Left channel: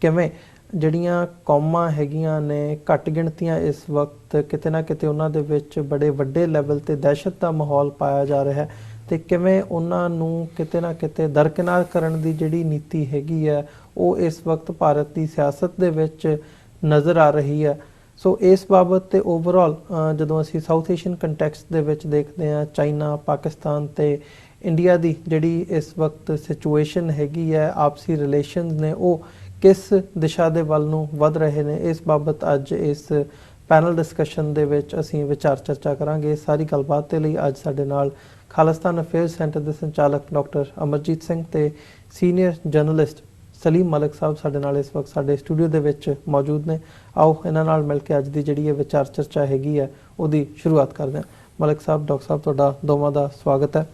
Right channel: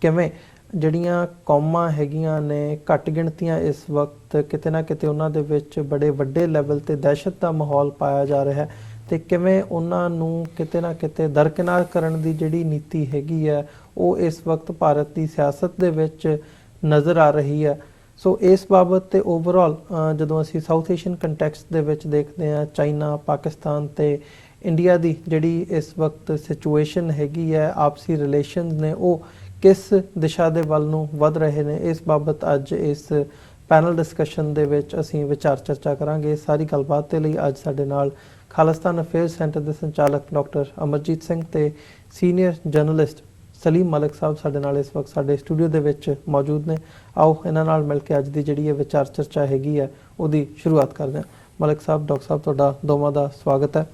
ਕਿਵੇਂ ਜਿਹੜੀਆਂ ਕੌਮਾਂ ਹੈਗੀਆਂ ਨੇ ਘੱਟ ਗਿਣਤੀਆਂ ਇਸ ਵਕਤ ਕਿਤੇ ਨਾ ਕਿਤੇ ਉਹਨਾਂ ਦੇ ਵਿੱਚ ਬੜੇ ਵੱਡੇ ਲੈਵਲ ਤੇ ਦਹਿਸ਼ਤ ਦਾ ਮਾਹੌਲ ਪਾਇਆ ਜਾ ਰਿਹਾ ਹੈ ਤੇ ਕਿਵੇਂ ਉਹਨਾਂ ਨੂੰ ਕਿਤੇ ਨਾ ਕਿਤੇ ਦਰਕਿਨਾਰ ਕਰਨ ਦੀ ਜਿਹੜੀ ਨੀਤੀ ਹੈਗੀ ਹੈ ਉਹ ਇਸ ਵਕਤ ਭਾਰਤ ਦੀ ਸਿਆਸਤ ਦੇ ਵਿੱਚ ਨਜ਼ਰ ਆ ਰਹੀ ਹੈ। ਸੋ ਇਸ ਬਾਬਤ ਤੇ ਓਵਰਆਲ ਜਦੋਂ ਅਸੀਂ ਸਾਊਥ ਏਸ਼ੀਅਨ ਕੰਟੈਕਸਟ ਦੇ ਵਿੱਚ ਦੇਖਦੇ ਹਾਂ ਚਾਈਨਾ ਪਾਕਿਸਤਾਨ ਤੇ ਇੰਡੀਆ ਦੀ ਜਿਹੜੀ ਇਸ ਵਕਤ ਸਿਚੁਏਸ਼ਨ ਹੈਗੀ ਹੈ ਆਪਸੀ ਰਿਲੇਸ਼ਨਸ ਨੇ ਉਹ ਕਿਸ ਦਿਸ਼ਾ ਦੇ ਵੱਲ ਨੂੰ ਵਧ ਰਹੇ ਨੇ ਇਸ ਬਾਬਤ ਅੱਜ ਇਸ ਪੈਨਲ ਡਿਸਕਸ਼ਨ ਦੇ ਵਿੱਚ ਅਸੀਂ ਵਿਚਾਰ ਚਰਚਾ ਕਰਾਂਗੇ। ਸਾਰੀ ਗੱਲਬਾਤ ਦੇ ਲਈ ਅੱਜ ਸਾਡੇ ਨਾਲ ਖਾਲਿਸਤਾਨ ਅਫੇਅਰਸ ਸੈਂਟਰ ਦੇ ਸੰਚਾਲਕ ਡਾਕਟਰ ਅਮਰਜੀਤ ਸਿੰਘ ਤੇ ਸੀਨੀਅਰ ਜਰਨਲਿਸਟ ਸਲੀਮ ਮਲਿਕ ਸਾਹਿਬ ਸਾਡੇ ਨਾਲ ਇਸ ਵਕਤ ਸਾਡੇ ਸਟੂਡੀਓ ਦੇ ਵਿੱਚ ਮੌਜੂਦ ਨੇ। ਆਓ ਇਹਨਾਂ ਨਾਲ ਮਿਲ ਕੇ ਅੱਜ ਦੀ ਜਿਹੜੀ ਇਹ ਵਿਚਾਰ ਚਰਚਾ ਹੈਗੀ ਹੈ ਉਹਦੀ ਸ਼ੁਰੂਆਤ ਕਰਦੇ ਹਾਂ। ਮਲਿਕ ਸਾਹਿਬ ਡਾਕਟਰ ਸਾਹਿਬ ਤੁਹਾਡਾ ਦੋਵਾਂ ਦਾ ਸਵਾਗਤ ਹੈ।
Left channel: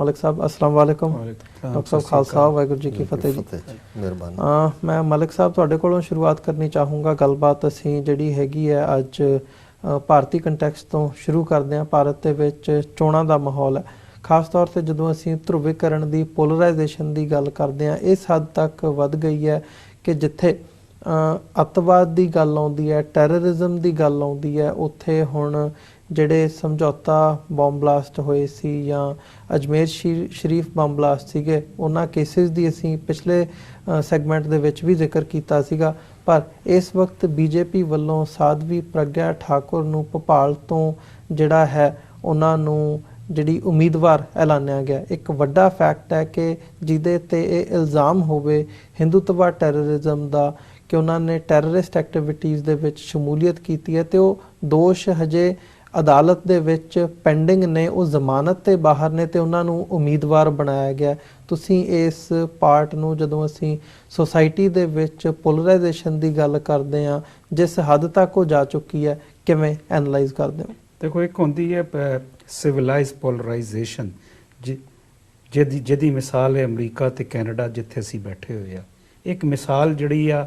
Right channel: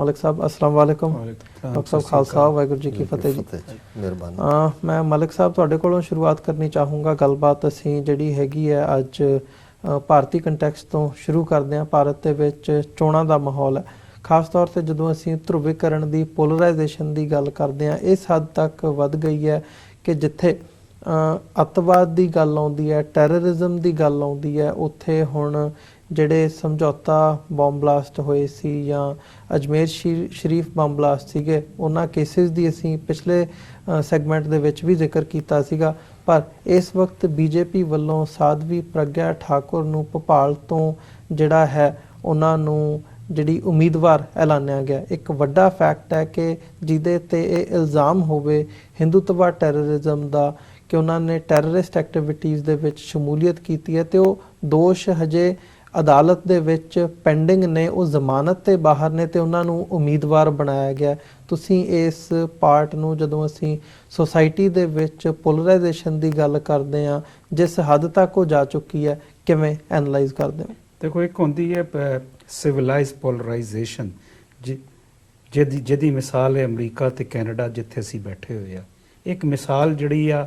ਮਲਿਕ ਸਾਹਿਬ अस्सलाम वालेकुम। डॉक्टर साहब खालसा वाहिगुरू जी की फतेह जी। मेहरबानी। मैं मलिक साहब ਤੁਹਾਡੇ ਕੋਲੋਂ ਸ਼ੁਰੂਆਤ ਕਰਨੀ ਚਾਹੂੰਗਾ। ਗੱਲਬਾਤ ਅਸੀਂ ਜਿਹੜੀ ਹੈਗੀ ਹੈ ਅੱਜ ਭਾਰਤੀ ਕੰਟੈਕਸਟ ਤੋਂ ਸ਼ੁਰੂ ਕਰਦੇ ਹਾਂ। ਭਾਰਤ ਦੇ ਵਿੱਚ ਚੋਣਾਂ ਦਾ ਮਾਹੌਲ ਹੈ, ਖਾਸ ਤੌਰ ਤੇ ਜਦੋਂ ਅਸੀਂ ਧਰੁਵੀਕਰਨ ਦੀ ਪੋਲਰਾਈਜੇਸ਼ਨ ਦੀ ਗੱਲ ਕਰਦੇ ਹਾਂ ਇਸ ਹੱਦ ਤੱਕ ਵੱਧ ਗਈ ਹੈ ਕਿ ਜਿੱਥੇ ਅੱਤਵਾਦ ਦੀ ਗੱਲ ਆਉਂਦੀ ਹੈ ਟੈਰਰਿਜ਼ਮ ਦੀ ਗੱਲ ਆਉਂਦੀ ਹੈ ਉੱਥੇ ਹੁਣ ਜਿਹੜੇ ਸਮਝੌਤਾ ਬੰਬ ਬਲਾਸਟ ਹੋਏ ਸੀ ਜਾਂ ਅਜਮੇਰ ਸ਼ਰੀਫ ਬੰਬ ਬਲਾਸਟ ਸੀਗੇ ਉਹਨਾਂ ਕੇਸਿਸ ਦੀ ਅਸੀਂ ਪਿਛਲੇ ਸੈਗਮੈਂਟ ਦੇ ਵਿੱਚ ਵੀ ਜ਼ਿਕਰ ਕੀਤਾ ਸੀਗਾ। ਪਰ ਇਸ ਵਕਤ ਬੀਜੇਪੀ ਵੱਲੋਂ ਸਾਧਵੀ ਪ੍ਰਗਿਆ ਠਾਕੁਰ ਨੂੰ ਭੋਪਾਲ ਤੋਂ ਜਿਹੜਾ ਹੈ ਉਹਨਾਂ ਨੂੰ ਜਿਹੜੀ ਉਮੀਦਵਾਰ ਐਲਾਨਿਆ ਗਿਆ। ਇੱਕ ਵੱਡਾ ਫੈਕਟ ਹੈ ਕਿ ਜਿਹਦੇ ਤੇ ਇਹ ਇਲਜ਼ਾਮ ਹੋਵੇ ਹਿੰਦੂਤਵਾ ਟੈਰਰਿਜ਼ਮ ਦਾ ਕਿ ਉਹਨਾਂ ਨੇ ਟੈਰਰਿਸਟ ਐਕਟੀਵਿਟੀਜ਼ ਦੇ ਵਿੱਚ ਸ਼ਮੂਲੀਅਤ ਕੀਤੀ ਹੈ ਤੇ ਉਹ ਦੋਸ਼ ਹਜੇ ਅਦਾਲਤ ਦੇ ਵਿੱਚ ਪੈਂਡਿੰਗ ਨੇ, ਉਹ ਜ਼ਮਾਨਤ ਤੇ ਬਾਹਰ ਨੇ ਤੇ ਉਹਨਾਂ ਨੂੰ ਉਮੀਦਵਾਰ ਬਣਾਇਆ ਗਿਆ। ਤੁਸੀਂ ਇਸ ਪਾਰਟ ਨੂੰ ਜਦੋਂ ਅਸੀਂ ਸੋਸਾਇਟੀ ਦੇ ਵਿੱਚ ਪੋਲਰਾਈਜੇਸ਼ਨ ਦੀ ਗੱਲ ਕਰਦੇ ਹਾਂ ਜਿਸ ਹੱਦ ਤੱਕ ਉਹ ਜਾ ਚੁੱਕੀ ਹੈ ਕਿਵੇਂ ਐਨਾਲਾਈਜ਼ ਕਰਦੇ ਹੋ? ਦੇਖੋ ਇੱਕ ਹੁੰਦੀ ਹੈ ਸਿਵਲਾਈਜ਼ ਪੋਲਰਾਈਜੇਸ਼ਨ ਜਿਹਦੀ ਮਿਸਾਲ ਹੈ ਅਮਰੀਕਾ ਤੇ ਕੈਨੇਡਾ ਜਿੱਥੇ ਅਸੀਂ ਬੈਠੇ ਹੋਏ ਆ। ਇੱਕ ਮਿਸਾਲ ਜਿਹੜੀ ਆ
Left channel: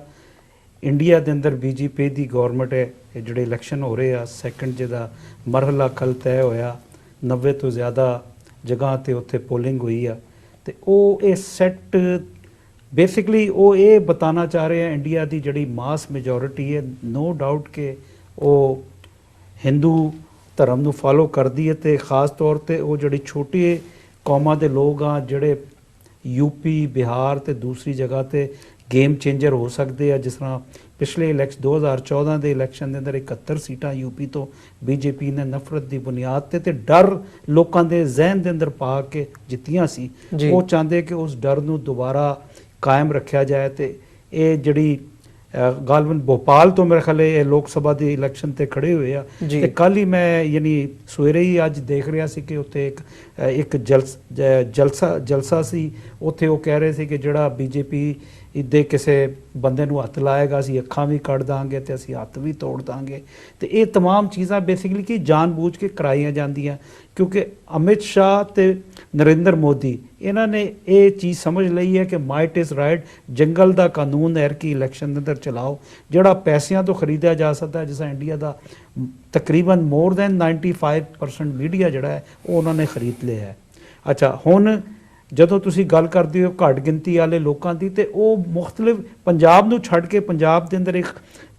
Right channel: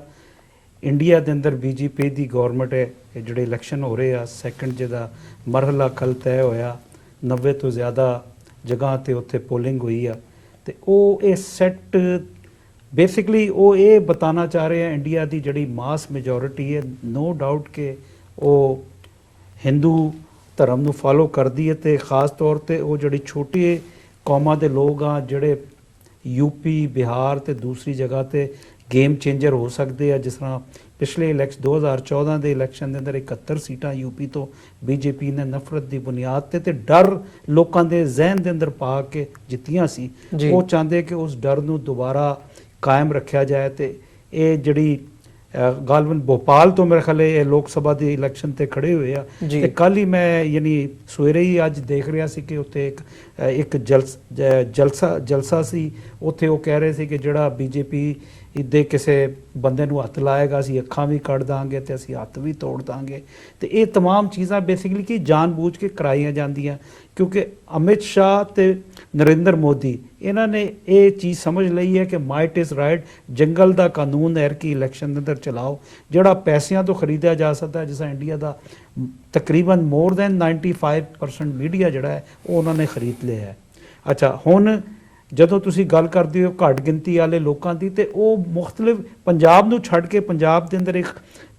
ਇੰਡੀਆ ਦੇ ਅੰਦਰ ਬੀਜੇਪੀ ਦੀ ਗਵਰਨਮੈਂਟ ਹੈ ਜਿਹੜੇ ਇਲੈਕਸ਼ਨ ਹੋ ਰਹੇ ਆ ਸੈਕੰਡ ਜਿਹਦਾ ਮਰਹਲਾ ਕੱਲ ਤੈਅ ਹੋਇਆ 90 ਤੋਂ ਜ਼ਿਆਦਾ ਜਗ੍ਹਾ ਤੇ ਉੱਥੇ ਪੋਲਿੰਗ ਹੋਈ ਆ ਤੇ ਉਹ ਇਹ ਸੈੱਟ ਬੇਸਿਕਲੀ ਉਹ ਇਹ ਬਤਾਨਾ ਚਾਹ ਰਹੇ ਆ ਇੰਡੀਆ ਦੀ ਜਿਹੜੀ ਮਾਸ ਮੈਜੋਰਿਟੀ ਹੈ ਨੋ ਡਾਊਟ ਕਿ ਉਹ ਹਿੰਦੂ ਧਰਮ ਨੂੰ ਫਾਲੋ ਕਰਦੀ ਹੈ ਤੇ ਖਾਸ ਤੌਰ ਤੇ ਉਹ ਜਿਹੜੀ ਛੋਟੇ ਕੌਮਾਂ ਦੇ ਲੋਕ ਆ ਜਿਹੜੇ ਯੂਪੀ ਬਿਹਾਰ ਤੇ ਦੂਸਰੀ ਜਗ੍ਹਾ ਤੇ ਗੇਮ ਚੇਂਜਰ ਹੋ ਸਕਦੇ ਆ। ਜਿਸ ਤਰ੍ਹਾਂ ਪਿਛਲੇ 2014 ਦੇ ਇਲੈਕਸ਼ਨ ਦੇ ਅੰਦਰ 71 ਸੀਟਾਂ ਯੂਪੀ ਤੋਂ ਬੀਜੇਪੀ ਨੇ ਨਫ਼ਰਤ ਦੀ ਬੁਨਿਆਦ ਤੇ ਡਰ ਲੋਕਾਂ ਦੇ ਜ਼ਿਹਨ ਦੇ ਅੰਦਰ ਪਾ ਕੇ ਜਿੱਤੀਆਂ ਸੀ। ਉਹ ਚਾਹੁੰਦੇ ਕਿ ਉਸ ਡਰ ਨੂੰ ਦੁਬਾਰਾ ਕਾਇਮ ਰੱਖਿਆ ਜਾਏ ਤੇ ਇਹ ਜਿਹੜੀ ਗਾਲਵਨ ਭੋਪਾਲ ਤੋਂ ਮੇਰੇ ਖਿਆਲ ਇਹ ਲੋਕ ਸਭਾ ਦੀ ਇਲੈਕਸ਼ਨ ਤੇ ਖੜੇ ਹੋਏ ਆ ਤੇ ਕੱਲ ਹੀ ਮੈਂ ਯਾਨੀ ਸਵੇਰੇ ਹੀ ਅੱਜ ਦੇਖ ਰਿਹਾ ਸੀ ਕਿ ਉੱਥੇ ਇੱਕ ਜਲਸਾ ਸੀ। ਉੱਥੇ ਉਹ ਕਹਿ ਰਹੇ ਸੀ ਕਿ ਜਿਹੜਾ ਬੀਜੇਪੀ ਦੇ ਕਿਸੇ ਬੰਦੇ ਨੂੰ ਹੱਥ ਲਾਏਗਾ ਅਸੀਂ ਅੱਖਾਂ ਵੀ ਕੱਢ ਦਾਂਗੇ ਤੇ ਅਸੀਂ ਹੱਥ ਵੀ ਤੋੜ ਦਾਂਗੇ ਤੇ ਇਹ तमाम ਚੀਜ਼ਾਂ ਬੇਸਿਕਲੀ ਕਿ ਜਾਣਬੁੱਝ ਕੇ ਕਰਾਈਆਂ ਜਾਂਦੀਆਂ ਕਿਉਂਕਿ ਅਮਿਤ ਸ਼ਾਹ ਤੇ ਨਰਿੰਦਰ ਮੋਦੀ ਇਹਨਾਂ ਨੇ ਇਹ ਚੀਜ਼ ਸਮਝ ਲਈ ਹੈ ਕਿ ਮਾਈਟ ਇਜ਼ ਰਾਈਟ। ਜੰਗਲ ਦਾ ਕਾਨੂੰਨ ਹੈ ਕਿ ਇਲੈਕਸ਼ਨ ਦੇ ਅੰਦਰ ਚਲਾਓ ਜਿਹੜਾ ਪੈਸਿਆਂ ਤੋਂ ਖਰੀਦਿਆ ਜਾ ਸਕਦਾ ਜਿਸ ਤਰ੍ਹਾਂ ਇੰਡੀਆ ਦਾ ਤਕਰੀਬਨ ਮੋਰ ਦੈਨ 95% ਮੀਡੀਆ ਜਿਹੜਾ ਹੈ ਉਹ ਉਹਨਾਂ ਨੇ ਖਰੀਦ ਲਿਆ ਹੈ। ਅੱਛਾ ਹੁਣ ਜਦੋਂ ਤੁਸੀਂ ਗੱਲ ਕਰਦੇ ਹੋ ਘੱਟ ਗਿਣਤੀ ਵਾਲੇ ਲੋਕਾਂ ਦੀ ਤੇ ਉਹ ਮੁxtਲਿਫ ਪੰਜਾਬ ਨੂੰ ਛੱਡ ਕੇ ਪੰਜਾਬ ਦੇ ਅੰਦਰ ਇੱਕ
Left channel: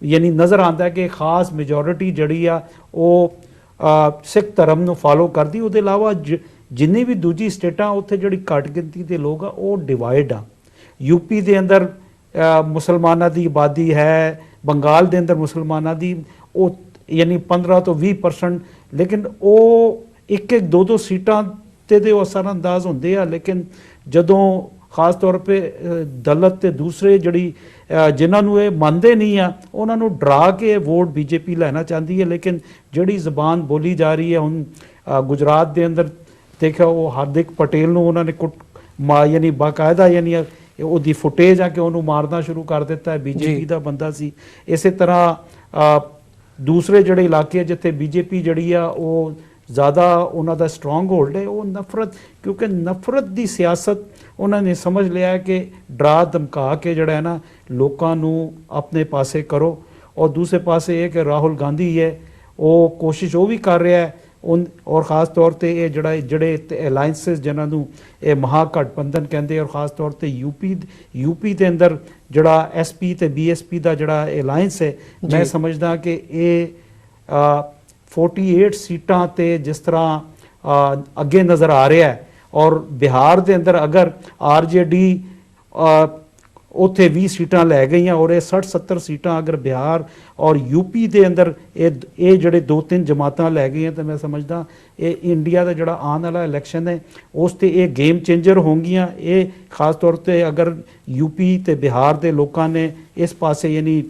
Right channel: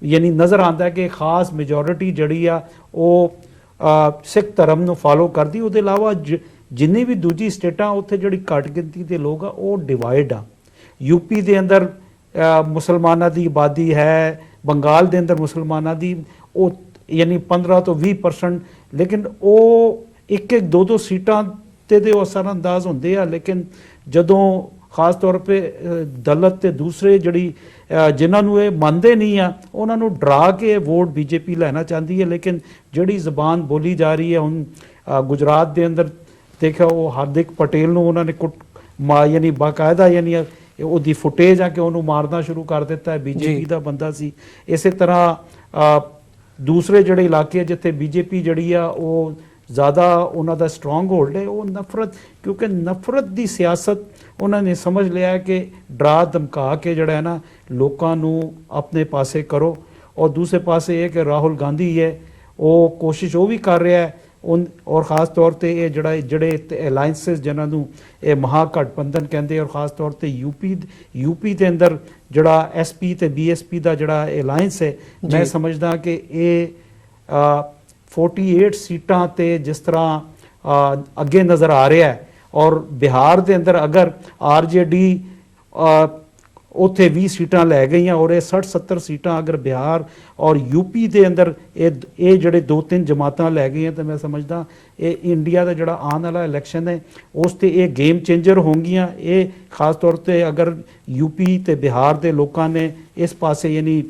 ਯਾਨੀ ਨਜ਼ਰ ਆਉਂਦਾ ਕਿ ਖਾਸ ਮੈਜੋਰਿਟੀ ਜਿਹੜੀ ਆ ਉਹ ਸਿੱਖ ਧਰਮ ਨੂੰ ਫਾਲੋ ਕਰਦੀ। ਉਹਦੇ ਇਲਾਵਾ ਜਿੰਨੀ ਵੀ ਦੂਜੀ ਸਟੇਟਾਂ ਉੱਥੇ ਜਿਹੜੀ ਘੱਟ ਗਿਣਤੀ ਦੇ ਲੋਕ ਆ ਉਹ ਡਿਵਾਈਡ ਆ। ਯੂਪੀ ਦੇ ਅੰਦਰ ਮੁਸਲਮਾਨਾਂ ਦੀ ਆਬਾਦੀ ਹੈ, ਬੰਗਾਲ ਦੇ ਅੰਦਰ ਮੁਸਲਮਾਨਾਂ ਦੀ ਉਹ ਯਾਨੀ 15 ਤੋਂ 20% ਲੇਕਿਨ ਉਹ ਇੱਕ ਦੋ ਸੀਟਾਂ ਤੇ ਦੇ ਅਸਰ ਅੰਦਾਜ਼ ਹੁੰਦੇ ਆ। ਲੇਕਿਨ ਜਦੋਂ ਖਾਸ ਤੌਰ 'ਤੇ ਦਲਿਤ ਤੇ ਦੂਸਰੇ ਜਿਹੜੀ ਜਿਨ੍ਹਾਂ ਨੂੰ ਇਹ ਮੰਨਦੇ ਨਹੀਂ ਆ ਉਹਨਾਂ ਨੂੰ ਡਰਾ ਕੇ ਵੋਟ ਬੀਜੇਪੀ ਲੈਣਾ ਚਾਹੁੰਦੀ ਹੈ। ਲੇਕਿਨ ਜਿਹੜੀ ਜ਼ਬਾਨ ਬੋਲੀ ਜਾ ਰਹੀ ਹੈ ਹੁਣ ਗੁਜਰਾਤ ਦੇ ਅੰਦਰ ਦੇਖਿਆ ਉਹ ਹਾਰਦਿਕ ਪਟੇਲ ਨੂੰ ਉਹਨਾਂ ਨੇ ਯਾਨੀ ਬਾਕਾਇਦਾ ਯਾਨੀ ਉਹਦੀ ਫੁਟੇਜ ਆ ਕਿ ਉਹਨੂੰ ਮਾਰਨਾ ਸ਼ੁਰੂ ਕਰ ਦਿੱਤਾ ਹੈ। ਬੀਜੇਪੀ ਦਾ ਬੰਦਾ ਸੀ। ਇਸੇ ਤਰ੍ਹਾਂ ਦੂਸਰੇ ਜਿਹੜੇ ਇਲਾਕੇ ਜਿੱਥੇ ਬੀਜੇਪੀ ਜਿਹੜੀ ਆ ਉਹ ਜ਼ਿਆਦਾ ਉਹਨਾਂ ਦਾ ਸਟਰੋਂਗ ਹੋਲਡ ਹੈ ਉਹ ਨਫ਼ਰਤ ਕਿਉਂਕਿ ਨਫ਼ਰਤ ਦੀ ਸਿਆਸਤ ਉਹਨਾਂ ਨੇ ਸਮਝ ਲਿਆ ਕਿ ਡਰਾ ਧਮਕਾ ਕੇ ਜਿਹੜਾ ਹੈ ਨਾ ਲੋਕਾਂ ਨੂੰ ਆਪਣੇ ਪਾਸੇ ਕਰੋ। ਔਰ ਦੂਸਰੇ ਪਾਸੇ ਇਹ ਕਿ ਰਾਹੁਲ ਗਾਂਧੀ ਹੈ ਉਹ ਕੋਸ਼ਿਸ਼ ਉਹ ਵੀ ਕਰ ਰਿਹਾ ਹੈ ਔਰ ਖਾਸ ਤੌਰ ਤੇ ਇਹ ਜਿਹੜੇ ਅਲਾਈਅੰਸਸ ਜਿਨ੍ਹਾਂ ਨੂੰ ਇਹ ਮਹਾਗਠਬੰਧਨ ਕਹਿੰਦੇ, ਔਰ ਖਾਸ ਤੌਰ ਤੇ ਯੂਪੀ ਦੇ ਅੰਦਰ ਜਿਹੜਾ ਐਸਪੀ ਤੇ ਬੀਐਸਪੀ ਦਾ ਜਿਹੜਾ ਅਲਾਈਅੰਸ ਹੈ, ਮੈਂ ਸਮਝਦਾ ਕਿ ਇਹ 48 ਸੀਟਾਂ ਤੇ ਜਿਸ ਤਰ੍ਹਾਂ ਅੱਗੇ ਨਜ਼ਰ ਆ ਰਿਹਾ ਹੈ, ਔਰ ਬਿਹਾਰ ਦੇ ਅੰਦਰ ਅਗਰ ਆਰਜੇਡੀ ਉੱਥੇ 20 ਸੀਟਾਂ ਲੈ ਗਈਆਂ, ਔਰ ਇਹ 60-70 ਸੀਟਾਂ ਅਗਰ ਬਿਹਾਰ ਔਰ ਯੂਪੀ ਦੇ ਅੰਦਰ ਇਹ ਜਿਹੜੇ 2-3 ਜਮਾਤਾਂ ਲੈ ਗਈਆਂ, ਤਾਂ ਮੈਂ ਸਮਝਦਾ ਇਹ ਇੰਡੀਆ ਦਾ ਜਿਹੜਾ ਆਉਣ ਵਾਲਾ ਇਲੈਕਸ਼ਨ ਹੈ ਉਸ ਤੇ ਇਹ ਗੇਮ ਚੇਂਜਰ ਹੋਣਗੀਆਂ। ਇਹ ਖਾਸ ਤੌਰ ਤੇ ਅਗਰ ਯੂਪੀ ਤੇ ਬਿਹਾਰ ਦੇ ਲੋਕਾਂ ਨੇ ਇਸ ਪਾਸੇ ਯਾਨੀ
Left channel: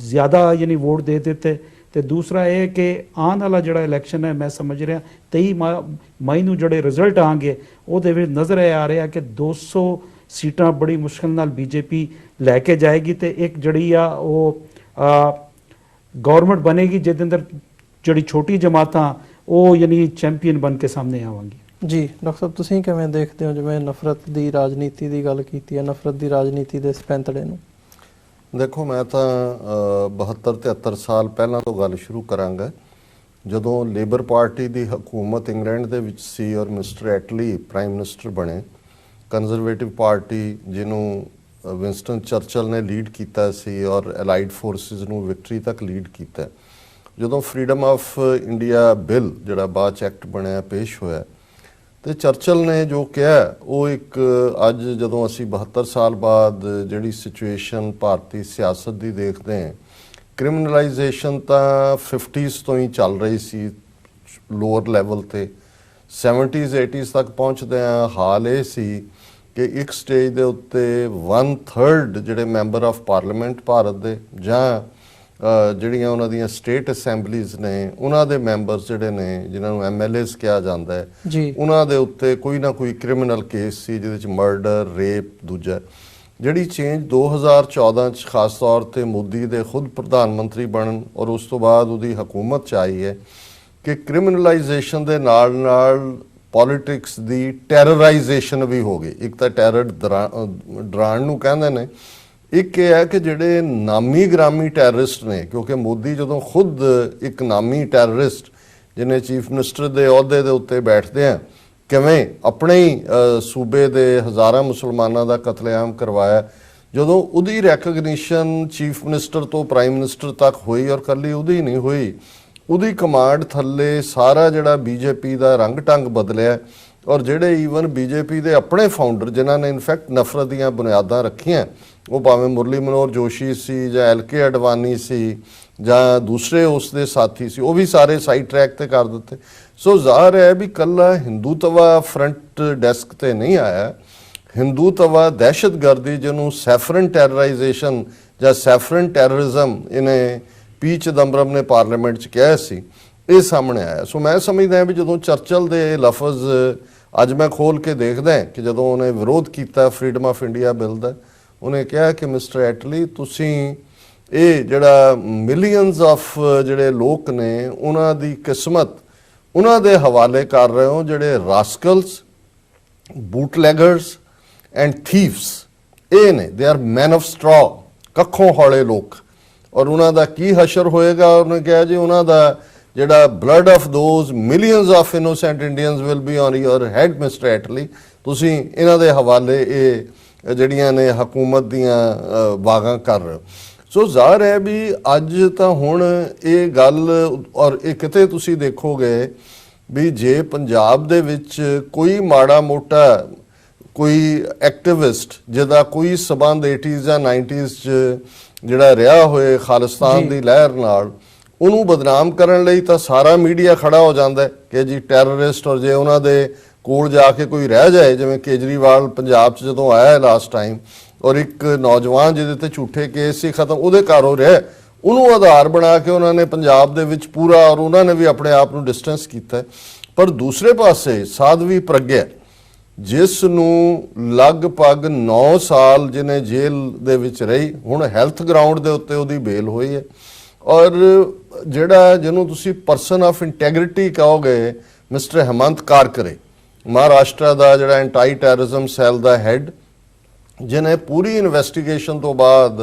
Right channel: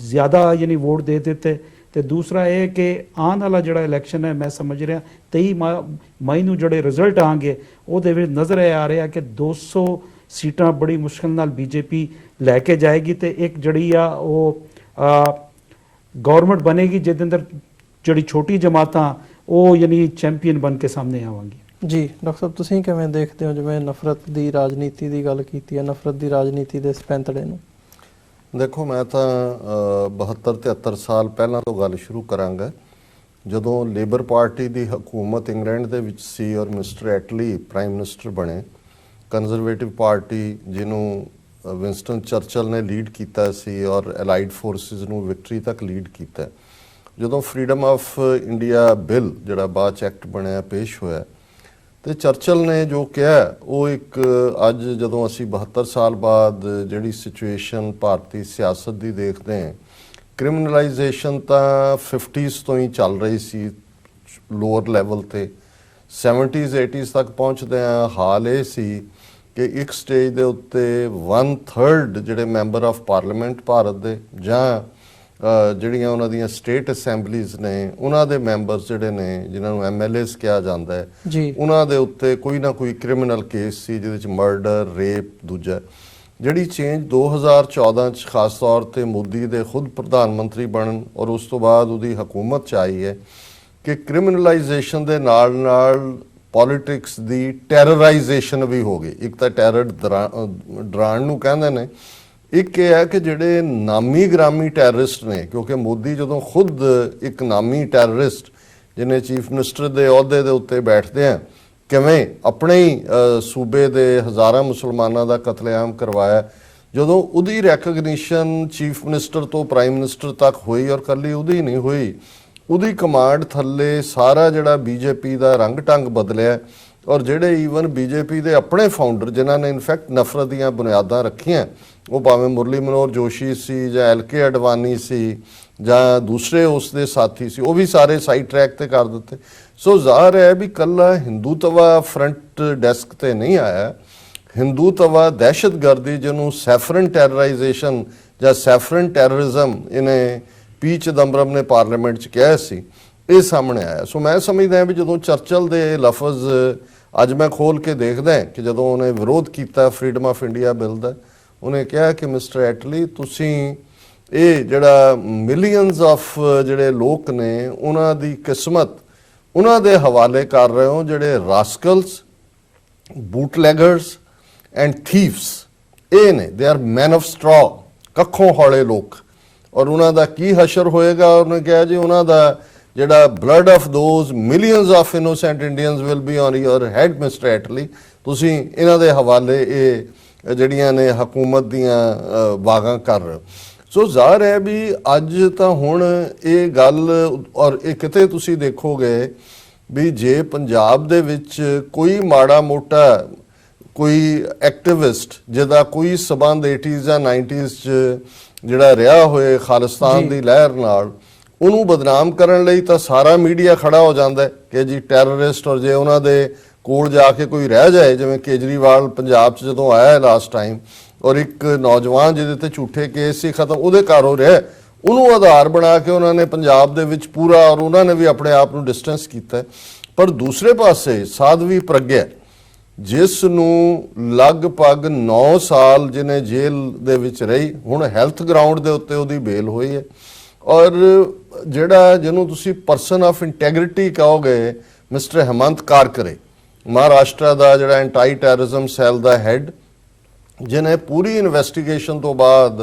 ਜ਼ਿਆਦਾ ਯਾਨੀ ਵੋਟ ਦੇ ਦਿੱਤੇ, ਤੇ ਦੂਸਰਾ ਇਹ ਕਿ ਆਉਣ ਵਾਲਾ ਜਿਹੜਾ ਇਲੈਕਸ਼ਨ ਹੈ, ਮੈਂ ਸਮਝ ਰਿਹਾ 23 ਮਈ ਨੂੰ ਜਿਹੜੇ ਰਿਜ਼ਲਟ ਆਣਗੇ ਉਹਦੇ ਵਿੱਚ ਨਜ਼ਰ ਆ ਰਿਹਾ ਕਿ 200 ਸੀਟਾਂ ਬੜੀ ਮੁਸ਼ਕਿਲ ਨਾਲ ਬੀਜੇਪੀ ਲੈ ਕੇ ਜਾਏਗੀ, ਤੇ ਇੱਕ ਜਿਹੜੀ ਆ ਉਹ ਗਵਰਨਮੈਂਟ ਬਣੇਗੀ ਜਿਹਦੇ ਅੰਦਰ ਜਿਹੜੀ ਛੋਟੀ ਜਮਾਤਾਂ ਉਹ ਯਾਨੀ ਚੈਂਪੀਅਨ ਬਣ ਕੇ ਸਾਹਮਣੇ ਆਵਾਂਗੀ। ਜੀ ਡਾਕਟਰ ਸਾਹਿਬ, ਤੁਸੀਂ ਕਿਵੇਂ ਦੇਖਦੇ ਹੋ, ਜਿਵੇਂ ਨਫ਼ਰਤ ਦੀ ਰਾਜਨੀਤੀ ਦੀ ਗੱਲ ਕੀਤੀ ਹੈ, ਨਫ਼ਰਤ ਦੀ ਰਾਜਨੀਤੀ ਦੇ ਇਸ ਪੈਂਤੜੇ ਨੂੰ? ਦੇਖੋ, ਮੈਂ ਤਾਂ 72-73 ਸਾਲ ਪਹਿਲਾਂ ਤੋਂ ਗੱਲ ਸ਼ੁਰੂ ਕਰਾਂਗਾ, ਜਦੋਂ ਲੇਬਰ ਪਾਰਟੀ ਦੀ ਹਕੂਮਤ ਇੰਗਲੈਂਡ ਦੇ ਵਿੱਚ ਸੀ ਔਰ ਮਿਸਟਰ ਐਟਲੀ ਪ੍ਰਾਈਮ ਮਿਨਿਸਟਰ ਬਣੇ। ਕੰਜ਼ਰਵੇਟਿਵ ਪਾਰਟੀ ਜਿਹਨੂੰ ਵਿੰਸਟਨ ਚਰਚਲ ਨੇ ਲੀਡ ਕੀਤਾ ਸੀ ਔਰ ਅਲਾਈਡ ਫੋਰਸਿਸ ਨੂੰ ਵਿਕਟਰੀ ਤੱਕ ਲੀਡ ਕੀਤਾ। ਜਦੋਂ ਫਰੀडम ਆਫ ਇੰਡੀਆ ਬਿੱਲ ਜਿਹੜਾ ਬਾਅਦ 'ਚ ਐਕਟ ਬਣਿਆ ਪੇਸ਼ ਹੋਇਆ, ਤੇ ਚਰਚਲ ਨੇ ਜੋ ਕਿਹਾ ਉਹ ਇੱਕ ਅੱਜ ਜਦੋਂ ਅਸੀਂ 72 ਸਾਲ ਬਾਅਦ ਜਿਹੜੀ ਸਿਚੁਏਸ਼ਨ ਭਾਰਤੀ ਸਿਆਸਤ ਦੀ ਦੇਖਦੇ ਹਾਂ, ਕ੍ਰਿਮੀਨਲਾਈਜੇਸ਼ਨ ਤਾਂ 50s ਤੋਂ ਹੀ ਚੱਲ ਰਹੀ ਸੀ ਲੋਅਰ ਲੈਵਲ ਤੇ, 70s 80s ਤੱਕ ਪਹੁੰਚਦੇ ਆ। ਹਾਲ ਇਹ ਸੀ ਕਿ ਇੱਕ ਸਟੇਜ ਦੇ ਉੱਤੇ 1/3 ਜਿਹੜੇ ਮੈਂਬਰ ਆਫ ਪਾਰਲੀਮੈਂਟ ਭਾਰਤ ਦੇ ਜਾਂ ਜਿਹੜੀਆਂ ਉਹਨਾਂ ਦੀਆਂ ਸਟੇਟ ਅਸੈਂਬਲੀਜ਼ ਨੇ ਉਹਨਾਂ ਦੇ ਮੈਂਬਰਸ ਜਿਹੜੇ ਨੇ, ਜਿਨ੍ਹਾਂ ਨੂੰ MLAs ਕਿਹਾ ਜਾਂਦਾ ਹੈ, ਉਹਨਾਂ ਦੇ ਉੱਤੇ ਕੋਈ ਨਾ ਕੋਈ ਕ੍ਰਿਮੀਨਲ ਕੇਸ ਸੀ, ਜਿਹਦੇ ਵਿੱਚ ਮਰਡਰ, ਰੇਪ। ਦੂਜਾ ਜਿਹੜੀ ਚੇਂਜ 2014 ਚ ਖਾਸ ਤੌਰ ਤੇ ਮੋਦੀ ਦੇ ਖੁਦ ਪ੍ਰਧਾਨ ਮੰਤਰੀ ਬਣਨ ਔਰ ਉਸ ਤੋਂ ਬਾਅਦ ਉਹਦੀ ਹਕੂਮਤ ਚ ਆਈ ਹੈ ਕਿ ਕ੍ਰਿਮੀਨਲਾਈਜੇਸ਼ਨ ਦੇ ਨਾਲ ਨਾਲ ਪੋਲਿਟਿਕਸ ਦੀ ਟੈਰਰਾਈਜੇਸ਼ਨ ਵੀ ਹੋ ਗਈ। ਇੱਕ ਤਾਂ ਟੈਰਰ ਡਰਾਉਣ ਨੂੰ ਕਹਿੰਦੇ ਨੇ, ਇੱਕ ਇਹ ਹੈ ਕਿ ਜਿਹੜੇ ਨਾਮੀ ਗ੍ਰਾਮੀ ਟੈਰਰਿਸਟ ਨੇ, ਕਿਉਂਕਿ ਮੋਦੀ ਜਦੋਂ ਖੁਦ ਇੱਕ ਨਾਮੀ ਟੈਰਰਿਸਟ ਜਿਹਨੇ ਚੀਫ ਮਿਨਿਸਟਰ ਦੇ ਅਹੁਦੇ ਦੇ ਉੱਤੇ ਬੈਠਦੇ ਆ, ਕਿਵੇਂ ਆਪਣੇ ਹੀ ਸੂਬੇ ਦੇ ਹਜ਼ਾਰਾਂ ਮੁਸਲਮਾਨਾਂ ਦਾ ਕਤਲੇਆਮ ਕਰਵਾਇਆ, ਜਦੋਂ ਉਹਦੀ ਰੈਕਗਨੀਸ਼ਨ ਚੀਫ ਮਿਨਿਸਟਰ ਤੋਂ ਪ੍ਰਾਈਮ ਮਿਨਿਸਟਰ ਤੱਕ ਹੋਈ, ਔਰ ਕੱਲੀ ਉਹਦੀ ਨਹੀਂ ਹੋਈ, ਉਹਦੀ ਕਮਾਂਡ ਥੱਲੇ ਸਾਰਾ ਜਿਹੜਾ ਬੀਜੇਪੀ ਦਾ ਰੰਗ ਢੰਗ ਬਦਲਿਆ। ਔਰ ਜਿਹੜੇ ਈਵਨ ਬੀਜੇਪੀ ਦੇ ਆਪਣੇ ਫਾਊਂਡਰ ਜਿਨ੍ਹਾਂ ਨੇ ਇਨਫੈਕਟ ਨਫ਼ਰਤ ਦੀਆਂ ਬੁਨਿਆਦਾਂ ਰੱਖੀਆਂ, ਉਹ ਭਾਵੇਂ ਮੁਰਲੀ ਮਨੋਹਰ ਜੋਸ਼ੀ ਸੀ ਜਾਂ LK ਅਡਵਾਨੀ ਸੀ ਜਾਂ ਦੂਸਰੇ ਉਸ ਦੇ ਸਾਥੀ ਸੀ, ਉਹ ਵੀ ਸਾਰੇ ਸਾਈਡ ਟਰੈਕ ਤੇ ਕਰ ਦਿੱਤੇ। ਸੋ ਜ਼ਾਹਰ ਹੈ ਵੀ ਕੱਲਾ ਹਿੰਦੂਤਵਾ ਫਰੰਟ ਡੈਸਕ ਤੇ ਨਹੀਂ ਆਇਆ। ਹਿੰਦੂਤਵਾ ਦਹਿਸ਼ਤਗਰਦੀ, ਜਿਹਨੂੰ ਸੈਫਰਨ ਟੈਰਰਾਈਜੇਸ਼ਨ ਜਾਂ ਸੈਫਰਨ ਟੈਰਰਿਜ਼ਮ ਇਹਨੇ ਪੀ ਚਿਦੰਬਰਮ ਨੇ ਪਾਰਲੀਮੈਂਟ 'ਚ ਕਿਹਾ ਸੀ, ਇਹ ਸਾਹਮਣੇ ਆਇਆ। ਸੋ ਮੈਂ ਸਮਝਦਾ ਵੀ ਜਦੋਂ ਚਰਚਲ ਦੇ ਲਫ਼ਜ਼ ਅੱਜ ਮੈਂ ਖੋਲ ਕੇ ਦੇਖਦਾ ਕਿ ਜਦੋਂ ਉਹਨੇ ਵਿਰੋਧ ਕੀਤਾ ਫਰੀडम ਆਫ ਇੰਡੀਆ ਬਿੱਲ ਦਾ, ਉਹਨੇ ਕਿਹਾ ਕਿ ਮਿਸਟਰ ਐਟਲੀ, ਤੁਸੀਂ ਇਹ ਜਿਹੜਾ ਮਿਲੀਅਨਸ ਆਫ ਜਿਹੜੇ ਲੋਕ ਨੇ ਉਹਨਾਂ ਦੀ ਕਿਸਮਤ ਉਹਨਾਂ ਦੇ ਹਵਾਲੇ ਕਰ ਰਹੇ ਹੋ, ਜਿਹੜੇ ਰਾਸਕਲਸ, ਬੂਟਲੈਗਰਸ ਐਂਡ ਥੀਵਸ ਇਹ ਨੇ। They are men of straw, ਕੱਖੋਂ ਹੌਲੇ ਲੋਕ। ਔਰ ਉਹਨਾਂ ਦਾ ਕੀ ਹਸ਼ਰ ਹੋਏਗਾ? ਉਹਨੇ ਕਿਹਾ ਜੀ ਉਹਨਾਂ ਦਾ ਜਿਹੜਾ blood of those millions of innocent Indians will be on your head mister Attlee. ਤੁਸੀਂ ਇਹਨਾਂ ਦੇ ਹਵਾਲੇ ਇਹ ਜਿਹੜੀਆਂ ਨੇ ਹਕੂਮਤ ਦੀਆਂ ਵਾਗਾਂ ਕਰ ਰਹੇ ਹੋ। ਸੋ ਜ਼ਾਹਰ ਹੈ ਵੀ ਅੱਜ ਤਾਂ ਹੁਣ ਇਹ ਗੱਲ, ਔਰ ਇਹ ਕਿਤੇ ਤੁਸੀਂ ਦੇਖੋਗੇ ਵੀ ਜੇ ਪੰਜਾਬ ਦੇ ਵਿੱਚ ਕੋਈ ਮਾੜਾ ਮੋਟਾ ਕੋਈ ਐਕਟਿਵਿਸਟ ਜਿਹਦਾ ਕੋਈ ਸਬੰਧ 80s ਜਾਂ 90s 'ਚ ਜਿਹੜਾ ਰਿਹਾ ਹੋਏ ਖਾਲਿਸਤਾਨ ਦੀ ਲਹਿਰ ਨਾਲ, ਉਹਨੂੰ ਬਦਨਾਮ ਕਰਨ ਲਈ ਤਾਂ ਸਾਰਾ ਮੀਡੀਆ ਖੜਾ ਹੋ ਜਾਂਦਾ ਕਿ ਜੀ ਟੈਰਰਿਸਟ। ਔਰ ਜੇ ਉਹਨਾਂ ਦੇ ਕੋਲ ਜਾ ਕੇ ਕੋਈ ਰਹਿ ਜਾਏ, ਜਿਵੇਂ ਕੇਜਰੀਵਾਲ ਪੰਜਾਬ 'ਚ ਜਦੋਂ ਆਇਆ ਲਾਸਟ ਟਾਈਮ, ਔਰ ਇੱਕ ਨੌਜਵਾਨ ਜਿਹਦੇ ਤੇ ਝੂਠੇ ਕੇਸ ਸੀ ਖਤਮ, ਉਹਦੇ ਘਰੋਂ ਰਿਹਾ, ਉਹਨੂੰ ਆਧਾਰ ਬਣਾ ਕੇ ਉਹਨਾਂ ਨੇ ਪੰਜਾਬ ਦੇ ਵਿੱਚ ਪੂਰਾ, ਔਰ ਉਹਨਾਂ ਨੇ ਵੀ ਆਪਣੇ ਆਪ ਨੂੰ ਡਿਸਟੈਂਸ ਕੀਤਾ। ਪਰ ਦੂਸਰੇ ਪਾਸੇ ਸਾਧਵੀ ਪ੍ਰਗਿਆ, ਜਿਸ ਨੂੰ ਲਗਭਗ 9 ਸਾਲ ਜਿਹਨੇ ਜੇਲ੍ਹ ਦੇ ਵਿੱਚ ਰਹੀ, ਹੁਣ ਹੈਲਥ ਗਰਾਊਂਡ ਦੇ ਉੱਤੇ ਉਹਦੀ ਬੇਲ ਹੋਈ ਹੈ। ਔਰ ਜਿਹੜਾ ਜਿਹਨੂੰ ਤੁਸੀਂ ਪਰਸਨ ਆਫ ਇੰਟੈਗ੍ਰਿਟੀ ਕਹੋਗੇ, ਮਿਸਟਰ ਹੇਮੰਤ ਕਾਰਕਰੇ, ਮਹਾਰਾਸ਼ਟਰ ਦਾ ਜਿਹੜਾ ਐਂਟੀ ਟੈਰਰਿਜ਼ਮ ਸੈੱਲ ਦਾ ਹੈਡ, ਜਿਹਨੇ ਪੂਰੀ ਇਨਵੈਸਟੀਗੇਸ਼ਨ ਤੋਂ ਬਾਅਦ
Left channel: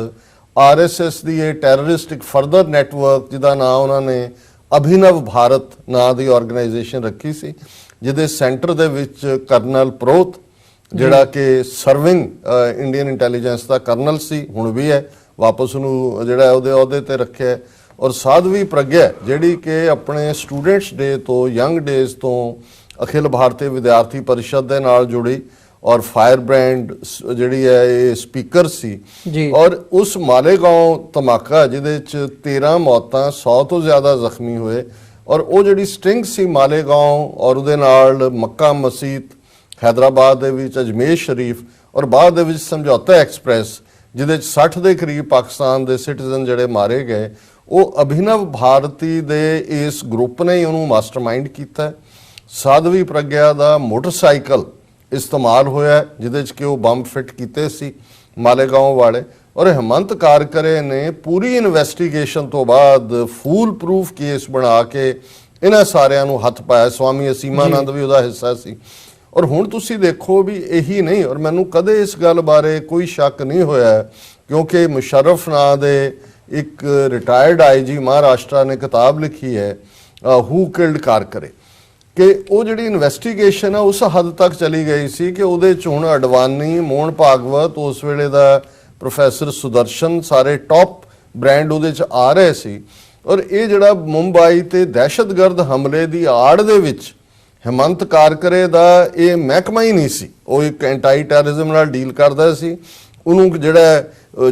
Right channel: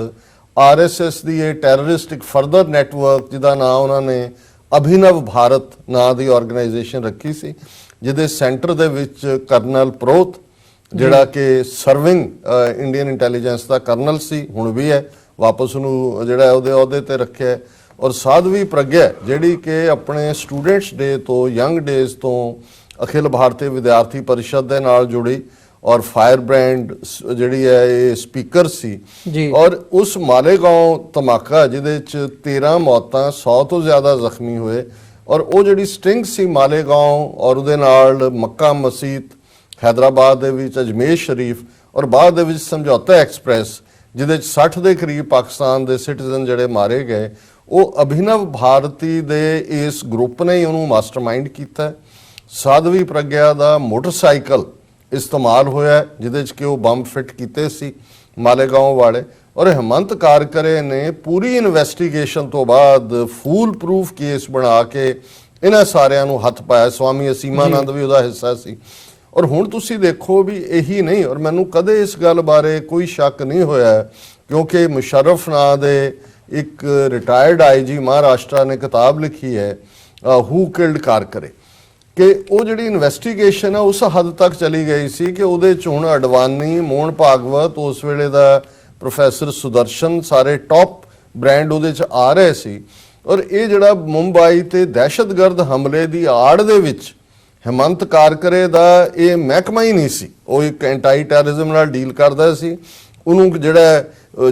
RSS ਦੀ ਇਹ ਟੈਰਰਿਸਟਿਕ ਫਰਦਰ ਨੈਟਵਰਕ ਜਿਹਦਾ ਨਾਮ ਉਹਨਾਂ ਨੇ ਅਭਿਨਵ ਭਾਰਤ ਨਾਂ ਦੀ ਆਰਗੇਨਾਈਜੇਸ਼ਨ ਰੱਖੀ ਸੀ, ਜਿਹਦੇ ਸੈਂਟਰ ਦੇ ਵਿੱਚ ਕਰਨਲ ਪ੍ਰੋਤ, ਜਿਹੜਾ ਕਿ ਸਰਵਿੰਗ ਇੰਡੀਅਨ ਇੰਟੈਲੀਜੈਂਸ ਦਾ ਕਰਨਲ ਸੀ, ਹੁਣ ਵੀ ਹੈ, ਵਾਪਸ ਉਹਨੂੰ ਜਿਹੜਾ ਉਹਦੇ ਅਹੁਦੇ ਤੇ ਰੱਖਿਆ, ਔਰ ਸਾਧਵੀ ਪ੍ਰਗਿਆ ਜਿਹੜੀ ਕਿ ਆਪਣੇ ਸਟੂਡੈਂਟਸ ਡੇ ਤੋਂ, ਯੰਗ ਡੇਜ਼ ਤੋਂ ਅਖਿਲ ਭਾਰਤੀ ਵਿਦਿਆਰਥੀ ਪਰਿਸ਼ਦ ਦੇ ਨਾਲ ਜੁੜੀ, ਔਰ ਫਾਇਰ ਬ੍ਰਾਂਡ ਜਿਹੜੀ ਹੈ ਇਹ ਸਪੀਕਰ ਸੀ ਜੀ। ਔਰ ਉਸ ਮਾਲੇਗਾਉਂ ਧਮਾਕਾ ਜਿਹਦੇ ਚ 13 ਮੌਤਾਂ, 100 ਤੋਂ ਜ਼ਿਆਦਾ ਜ਼ਖਮੀ ਹੋਏ, ਔਰ ਉਹ ਜਿਹੜੀ ਸਟਿੰਗ ਸੀ ਮਾਲੇਗਾਉਂ, ਔਰ ਉਹਦੇ ਨਾਲ ਮੱਕਾ ਮਸਜਿਦ, ਹੈਦਰਾਬਾਦ ਦੇ ਵਿੱਚ ਅਜਮੇਰ ਸ਼ਰੀਫ, ਔਰ ਬਾਅਦ ਦੇ ਵਿੱਚ ਸਮਝੌਤਾ ਐਕਸਪ੍ਰੈਸ ਜਿਹਦੇ ਚ 60 ਦੇ ਕਰੀਬ ਪਾਕਿਸਤਾਨ ਦੇ ਸਿਟੀਜ਼ਨ ਜਿਹੜੇ ਮਾਰੇ ਗਏ, ਉਹ ਅਭਿਨਵ ਭਾਰਤੀ ਦੇ ਇਸ ਗਰੁੱਪ ਨੇ ਹੀ ਉਹਨੂੰ ਮਾਸਟਰਮਾਈਂਡ ਕੀਤਾ। ਸਾਧਵੀ ਪ੍ਰਗਿਆ ਦਾ ਮੋਟਰਸਾਈਕਲ ਇਸਤੇਮਾਲ ਹੋਇਆ ਜਿਹਦੇ ਚ ਕਿ ਉਹ ਬੰਬ ਫਿੱਟ ਕੀਤੇ ਸੀ ਮਾਲੇਗਾਉਂ ਵਾਲੇ, ਔਰ ਹਿਮੰਤ ਕਾਰਕਰੇ ਨੇ ਪੂਰੀ ਇਨਵੈਸਟੀਗੇਸ਼ਨ ਤੋਂ ਬਾਅਦ ਫੂਲ ਪ੍ਰੂਫ ਕੇਸ ਬਣਾ ਕੇ ਇਹਨਾਂ ਸਾਰਿਆਂ ਨੂੰ ਹੱਥ ਪਾਇਆ। ਸਵਾਮੀ ਅਸੀਮਾਨੰਦ ਵੀ ਉਹਦਾ ਹਿੱਸਾ ਸੀ। ਔਰ ਹੁਣ ਤੁਸੀਂ ਦੇਖੋ ਵੀ ਇਹੀ ਨਹੀਂ, ਔਰ ਮੈਨੂੰ ਕਦੇ ਇਸ ਗੱਲ ਬਾਰੇ ਕੋਈ ਸ਼ੱਕ ਨਹੀਂ ਹੋਇਆ ਕਿਉਂਕਿ ਮੁਸ਼ਰਫ ਨਾਂ ਦੇ ਇੱਕ ਰਿਟਾਇਰਡ ਆਈਜੀ ਮਹਾਰਾਸ਼ਟਰ ਨੇ ਕਿਤਾਬ ਲਿਖੀ ਹੈ ਹੂ ਕਿਲਡ ਕਾਰਕਰੇ, ਕਿ ਉਹ ਜਿਹੜੀ ਇਨਵੈਸਟੀਗੇਸ਼ਨ ਹੈ ਉਸ ਹੱਦ ਤੱਕ ਚਲੀ ਗਈ ਸੀ ਕਿ ਉਹਦੇ ਚ ਹੁਣ ਅਡਵਾਨੀ, ਮੋਹਨ ਭਾਗਵਤ, ਉਸ ਵੇਲੇ ਦਾ ਪ੍ਰੋਫੈਸਰ ਸੁਦਰਸ਼ਨ, ਸਾਰੇ ਟੌਪ ਬ੍ਰਾਂਡ ਉਹਦੇ ਚ ਆ ਰਹੇ ਸੀ। ਔਰ ਇਹ ਜਿਹੜਾ ਮੁੰਬਈ ਤੇ ਦਹਿਸ਼ਤਗਰਦ ਹਮਲੇ ਦੀ ਆੜ ਦੇ ਵਿੱਚ ਹਿਮੰਤ ਕਾਰਕਰੇ ਦਾ ਇਹ ਮਹਿਕਮਾ ਹੀ ਨਹੀਂ ਸੀ, ਉਹ ਇੱਕ ਐਂਟੀ ਟੈਰਰਿਜ਼ਮ ਨਾਲ ਡੀਲ ਕਰਦਾ ਸੀ। ਉਹਨੂੰ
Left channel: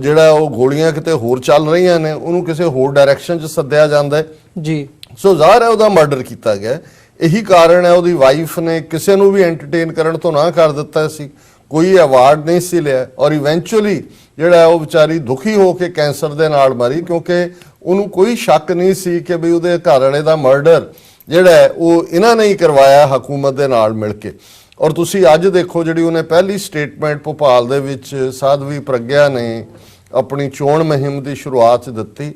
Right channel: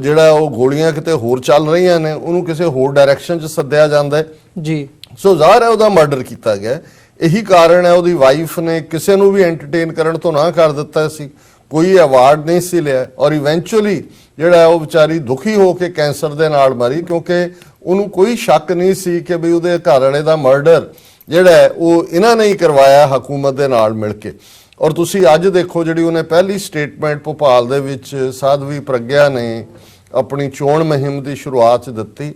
ਜਿਹੜਾ ਉਹ ਗੋਲੀਆਂ ਕਿਤੇ ਹੋਰ ਚੱਲ ਰਹੀਆਂ ਨੇ, ਉਹਨੂੰ ਕਿਸੇ ਹੋਰ ਡਾਇਰੈਕਸ਼ਨ 'ਚ ਸੱਦਿਆ ਜਾਂਦਾ ਜੀ। ਸੋ ਜ਼ਾਹਰ ਹੈ ਉਹਦਾ ਮਰਡਰ ਕੀਤਾ ਗਿਆ। ਇਹੀ ਕਾਰਨ ਹੈ ਉਹਦੀ ਵਾਈਫ ਨੇ ਕਿਸੇ ਨੂੰ ਵੀ ਐਂਟਰਟੇਨ ਕਰਨ ਤੋਂ ਨਾ ਕਰ ਦਿੱਤਾ ਸੀ, ਕੋਈ ਅਵਾਰਡ ਨਹੀਂ ਸੀ ਲਿਆ, ਔਰ ਇਵੈਂਚੁਅਲੀ ਜਿਹੜਾ ਉਹ ਵਿਚਾਰੀ ਦੁਖੀ ਹੋ ਕੇ ਕੈਂਸਰ ਦੇ ਨਾਲ ਮਰੀ ਕਿਉਂਕਿ ਉਹਨੂੰ ਕੋਈ ਸ਼ੱਕ ਨਹੀਂ ਸੀ ਕਿ ਵੀ ਉਹਦੇ ਘਰ ਵਾਲੇ ਦਾ ਮਰਡਰ ਜਿਹੜਾ ਉਹ ਇਹਨਾਂ ਨੇ ਹੀ ਕਰਵਾਇਆ ਹਕੂਮਤ ਦੇ ਨਾਲ ਮਿਲ ਕੇ। ਔਰ ਤੁਸੀਂ ਅੱਜ ਦੇਖੋ ਜਿਹੜੀ ਉਹਨੇ ਪਹਿਲੀ ਸਟੇਟਮੈਂਟ ਭੋਪਾਲ ਦੇ ਵਿੱਚ ਸਾਧਵੀ ਪ੍ਰਗਿਆ ਨੇ ਆਪਣੀ ਚੋਣ ਮੁਹਿੰਮ ਦੀ ਸ਼ੁਰੂਆਤ ਦਿੱਤੀ।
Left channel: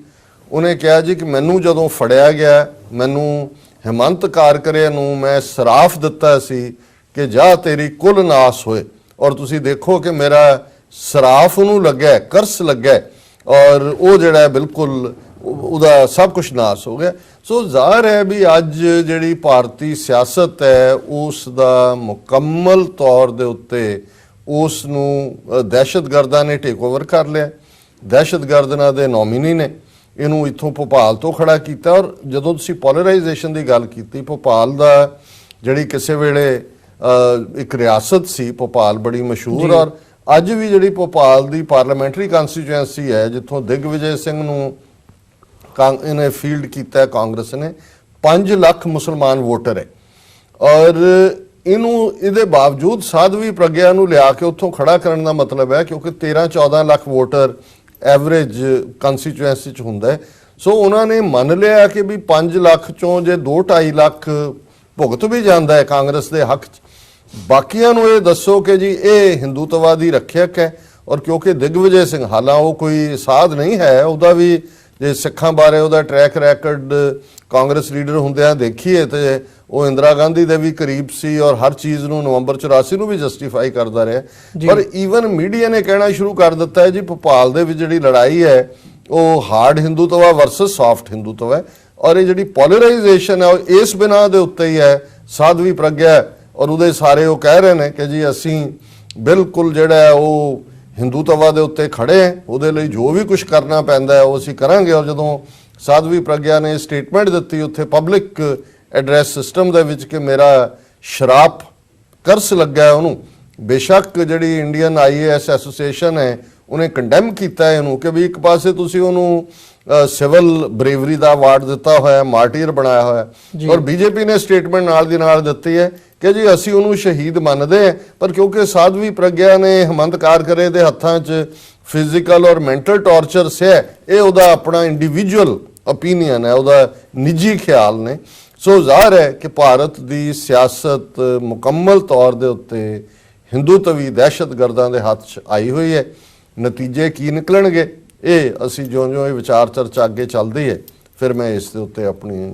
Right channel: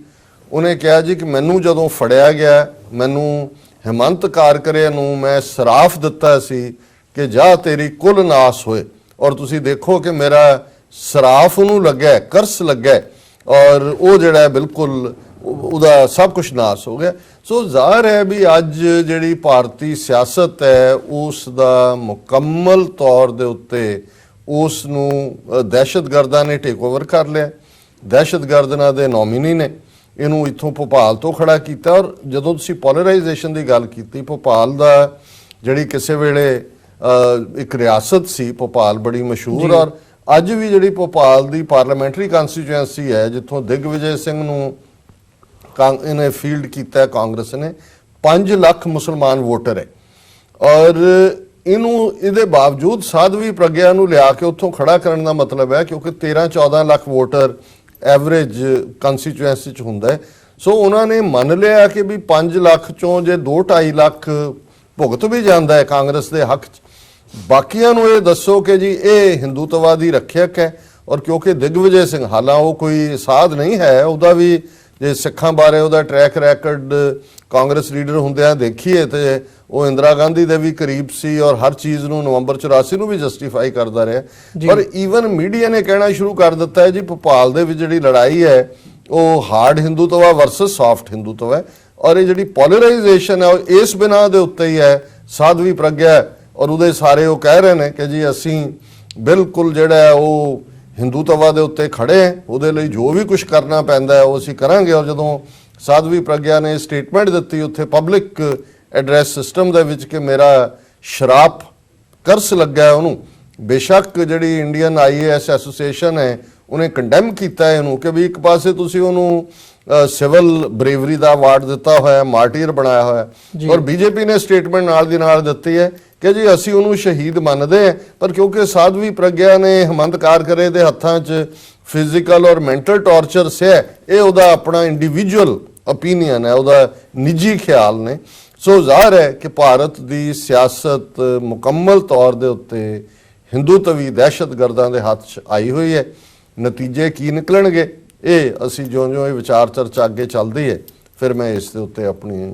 ਉਹਨੇ ਕਿਹਾ ਜੀ ਕਿ ਮੈਨੂੰ ਜਦੋਂ ਫੜਿਆ ਗਿਆ, ਮੈਨੂੰ ਹਿਮੰਤ ਕਾਰਕਰੇ ਨੂੰ ਮੈਂ ਸਰਾਫ ਦਿੱਤਾ ਸੀ ਕਿ ਜਾ ਤੇਰੀ ਕੁੱਲ ਨਾਸ ਹੋਏ, ਔਰ ਤੁਸੀਂ ਦੇਖੋ ਕਿ ਮੇਰਾ ਸਰਾਫ ਉਹਨੂੰ ਲੱਗਾ, ਕਰਸ ਲੱਗਾ, ਔਰ ਉਹ ਜਿਹੜਾ ਬਿਲਕੁਲ ਉਹਦਾ ਸਭ ਕੁਝ ਨਾਸ ਹੋ ਗਿਆ। ਸੋ ਜ਼ਾਹਰ ਹੈ ਵੀ ਅੱਜ ਜਿਹੜੀ ਭਾਰਤੀ ਸਿਆਸਤ ਹੈ ਉਸ ਦਾ ਮੁਕੰਮਲ ਤੌਰ ਦੇ ਉੱਤੇ ਉਸ ਨੂੰ ਦਹਿਸ਼ਤਗਰਦਾਂ ਨੇ ਟੇਕ ਓਵਰ ਕਰ ਲਿਆ। ਦਹਿਸ਼ਤਗਰਦਾਂ ਦੇ ਨੋਮੀਨੀ ਨੇ ਇਹਨੂੰ ਇੱਥੋਂ ਭੋਪਾਲ ਤੋਂ ਖੜਾ ਕੀਤਾ। ਔਰ ਜਦੋਂ ਤੁਸੀਂ ਪੋਲਰਾਈਜੇਸ਼ਨ ਦੀ ਗੱਲ ਕੀਤੀ, ਭੋਪਾਲ ਦਾ ਜਿਹੜੀ ਕਿਸੇ ਵੇਲੇ ਇੱਕ ਰਿਆਸਤ ਸੀ, ਭੋਪਾਲ ਬੜੀ ਮਸ਼ਹੂਰ, ਔਰ ਅੱਜ ਵੀ ਜਿਹੜੀ ਭੋਪਾਲ ਦੀ ਪਾਰਲੀਮੈਂਟਰੀ ਕੰਸਟੀਚੁਐਂਸੀ ਹੈ ਜਿੱਥੋਂ ਦਿਗਵਿਜੇ ਸਿੰਘ ਨੂੰ ਇਹਨੇ ਫੀਲਡ ਕੀਤਾ ਕਾਂਗਰਸ ਨੇ, 5 ਲੱਖ ਮੁਸਲਮਾਨ ਵੋਟਰ ਹੈ, ਔਰ ਇਹਦੇ ਬਾਵਜੂਦ ਸਾਧਵੀ ਪ੍ਰਗਿਆ ਨੂੰ ਲਿਆ ਕੇ ਉੱਥੋਂ ਖੜਾ ਕਰਨ ਦਾ ਮਤਲਬ ਹੈ ਕਿਉਂਕਿ 13-14 ਲੱਖ ਵੋਟਰ ਐਵਰੇਜ ਕੰਸਟੀਚੁਐਂਸੀ ਚ ਹੁੰਦਾ ਹੈ। ਸੋ ਉਹਨਾਂ ਨੇ ਮੰਨ ਲਿਆ ਕਿ ਵੀ 5 ਲੱਖ ਚੋਂ ਜੇ 2-2.5 ਲੱਖ ਭੁਗਤ ਵੀ ਜਾਂਦਾ ਹੈ ਕਾਂਗਰਸ ਦੇ ਹੱਕ ਚ, ਬਾਕੀਆਂ ਨੂੰ ਇਹ ਦੱਸੋ ਕਿ ਜੀ ਇਹ ਹਿੰਦੂਤਵਾਦੀ ਰੱਖਿਅਕ ਹੈ। ਔਰ ਕਿਉਂਕਿ ਦਿਗਵਿਜੇ ਸਿੰਘ ਹਾਲਾਂ ਉਹ ਕੋਈ ਸਾਧ ਨਹੀਂ ਹੈ, ਉਹਦਾ ਵੀ ਜੇ ਸਿੱਖਾਂ ਬਾਰੇ ਉਹਦਾ ਟਰੈਕ ਰੈਕਡ ਕਾਂਗਰਸ ਲੀਡਰ ਹੁੰਦਿਆਂ ਦੇਖੀਏ ਤੇ ਉਹ ਇੰਦਰਾ ਗਾਂਧੀ ਦੇ ਵੀ ਕਰੀਬ ਸੀ ਔਰ ਹਰ ਚੀਜ਼ ਨੂੰ ਨਵੰਬਰ 84 ਨੂੰ ਵੀ ਜਸਟੀਫਾਈ ਕਰਦਾ ਰਿਹਾ। ਪਰ ਈਵਨ ਮੀਡੀਆ ਨੇ ਕਹਿਣਾ ਸ਼ੁਰੂ ਕਰ ਦਿੱਤਾ ਹੈ ਜੀ ਭੋਪਾਲ ਦੇ ਵਿੱਚ ਜਿਹੜੀ ਲੜਾਈ ਹੈ ਉਹ hard Hindutva versus soft Hindutva ਹੈ, ਔਰ ਇਹ ਜਿਹੜੀ ਪੋਲਰਾਈਜੇਸ਼ਨ ਹੈ ਉਹ ਇਸ ਬਿਨਾਂ ਦੇ ਉੱਤੇ ਹੀ ਹੈ। ਸਾਧਵੀ ਪ੍ਰਗਿਆ ਔਰ ਉਹਦੇ ਸਾਰੇ ਉਹ ਕਹਿ ਰਹੇ ਨੇ ਕਿ ਜੀ ਅਸੀਂ ਬਿਲਕੁਲ ਜਿਹੜਾ ਹੈ ਉਹ ਹਿੰਦੂਤਵਾ ਦੇ ਉੱਤੇ ਖੜੇ ਹੈ, ਉਹਦੇ ਲਈ ਜੋ ਵੀ ਕੁਝ ਕਰਨਾ ਪੈਂਦਾ ਹੈ ਉਹ ਅਸੀਂ ਕਰਾਂਗੇ। ਔਰ ਜਦੋਂ ਸਾਧਵੀ ਪ੍ਰਗਿਆ ਨੇ ਸਟੇਟਮੈਂਟ ਦਿੱਤੀ ਉੱਥੇ ਪਬਲਿਕ ਐਡਰੈਸ ਸਿਸਟਮ ਦੇ ਵਿੱਚ ਕਿ ਮੇਰਾ ਸ਼ਰਾਪ ਕਰਸ ਲੱਗਾ ਹੈ, ਉਹਨੂੰ ਬੇਸ਼ੱਕ ਜਿਹੜੀ ਇੰਡੀਅਨ IAS ਐਸੋਸੀਏਸ਼ਨ ਹੈ ਉਹਨੇ ਕੰਡੈਮ ਕੀਤਾ ਹੈ ਇਹਨੂੰ ਕਿ ਵੀ ਇੱਕ ਪਾਸੇ ਤੁਸੀਂ ਉਹਨੂੰ ਸਿਵਲ ਬਰੇਵਰੀ ਦਾ ਅਵਾਰਡ ਦਿੱਤਾ ਹੋਇਆ, ਮਾਰਟੀਰ ਬਣਾਇਆ ਹੋਇਆ, ਔਰ ਬੀਜੇਪੀ ਨੇ ਸਟੇਟਮੈਂਟ ਨਾਲ ਦੀ ਨਾਲ ਦਿੱਤੀ ਹੈ ਕਿ ਜੀ ਅਸੀਂ ਉਹਨੂੰ ਸ਼ਹੀਦ ਮੰਨਦੇ, ਪਰ ਕਿਉਂਕਿ ਸਾਧਵੀ ਪ੍ਰਗਿਆ ਨੇ ਹਿਮੰਤ ਕਾਰਕਰੇ ਦੇ ਹੱਥਾਂ 'ਚ ਫਿਜ਼ੀਕਲ ਔਰ ਮੈਂਟਲ ਟੌਰਚਰ ਸਹਿ, ਇਹ ਉਹਦਾ ਆਪਣਾ ਇੰਡੀਵਿਜੂਅਲ ਓਪੀਨੀਅਨ ਹੈ, ਉਹਦਾ ਨਿੱਜੀ ਖਿਆਲ ਨੇ। ਸੋ ਜ਼ਾਹਰ ਹੈ ਕਿ ਭਾਰਤ ਦੀ ਸਿਆਸਤ ਮੁਕੰਮਲ ਤੌਰ ਦੇ ਉੱਤੇ ਹਿੰਦੂਤਵੀ ਦਹਿਸ਼ਤਗਰਦਾਂ ਦੇ ਹੱਥ 'ਚ ਆਈ ਹੋਈ ਹੈ। ਨਤੀਜੇ ਕੀ ਨਿਕਲਣਗੇ ਇਹ ਅਸੀਂ ਜਿਉਂ-ਜਿਉਂ ਇਹ ਵਿਚਾਰ ਚਰਚਾ ਅੱਗੇ ਚੱਲਦੀ ਹੈ ਫਿਰ ਮੈਂ ਇਸ ਦੇ ਉੱਤੇ ਆਪਣੀ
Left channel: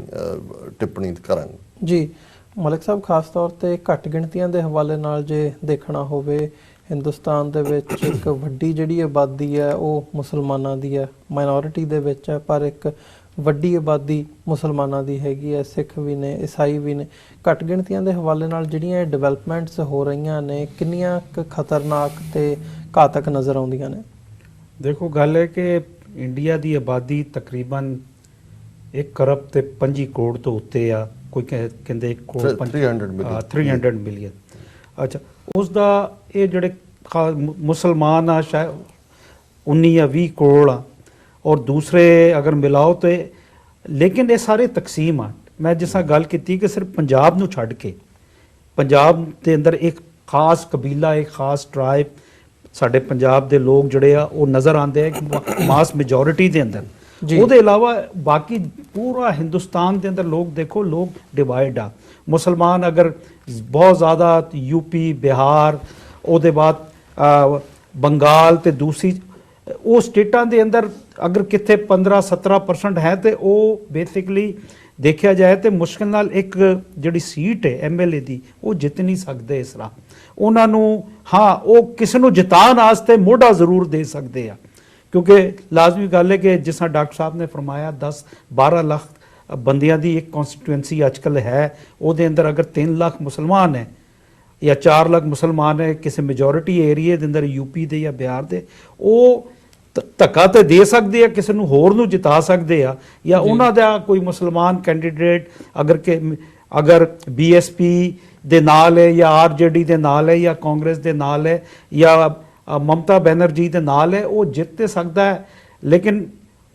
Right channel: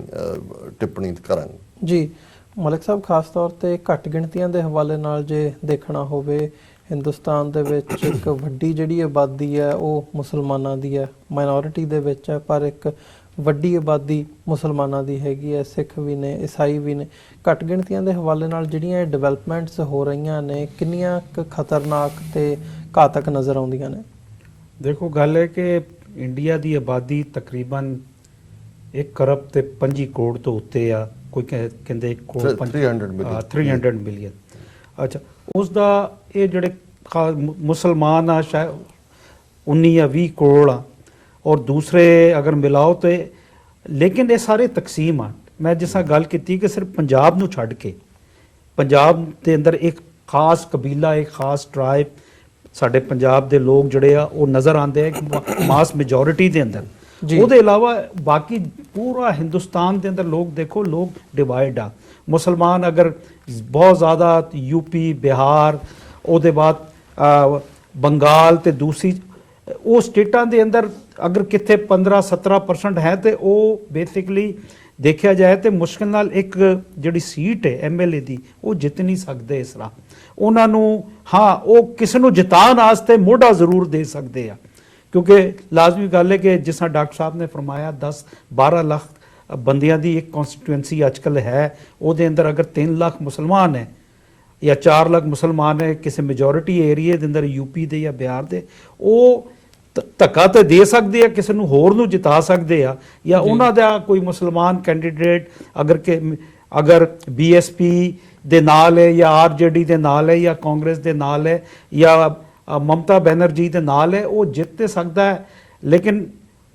ਟਿੱਪਣੀ ਕਰਾਂਗਾ। ਜੀ ਮਲਿਕ ਸਾਹਿਬ, ਖਾਸ ਤੌਰ ਤੇ ਘੱਟ ਗਿਣਤੀਆਂ ਦੇ ਹਵਾਲੇ ਨਾਲ ਜੇ ਦੇਖਣਾ ਹੋਵੇ, ਹਿੰਦੁਸਤਾਨ ਦੇ ਵਿੱਚ ਇੱਕ ਵੱਡੀ ਜਿਹੜੀ ਆਬਾਦੀ ਹੈ ਉਹ ਮੁਸਲਮਾਨਾਂ ਦੀ ਹੈ, ਮਾਈਨੋਰਿਟੀ ਦੇ ਵਿੱਚ ਹੈ, ਪਰ ਇੱਕ ਵੱਡੀ ਆਬਾਦੀ ਮੁਸਲਮਾਨਾਂ ਦੀ ਹੈਗੀ ਹੈ, ਸਿੱਖ ਵੀ ਨੇ, ਈਸਾਈ ਵੀ ਨੇ। ਘੱਟ ਗਿਣਤੀਆਂ ਦੇ ਹਵਾਲੇ ਨਾਲ ਜਿਹੜੀਆਂ ਡਿਵੈਲਪਮੈਂਟਸ ਹੋ ਰਹੀਆਂ ਨੇ, ਕਿੰਨੀਆਂ ਕੁ ਖਤਰਨਾਕ ਤੇ ਘਾਤਕ ਨਜ਼ਰ ਆਉਂਦੀਆਂ ਨੇ? ਦੇਖੋ, ਗੱਲ ਹੈ ਕਿ ਇੰਡੀਆ ਦੀ ਆਬਾਦੀ ਤਕਰੀਬਨ 1 ਕਰਬ ਤੇ 5 ਕਰੋੜ ਤੋਂ ਉੱਤੇ ਆ। ਕੋਈ ਕਹਿੰਦੇ 1 ਕਰੋੜ 300 ਮਿਲੀਅਨ 300 ਮਿਲੀਅਨ। ਅੱਛਾ, ਉਸ ਦਾ ਇਹ ਜਿਹੜੇ ਮੁਸਲਮਾਨ ਆ ਸ਼ਾਇਦ 19 ਜਾਂ 20 ਕਰੋੜ ਆ, ਔਰ ਦੂਸਰੇ ਅਗਰ ਮਿਲਾਓ ਤੇ, ਲੇਕਿਨ ਇਹ ਸਾਰੇ ਤਕਸੀਮ ਆ। ਮੈਂ ਜਿਸ ਤਰ੍ਹਾਂ ਗੱਲ ਕੀਤੀ ਕਿ ਸਿਰਫ ਪੰਜਾਬ ਨੂੰ ਛੱਡ ਕੇ ਪੰਜਾਬ ਦੇ ਅੰਦਰ ਇੱਕ ਖਾਸ ਕਬੀਲਾ, ਇੱਕ ਖਾਸ ਟ੍ਰਾਈਬ, ਸਾਡੇ ਪੰਜਾਬ ਦੇ ਲੋਕ ਜਿਹੜੇ ਆ ਉਹ ਨਜ਼ਰ ਆਉਂਦੇ ਆ ਮਾਸ ਮੈਜੋਰਿਟੀ ਦੇ ਅੰਦਰ। ਉਹਦੇ ਇਲਾਵਾ ਬਾਕੀ ਪੂਰਾ ਹਿੰਦੁਸਤਾਨ ਦੇ ਅੰਦਰ ਲੋਕ ਦੇਖੋ, ਲੋਕ ਡਿਵਾਈਡ ਆ। ਮੁਸਲਮਾਨ ਅਗਰ ਬਹੁਤ ਜ਼ਿਆਦਾ ਯੂਪੀ, ਬਿਹਾਰ, ਉਹਦੇ ਬਾਅਦ ਬੰਗਾਲ ਤੇ ਦੂਸਰੀ ਉਹ ਸਟੇਟਾਂ ਦੇ ਅੰਦਰ ਅਗਰ ਕਿਤੇ 15-17% ਹੈ ਤੇ ਉਹ ਬੇਸਿਕਲੀ ਦੇਖਿਆ ਜਾਏ ਤੇ ਮੁਸ਼ਕਿਲ ਨਾਲ ਇੱਕ ਜਿਹੜੀ ਸੀਟ ਹੈ ਐਮਐਲਏ ਦੀ ਉਹ ਜਿੱਤ ਨਹੀਂ ਸਕਦੇ। ਇਸ ਤਰ੍ਹਾਂ ਉਹਨਾਂ ਨੂੰ, ਹਾਂ, ਉਹ ਕਿਸੇ ਨੂੰ ਜਿਤਾਉਣ ਵਾਸਤੇ ਮੋਢਾ ਜ਼ਰੂਰ ਦੇ ਸਕਦੇ ਆ, ਕਿਉਂਕਿ ਲਾਜ਼ਮੀ ਗੱਲ ਹੈ ਕਿ ਜਿਸ ਤਰ੍ਹਾਂ ਡਾਕਟਰ ਸਾਹਿਬ ਨੇ ਫਰਮਾਇਆ 10-12 ਲੱਖ ਬੰਦਿਆਂ ਦੀ ਇੱਕ ਕਨਸਟੀਟੂਐਂਸੀ ਅੱਜਕੱਲ ਹੈ। ਉਹਦੇ ਅੰਦਰ ਅਗਰ 3 ਲੱਖ ਮੁਸਲਮਾਨ ਹੈ ਜਾਂ 4 ਲੱਖ ਮੁਸਲਮਾਨ ਹੈ ਕਿਸੇ ਮੈਜੋਰਿਟੀ ਏਰੀਆ ਦੇ ਅੰਦਰ, ਯੂਪੀ ਦੇ ਜਾਂ ਬਿਹਾਰ ਦੇ, ਉਹ ਧੱਕਾ ਤੇ ਦੇ ਸਕਦੇ ਆ, ਕਿਸੇ ਨੂੰ ਹੋਰ ਨੂੰ ਜਿਤਾ ਸਕਦੇ ਆ, ਜਾਂ ਉਹਨਾਂ ਦਾ ਕੋਈ ਮੁਸਲਮਾਨ ਕੈਂਡੀਡੇਟ ਅਗਰ ਬੀਐਸਪੀ ਦੇ ਨਾਲ ਹੈ ਜਾਂ ਆਰਜੇਡੀ ਦੇ ਨਾਲ ਹੈ ਜਾਂ ਕਾਂਗਰਸ ਦੇ ਨਾਲ ਹੈ ਜਾਂ ਮਮਤਾ ਬੈਨਰਜੀ ਦੇ ਨਾਲ ਹੈ, ਉਹ ਜਿੱਤ ਤੇ ਸਕਦਾ ਹੈ। ਲੇਕਿਨ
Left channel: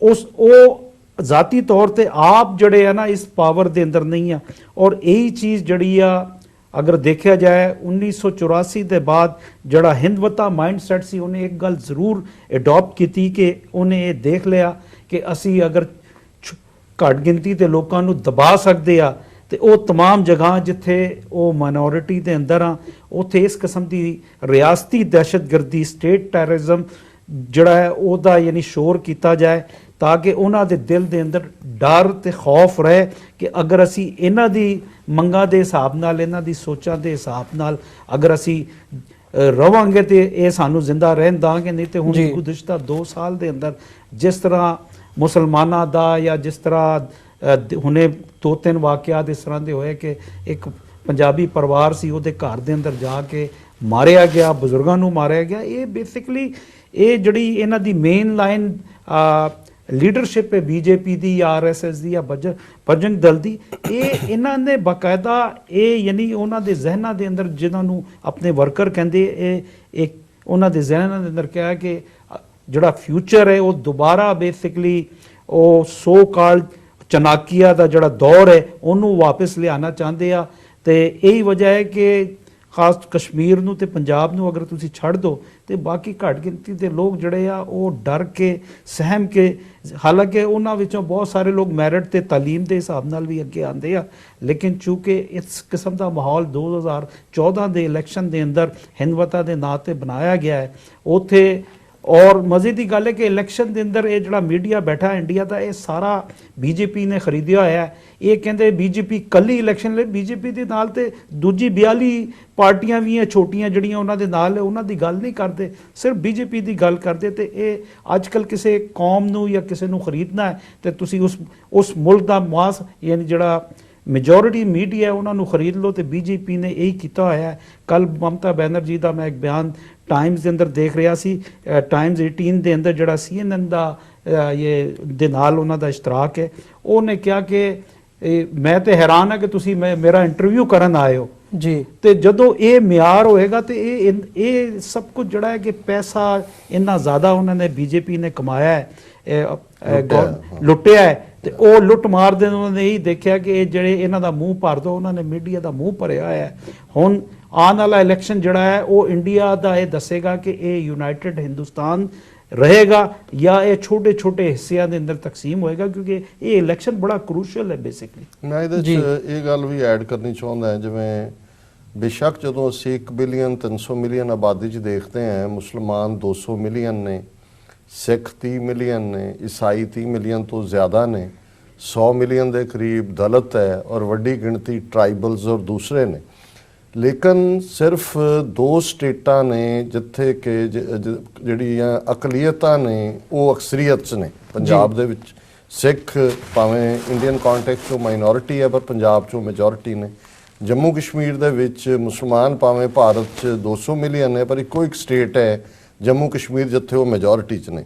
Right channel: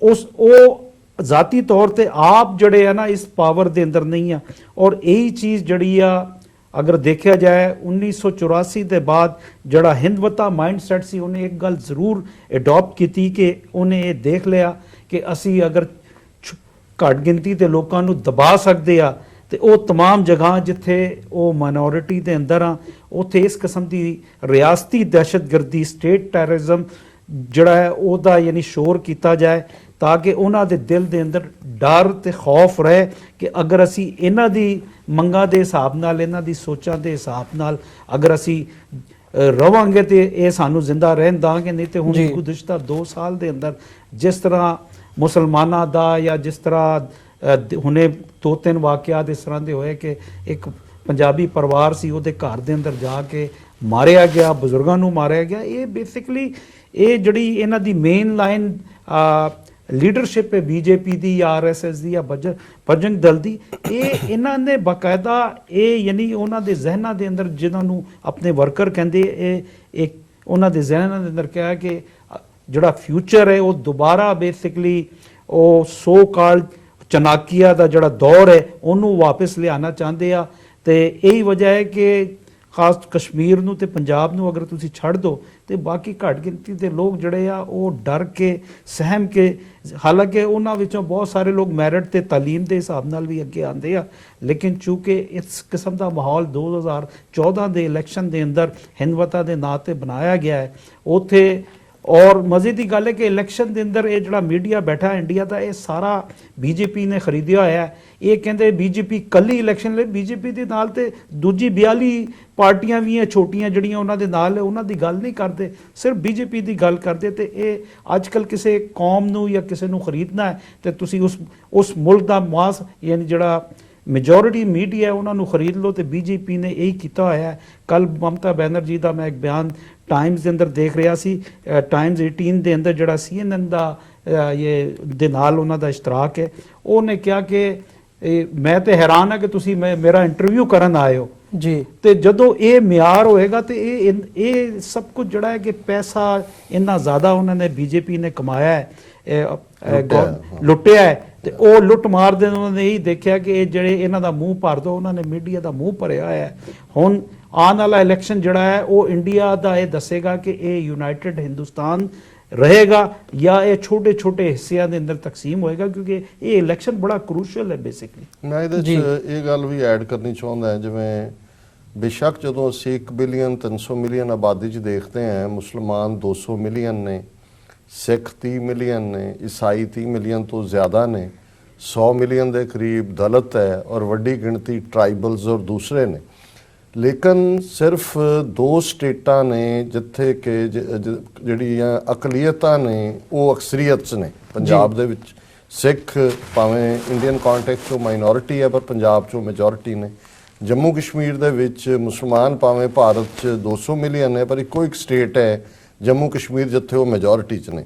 ਉਹ ਜ਼ਾਤੀ ਤੌਰ ਤੇ ਆਪ ਜਿਹੜੇ ਆ ਨਾ ਇਸ ਪਾਵਰ ਦੇ ਅੰਦਰ ਨਹੀਂ ਆ। ਔਰ ਇਹੀ ਚੀਜ਼ ਜਿਹੜੀ ਆ ਅਗਰ ਦੇਖਿਆ ਜਾਏ 1984 ਦੇ ਬਾਅਦ ਜਿਹੜਾ ਹਿੰਦਵਤਾ ਮਾਈਂਡਸੈਟ ਸੀ, ਉਹਨੇ ਇੱਕ ਗੱਲ ਜ਼ਰੂਰ ਅਡਾਪਟ ਕੀਤੀ ਕਿ ਉਹਨੇ ਇਹ ਦੇਖ ਲਿਆ ਕਿ ਅਸੀਂ ਅਗਰ ਘੱਟ ਗਿਣਤੀ ਦੇ ਲੋਕਾਂ ਨੂੰ ਦਬਾ ਸਕਦੇ ਆ ਤੇ ਉਹ तमाम ਜਗ੍ਹਾ ਜਿੱਥੇ ਉਹ ਮਾਈਨੋਰਿਟੀ ਦੇ ਅੰਦਰ ਆ, ਉੱਥੇ ਇਸ ਕਿਸਮ ਦੀ ਰਿਆਸਤੀ ਦਹਿਸ਼ਤਗਰਦੀ, ਸਟੇਟ ਟੈਰਰਿਜ਼ਮ ਜਿਹੜਾ ਹੈ ਉਹਦਾ ਯਾਨੀ ਸ਼ੋਰ ਕੀਤਾ ਜਾਏ, ਤਾਂ ਕਿ ਉਹਨਾਂ ਦੇ ਦਿਲ ਦੇ ਅੰਦਰ ਡਰ ਤੇ ਖੌਫ ਰਹੇ ਕਿ ਅਗਰ ਅਸੀਂ ਇਹਨਾਂ ਦੀ ਮੰਗਾਂ ਦੇ ਹਿਸਾਬ ਨਾਲ, ਇਹਨਾਂ ਦੀ ਸੋਚਾਂ ਦੇ ਹਿਸਾਬ ਨਾਲ ਅਗਰ ਅਸੀਂ ਰਵਾਂਗੇ ਤੇ ਇਹ ਸਾਨੂੰ ਜ਼ਿੰਦਾ ਰਹਿਣ ਦਾਂਗੇ, ਨਹੀਂ ਤੇ ਹੁਣ ਗੁਜ਼ਸ਼ਤਾ 2 ਸਾਲ ਦੇ ਅੰਦਰ ਜਿਸ ਤਰ੍ਹਾਂ ਮੁਸਲਮਾਨਾਂ ਦਾ ਜਾਂ ਜਿਸ ਤਰ੍ਹਾਂ ਹੁਣੇ 2-3 ਵਾਕਿਆਤ ਇਸ ਤਰ੍ਹਾਂ ਦੇ ਹੋਏ ਕਿ ਇੱਕ ਪੰਜਾਬੀ ਪਰਿਵਾਰ ਸੀ, ਉਹਦੇ ਘਰ ਦੇ ਅੰਦਰ ਜਾ ਕੇ ਮਾਰਿਆ ਗਿਆ, ਬਜ਼ੁਰਗਾਂ ਨੂੰ ਮਾਰਿਆ ਗਿਆ। ਇਹ ਬੇਸਿਕਲੀ ਇਹ ਜਿਹੜੀ ਇਹਨਾਂ ਦੀ ਮੇਨ ਲਾਈਨ ਲੀਡਰਸ਼ਿਪ ਹੈ ਬੀਜੇਪੀ ਦੀ ਜਾਂ ਆਰਐਸਐਸ ਦੀ ਜਾਂ ਬਜਰੰਗ ਦਲ ਦੀ, ਇਹ ਇਹਨਾਂ ਨੇ ਬਕਾਇਦਾ ਇਹ ਯਾਨੀ ਉਹਨਾਂ ਦੇ ਜ਼ਿਹਨਾਂ ਦੇ ਅੰਦਰ, ਜਿਨ੍ਹਾਂ ਨੂੰ ਆਪਣੇ ਵਰਕਰ ਕਹਿੰਦੇ, ਇਹ ਉਹਨਾਂ ਦੇ ਜ਼ਿਹਨਾਂ ਦੇ ਅੰਦਰ ਕਿਹਾ ਕਿ ਜਿਹੜਾ ਫਿਊਚਰ ਹੈ ਉਹ ਦੁਬਾਰਾ ਬੇਸਿਕਲੀ ਉਹ ਸੋ ਕਾਲਡ ਚਨਾਕੀਆ ਦਾ ਜਿਹੜਾ ਦੌਰ ਹੈ ਉਹਨੂੰ ਵਾਪਸ ਲਿਆਉਣਾ ਚਾਹੁੰਦੇ ਆ। ਤੇ ਇਹੀ ਵਜ੍ਹਾ ਹੈ ਕਿ ਖਾਸ ਕਸ਼ਮੀਰ ਨੂੰ ਤੇ ਪੰਜਾਬ ਨੂੰ ਅਗਰ ਤੁਸੀਂ ਛੱਡ ਦੋ ਤੇ ਬਾਕੀ ਘੱਟ ਗਿਣਤੀ ਦੇ ਲੋਕ ਜਿਹੜੇ ਆ ਉਹ ਡਰ ਕੇ, ਸਹਿਮ ਕੇ, ਹਾਲਾਂਕਿ ਉਹਨਾਂ ਵਿੱਚੋਂ ਬਹੁਤ ਸਾਰੇ ਲੋਕ ਮੈਰਿਟ ਤੇ ਤਾਲੀਮ ਦੇ ਹਿਸਾਬ ਨਾਲ ਵੀ ਅੱਗੇ ਆਉਂਦੇ ਆ, ਲੇਕਿਨ ਚੂੰਕਿ ਇਸ ਕਿਸਮ ਦਾ ਮਾਹੌਲ 2014 ਦੇ ਇਲੈਕਸ਼ਨ ਦੇ ਅੰਦਰ ਹਿੰਦਵਤਾ ਦੇ ਨਾਂ ਤੇ ਬਣਾਇਆ ਗਿਆ ਹੈ ਉੱਥੇ। ਔਰ ਮਜ਼ੇ ਦੀ ਗੱਲ ਹੈ ਕਿ ਇਲੈਕਸ਼ਨ ਦੇ ਅੰਦਰ ਇਹ ਜਿਹੜਾ ਮੀਡੀਆ ਬੈਠਾ ਇੰਡੀਆ ਦਾ, ਇਹ ਸਾਰਾ ਬੀਜੇਪੀ ਨੇ ਖਰੀਦਿਆ ਹੋਇਆ। ਇਹ ਕਹਿੰਦੇ ਬੀਜੇਪੀ ਕੱਲੀ ਇਲੈਕਸ਼ਨ ਲਈ, ਬੀਜੇਪੀ ਦੇ ਨਾਲ ਤੇ ਦੂਜੀ 42 ਪਾਰਟੀਆਂ ਵੀ ਹੈ ਛੋਟੀਆਂ ਜਿਹੜੀਆਂ ਉਹਨਾਂ ਦੇ ਨਾਲ ਹੈ, ਉਹਨਾਂ ਦੀ ਗੱਲ ਨਹੀਂ ਕਰਦੇ, ਸਿਰਫ ਬੀਜੇਪੀ ਦੀ ਗੱਲ ਕਰਦੇ। ਤੇ ਇਹ ਅੱਜ ਕੱਲ ਕਿਸੇ ਕੌਮ ਨੂੰ ਜਾਂ ਕਿਸੇ ਨੂੰ ਖਰੀਦਣਾ ਹੈ ਤੇ ਤੁਸੀਂ ਉਸ ਮੁਲਕ ਦਾ ਮਾਸ ਯਾਨੀ ਜਿਹੜਾ ਮੈਜੋਰਿਟੀ ਮੀਡੀਆ ਹੈ ਉਹਨਾਂ ਨੂੰ ਖਰੀਦ ਲਓ, ਤੇ ਬੀਜੇਪੀ ਨੇ ਇਹੀ ਕੀਤਾ ਹੋਇਆ ਹੈ। ਕੱਲ ਮਮਤਾ ਬੈਨਰਜੀ ਦਾ ਮੈਂ ਇੱਕ ਬਿਆਨ ਟਾਈਮਜ਼ ਦੇ ਅੰਦਰ ਦੇਖ ਰਿਹਾ ਸੀ, ਟਾਈਮਜ਼ 18 ਦੇ ਅੰਦਰ ਜਿਹੜਾ CNN ਦਾ ਇਹ ਦੇ ਨਾਲ ਉਹਨਾਂ ਦਾ ਇਸ਼ਤਰਾਕ ਹੈ, ਉਹਨੇ ਕਿਹਾ ਕਿ ਮੈਂ ਤੇ ਹੈਰਾਨ ਹਾਂ ਕਿ ਤੁਸੀਂ ਮੇਰਾ ਇੰਟਰਵਿਊ ਕਰਨ ਆਏ ਹੋ ਜੀ, ਤੇ ਜਦੋਂ ਇਹ ਮਿਆਰ ਹੋਏਗਾ ਤੇ ਇਹ ਸਭ ਕੁਝ ਜਿਹੜਾ ਹੈ ਕਿ ਪੈਸਾ ਇੰਨਾ ਜ਼ਿਆਦਾ ਉਹਨਾਂ ਨੇ ਬੀਜੇਪੀ ਨੇ ਕਮਾਇਆ ਹੈ, ਲੁੱਟਿਆ ਹੈ, ਤੇ ਉਹ ਲੁੱਟ ਮਾਰ ਦੇ ਉਹਨਾਂ ਨੇ ਇਹ ਦੇਖਿਆ ਕਿ ਇਹ ਜਿਹੜੇ ਇਹਨਾਂ ਦਾ ਮੂੰਹ ਭਰ ਦੋ, ਉਹਨਾਂ ਨੇ ਮੀਡੀਆ ਦਾ ਮੂੰਹ ਭਰਿਆ ਹੈ। ਹੁਣ ਆਉਣ ਵਾਲਾ ਇਲੈਕਸ਼ਨ ਜਿਹੜਾ ਹੈ ਉਹ ਇੰਡੀਆ ਦਾ ਇਹ ਦੱਸੇਗਾ ਕਿ ਇਹ ਯੂਨਾਈਟਿਡ ਹਿੰਦੁਸਤਾਨ ਰਹੇਗਾ ਜਾਂ ਇਹ ਛੋਟੇ ਛੋਟੇ ਹਿੱਸਿਆਂ ਦੇ ਅੰਦਰ ਤਕਸੀਮ ਹੋਏਗਾ, ਕਿਉਂਕਿ ਇਹ ਇਲੈਕਸ਼ਨ ਬੜਾ ਕ੍ਰੂਸ਼ੀਅਲ ਹੈ ਬੇਸਿਕਲੀ। ਮੈਂ ਇਹਦੇ 'ਚ ਇਹ ਗੱਲ ਵੀ ਐਡ ਕਰਨੀ ਚਾਹੁੰਦਾ, ਜਿਵੇਂ ਬੇਸ਼ੱਕ ਜਦੋਂ ਅਸੀਂ 1 ਬਿਲੀਅਨ 300 ਮਿਲੀਅਨ ਆਬਾਦੀ 'ਚ ਦੇਖਦੇ ਹਾਂ, ਮੁਸਲਮਾਨ 200 ਮਿਲੀਅਨ ਨੇ, ਸਿੱਖ 30 ਮਿਲੀਅਨ ਨੇ, ਈਸਾਈ 30 ਮਿਲੀਅਨ ਤੋਂ ਜ਼ਿਆਦਾ ਨੇ, 100 ਮਿਲੀਅਨ ਦੇ ਕਰੀਬ ਦਲਿਤ ਹੈ ਔਰ ਵੱਡੀ ਗਿਣਤੀ ਟ੍ਰਾਈਬਲਸ ਔਰ ਦੂਸਰੇ ਨੇ। ਲੇਕਿਨ ਸਿਰਫ 2 ਸਟੇਟਾਂ ਨੇ ਜਿੱਥੇ ਕਿ ਜਿਹੜੀਆਂ ਅਕਲੀਅਤਾਂ ਨੇ ਉਹ ਅਕਸਰੀਅਤ 'ਚ ਨੇ। ਪੰਜਾਬ ਦੇ ਵਿੱਚ ਸਿੱਖ ਭਾਵੇਂ ਇੰਡੀਅਨ ਕੰਟੈਕਸਟ 'ਚੋਂ ਮਾਈਨੋਰਿਟੀ ਹੈ ਪਰ ਪੰਜਾਬ 'ਚੋਂ ਮੈਜੋਰਿਟੀ ਨੇ। ਜੰਮੂ ਕਸ਼ਮੀਰ ਦੇ ਵਿੱਚ ਮੁਸਲਮਾਨ ਭਾਵੇਂ ਭਾਰਤ 'ਚ 200 ਮਿਲੀਅਨ ਨੇ ਪਰ ਇੱਕੋ ਇੱਕ ਸਟੇਟ ਹੈ ਜੰਮੂ ਕਸ਼ਮੀਰ ਜਿੱਥੇ ਉਹ ਮੈਜੋਰਿਟੀ 'ਚ ਨੇ।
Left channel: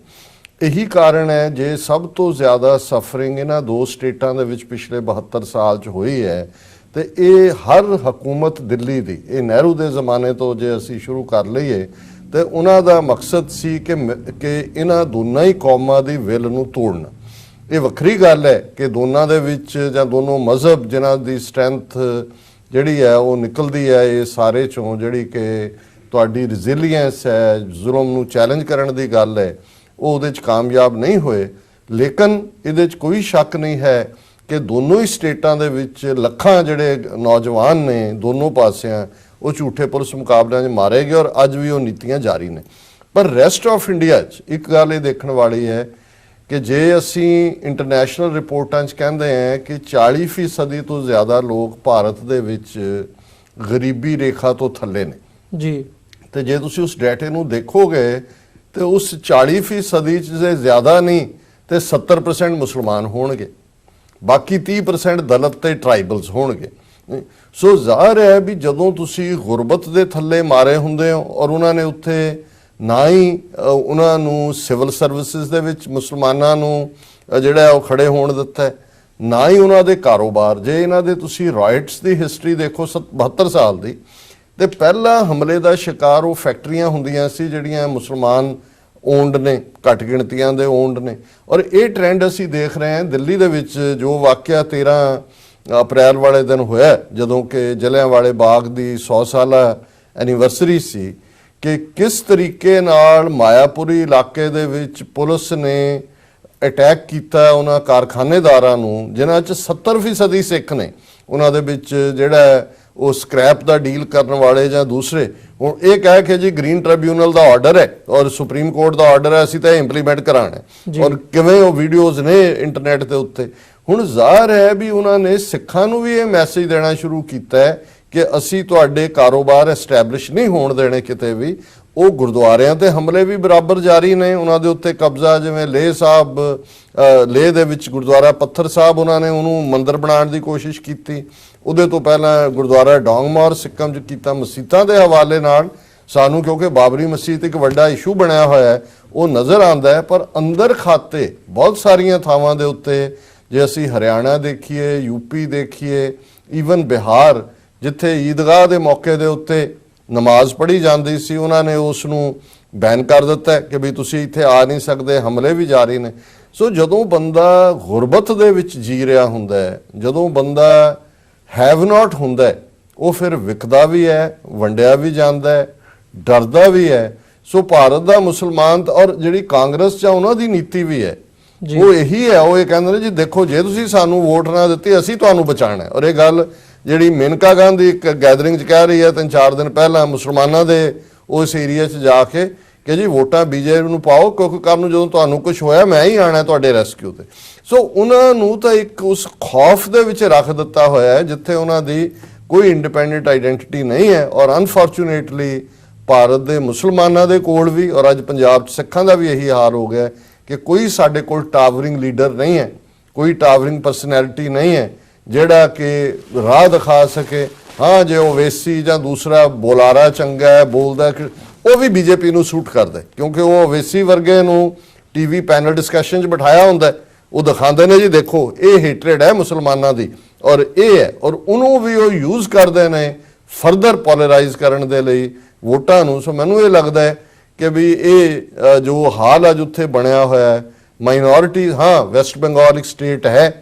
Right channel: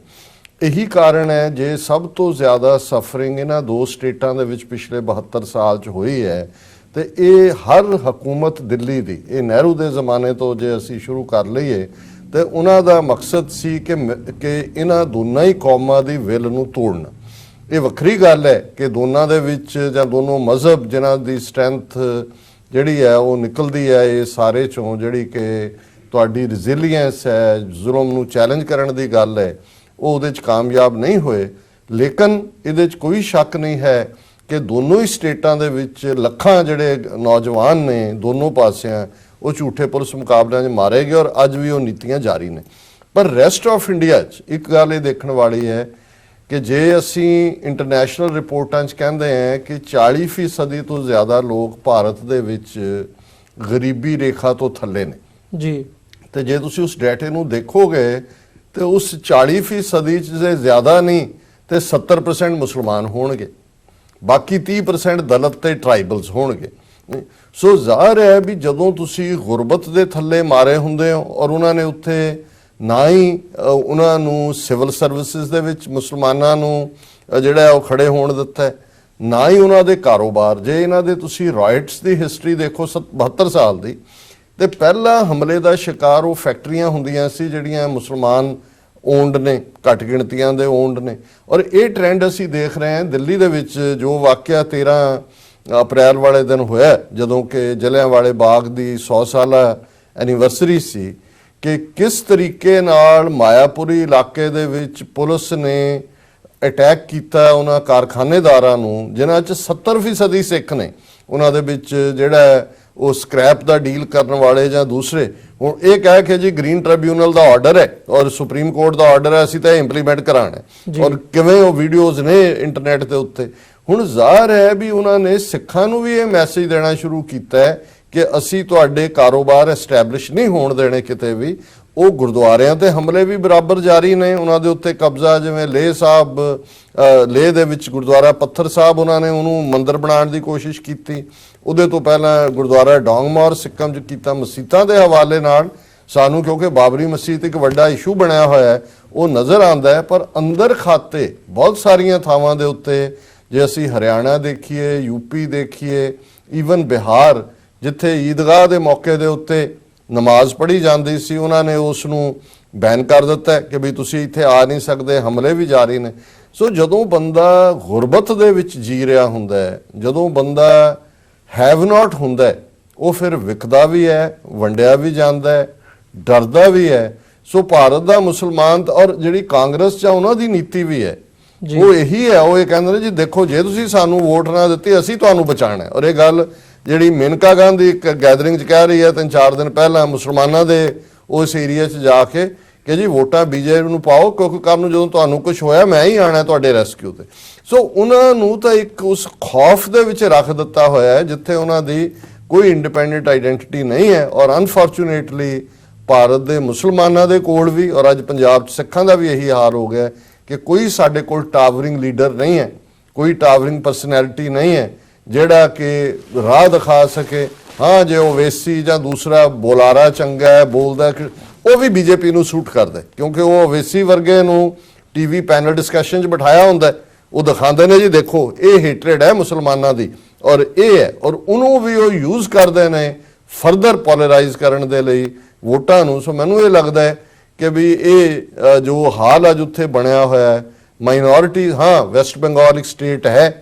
ਇਹੀ ਕਾਰਨ ਹੈ ਜੇ ਸਭ ਤੋਂ ਜ਼ਿਆਦਾ ਸਫਰਿੰਗ ਇਹਨਾਂ ਦੋ ਸਟੇਟਾਂ ਦੇ ਵਿੱਚ ਪਿਛਲੇ 72 ਸਾਲ 'ਚ ਹੋਈ ਹੈ ਤੇ ਇਹ ਹਰ ਹਕੂਮਤ ਦਿੱਲੀ ਦੀ, ਇਹ ਨਹਿਰੂ ਦੇ ਜ਼ਮਾਨੇ ਤੋਂ ਜੇ ਅਸੀਂ ਸ਼ੁਰੂ ਕਰ ਲਈਏ ਤੇ ਉਹਨਾਂ ਦਾ ਮਕਸਦ ਸੀ ਕਿ ਇਹਨਾਂ ਦੋਨਾਂ ਹੀ ਕੌਮਾਂ ਦੀ ਵਿਲ ਨੂੰ ਤੋੜਨਾ। ਇਹ ਵੱਖਰੀ ਗੱਲ ਹੈ ਕਿ ਦੋਨਾਂ ਦੇ ਵਿੱਚ ਜਾਂ ਦੋਨੋਂ ਮਜ਼ਹਬ ਜਿਨ੍ਹਾਂ ਦੀ ਸਟਰੈਂਥ ਜਿਹੜੀ ਹੈ ਉਹ ਨਿਕਲਦੀ ਹੈ ਇਹ ਸਾਰੇ ਚੋਂ, ਜਿਹੜੀ ਕਿ ਤੁਹਾਡੀ ਰੈਜ਼ਿਲੀਅੰਸ ਹੈ, ਜ਼ੁਲਮ ਨੂੰ ਚੈਲੰਜ ਕਰਨ ਦੀ ਗੱਲ ਹੈ, ਉਹ ਉਹਦੇ 'ਚ ਕਾਮਯਾਬ ਨਹੀਂ ਹੋਏ। ਲੇਕਿਨ ਇਹਦੇ 'ਚ ਕੋਈ ਸ਼ੱਕ ਨਹੀਂ ਹੈ ਕਿ ਦੋਨੋਂ ਹੀ ਸਟੇਟਾਂ ਦੇ ਵਿੱਚ ਲੱਖਾਂ ਜਿਹੜੇ ਨੌਜਵਾਨ ਨੇ ਦੋਨੋਂ ਪਾਸਿਆਂ ਉਹ ਝੂਠੇ ਪੁਲਿਸ ਮੁਕਾਬਲਿਆਂ 'ਚ ਮਾਰੇ ਗਏ ਔਰ ਅੱਜ ਵੀ ਉਹ ਨੀਤੀਆਂ ਜਾਰੀ ਨੇ। ਪਰ ਰੈਸਟ ਆਫ ਇੰਡੀਆ 'ਚ ਇੱਕ ਗੱਲ ਇਹ ਦੇਖਣ ਵਾਲੀ ਹੈ ਕਿ ਜੇ ਅਸੀਂ ਇੰਟਰਨੈਸ਼ਨਲ ਰਿਪੋਰਟਾਂ 'ਚ ਕਹਿੰਦੇ ਹਾਂ ਕਿ 40% ਤੋਂ ਜ਼ਿਆਦਾ ਲੋਕ ਭਾਰਤ ਦੇ ਵਿੱਚ ਗਰੀਬੀ ਰੇਖਾ ਤੋਂ ਥੱਲੇ ਨੇ ਜੀ, ਤੇ ਜੇ ਤੁਸੀਂ ਉਸ ਡਾਟੇ ਨੂੰ ਦੇਖੋਗੇ ਤੇ ਉਸ 40% 'ਚ ਜੇ ਜ਼ਿਆਦਾ ਨਹੀਂ ਤੇ 70% ਮੁਸਲਮਾਨ ਹੋਣਗੇ, ਬਾਕੀ 30% ਦਲਿਤ ਤੇ ਟ੍ਰਾਈਬਲਸ ਹੋਣਗੇ। ਸੋ ਜ਼ਾਹਰ ਹੈ ਵੀ ਜਦੋਂ ਤੁਸੀਂ ਗੁਰਬਤ ਦੇ ਥੱਲੇ ਮਾਰੇ ਹੁੰਦੇ ਹੋ ਔਰ ਉਹਨਾਂ ਨੇ ਉੱਥੇ ਨਾ ਹੀ ਉਹਨਾਂ ਨੂੰ ਸਿਵਲ ਸਰਵਿਸਿਜ਼ ਦੇ ਵਿੱਚ ਮੁਸਲਮਾਨਾਂ ਨੂੰ ਜਿਹੜਾ ਉਹ ਖੜੇ ਹੋਣ ਦਿੱਤਾ, ਨਾ ਹੀ ਉਹਨਾਂ ਦੇ ਕਾਰੋਬਾਰ। ਜੇ ਇਹਨਾਂ ਦੇ ਤੁਸੀਂ ਰਾਈਟਸ ਦੀ ਹਿਸਟਰੀ ਦੇਖੋ 72 ਸਾਲ ਦੀ, ਤੇ ਪਹਿਲਾ ਹਮਲੇ ਦਾ ਸ਼ਿਕਾਰ ਉਹ ਫੈਕਟਰੀਆਂ ਹੁੰਦੀਆਂ ਸੀ ਜਿਹੜੀਆਂ ਮੁਸਲਮਾਨ ਓਨਡ ਨੇ, ਘੱਟ ਗਿਣਤੀਆਂ ਦੇ ਓਨਡ ਨੇ। ਔਰ ਇਹ ਟ੍ਰੈਂਡ ਅਸੀਂ ਦੇਖ ਰਹੇ ਹਾਂ ਦਿੱਲੀ ਦੇ ਵਿੱਚ ਜੋ ਵਾਕਿਆ 13 ਅਪ੍ਰੈਲ ਵਾਲੇ ਦਿਨ ਹੋਇਆ ਜਦੋਂ ਕਿ ਜਲਿਆਂਵਾਲੇ ਬਾਗ ਦੀ 100 ਸਾਲਾ ਐਨੀਵਰਸਰੀ ਸੀ, ਕਿ ਕਿਸ ਤਰੀਕੇ ਨਾਲ ਮਾਇਆਪੁਰੀ ਇਲਾਕੇ ਦੇ ਵਿੱਚ ਪੁਲਿਸ ਨੇ ਅਟੈਕ ਕੀਤਾ ਉਹਨਾਂ ਕਾਰਖਾਨੇਦਾਰਾਂ ਨੂੰ ਜਿਨ੍ਹਾਂ 'ਚ 70% ਸਿੱਖ ਨੇ। ਉਹਨਾਂ ਦੇ ਵਿੱਚ ਜਿਹੜਾ ਉਹ ਸਕ੍ਰੈਪ ਦਾ ਡੀਲ ਕਰਨ ਵਾਲੇ ਜਾਂ ਦੂਸਰੇ, ਹੁਣ ਇਹ ਕਹਿ ਕੇ ਜੀ ਗ੍ਰੀਨ ਟ੍ਰਿਬਿਊਨਲ ਦਾ ਆਰਡਰ ਹੈ ਔਰ ਸੁਪਰੀਮ ਕੋਰਟ ਦਾ ਆਰਡਰ ਹੈ, ਅਸੀਂ ਤਾਂ ਇੰਪਲੀਮੈਂਟ ਕਰਾਣਾ ਔਰ ਕਿਵੇਂ ਉਹ ਵੀਡੀਓਜ਼ ਨੇ ਇੰਟਰਨੈਟ ਦੇ ਉੱਤੇ। ਹੁਣ ਜ਼ਾਹਰ ਹੈ ਵੀ ਉਹਨਾਂ ਨੇ ਸਿੱਖਾਂ ਨੂੰ ਵੀ ਇਹ ਮੈਸੇਜ ਦੇਣਾ ਸ਼ੁਰੂ ਕੀਤਾ ਹੈ ਕਿ ਅਸੀਂ ਤੁਹਾਡੇ ਕਾਰੋਬਾਰ ਐਸਟੈਬਲਿਸ਼ ਨਹੀਂ ਹੋਣ ਦੇਣੇ ਕਿਤੇ ਵੀ। ਉਹ ਗੁਰਦੁਆਰਿਆਂ ਤੇ ਹਮਲੇ ਵੀ ਬਰਾਬਰ ਜਾਰੀ ਨੇ, ਉਹਨਾਂ ਦੇ ਉੱਤੇ ਕਬਜ਼ਾ, ਜਿਵੇਂ ਲੇਹ ਸਾਹਿਬ, ਲੇਹ ਦੇ ਵਿੱਚ ਗੁਰਦੁਆਰਾ ਪੱਥਰ ਸਾਹਿਬ ਉਹਨਾਂ ਨੇ ਉਹਨੂੰ ਮੰਦਿਰ ਬਣਾਉਣ ਦੀ ਕੋਸ਼ਿਸ਼ ਕੀਤੀ। ਉਹਦੇ ਤੋਂ ਪਹਿਲਾਂ ਗੁਰਦੁਆਰਾ ਡੋਂਗਮੌਰ ਸਿੱਕਮ 'ਚ ਕੀਤਾ। ਮਸੀਤਾਂ ਦੇ ਹਵਾਲੇ ਨਾਲ ਸਾਨੂੰ, ਕਿਉਂਕਿ ਬਾਬਰੀ ਮਸਜਿਦ ਇੱਕ ਵੱਡਾ ਇਸ਼ੂ ਬਣਿਆ ਹੋਇਆ ਹੈ, ਉਹ ਨਜ਼ਰ ਆਉਂਦਾ ਹੈ। ਪਰ ਅੰਦਰ ਖਾਤੇ ਬਹੁਤ ਸਾਰੀਆਂ ਥਾਵਾਂ ਦੇ ਉੱਤੇ, ਜੇ ਅਸੀਂ ਹਰਿਆਣਾ ਦੇਖੀਏ, ਯੂਪੀ ਦੇਖੀਏ, ਈਵਨ ਬਿਹਾਰ, ਜਿੱਥੇ ਈਦਗਾਹ ਦੇ ਮੌਕੇ ਦੇ ਉੱਤੇ ਨਮਾਜ਼ ਪੜ੍ਹੀ ਜਾਂਦੀ ਸੀ, ਉਹਨਾਂ ਨੇ ਉਸ ਨੂੰ ਬੈਨ ਕਰ ਦਿੱਤਾ ਕਿ ਵੀ ਤੁਸੀਂ ਇੱਥੇ ਆ ਨਹੀਂ ਸਕਦੇ। ਹਮਲੇ ਵੀ ਜਾਰੀ ਨੇ। ਸੋ ਜਦੋਂ ਬੰਦਾ ਗੁਰਬਤ ਦੇ ਵਿੱਚ ਜੀ ਰਿਹਾ ਹੁੰਦਾ ਹੈ, ਜਦੋਂ ਬੰਦਾ ਹੈਵ ਨਾਟ ਹੁੰਦਾ ਹੈ, ਉਹ ਫਿਰ ਵਿਕਦਾ ਵੀ ਹੈ, ਵੰਡਿਆ ਵੀ ਜਾਂਦਾ ਹੈ, ਡਰਦਾ ਵੀ ਹੈ। ਸੋ ਭਾਰਤ ਦਾ ਮੁਸਲਮਾਨ ਔਰ ਜਿਹੜੀ ਕਾਂਗਰਸ 'ਚ ਉਹਨਾਂ ਦੀ ਨੀਤੀ ਵੀ ਹੈ, ਉਹ ਇਹੀ ਹੈ। ਉਹ ਇਹ ਕਹਿੰਦੇ ਨੇ ਜੀ ਦੇਖੋ, ਜੇ ਤੁਸੀਂ ਸਾਨੂੰ ਵੋਟ ਨਾ ਦਿੱਤੀ ਅਸੀਂ ਤੁਹਾਨੂੰ ਬਚਾਉਣਾ ਹੈ। ਔਰ ਇਹ ਗੱਲ ਜਿਹੜੀ ਮੇਨਕਾ ਗਾਂਧੀ ਇੱਕ ਗੈਦਰਿੰਗ 'ਚ ਕਹਿ ਰਹੀ ਹੈ 3-4 ਦਿਨ ਪਹਿਲਾਂ ਮੁਸਲਮਾਨਾਂ ਦੇ ਉਸ ਏਰੀਆ 'ਚ ਜਾ ਕੇ ਕਿ ਜੀ ਵੋਟਾਂ ਬੀਜੇਪੀ ਨੂੰ ਪਾਓ, ਕਿਉਂਕਿ ਕੱਲ੍ਹ ਨੂੰ ਜਦੋਂ ਤੁਹਾਨੂੰ ਕੁਝ ਹੋਇਆ ਮੈਂ ਹੀ ਆਣਾ ਤੁਹਾਡੇ ਰੈਸਕਿਊ ਤੇ। ਸੋ ਉਹਨਾਂ ਨੂੰ ਤਾਂ ਇੱਕ ਉਸ ਖੌਫ ਦੇ ਵਿੱਚ ਰੱਖ ਦਿੱਤਾ ਹੋਇਆ ਹੈ ਜਿੱਥੇ ਉਹਨਾਂ ਦੀ ਕੋਈ ਇੰਡੀਪੈਂਡੈਂਟ ਆਈਡੈਂਟੀਟੀ ਨਹੀਂ ਹੈ। ਔਰ ਅਨਫੋਰਚੂਨੇਟਲੀ ਭਾਰਤ ਦੇ ਮੁਸਲਮਾਨਾਂ ਦੇ ਕੋਲ ਵੀ ਔਰ ਅੱਜ ਪੰਜਾਬ 'ਚ ਸਿੱਖਾਂ ਦਾ ਵੀ ਇਹੀ ਹਾਲ ਹੋ ਗਿਆ ਕਿ ਕੋਈ ਸਾਡੇ ਕੋਲ ਟਾਵਰਿੰਗ ਲੀਡਰ ਨਹੀਂ ਹੈ, ਕੋਈ ਟਾਵਰਿੰਗ ਪਰਸਨੈਲਿਟੀ ਨਹੀਂ ਹੈ ਜਿਹੜਾ ਕਿ ਰਾਹ ਦਿਖਾ ਸਕੇ। ਹਾਂ, ਜੇ ਉਹ ਵੇਸੀ ਜਾਂ ਦੂਸਰਾ ਬੋਲਾਰਾ ਚੰਗਾ ਹੈ, ਬੋਲਦਾ, ਉਹ ਵੀ ਬੀਜੇਪੀ ਨੂੰ ਸੂਟ ਕਰਦਾ ਕਿਉਂਕਿ ਉਹ ਵੇਸੀ ਵਰਗੇ ਨੂੰ ਟੀਵੀ ਪੈਨਲ ਡਿਸਕਸ਼ਨ 'ਚ ਬਿਠਾਇਆ ਹੁੰਦਾ, ਉਹ ਦਿਖਾਉਂਦੇ ਨੇ ਜੀ ਦੇਖੋ ਇਹ ਹੇਟਰੇਡ ਹੈ ਮੁਸਲਮਾਨਾਂ ਦੀ ਔਰ ਇਹ ਹੈ, ਔਰ ਉਹਨੂੰ ਵੀ ਉਹ ਯੂਜ਼ ਕਰਦੇ ਨੇ ਫਰਦਰ ਪੋਲਰਾਈਜ਼ ਕਰਨ ਦੇ ਲਈ ਵੋਟਾਂ ਨੂੰ। ਸੋ ਮੈਨੂੰ ਇਹ ਲੱਗਦਾ ਹੈ ਕਿ ਵੀ ਇਹ ਜੋ ਹਾਲ ਅੱਜ ਉੱਥੇ ਬਣਿਆ ਹੋਇਆ ਹੈ, ਮਾਈਨੋਰਿਟੀ, ਹਾਂ ਵੈਸਟ ਬੰਗਾਲ ਇੱਕ ਸਟੇਟ ਹੈ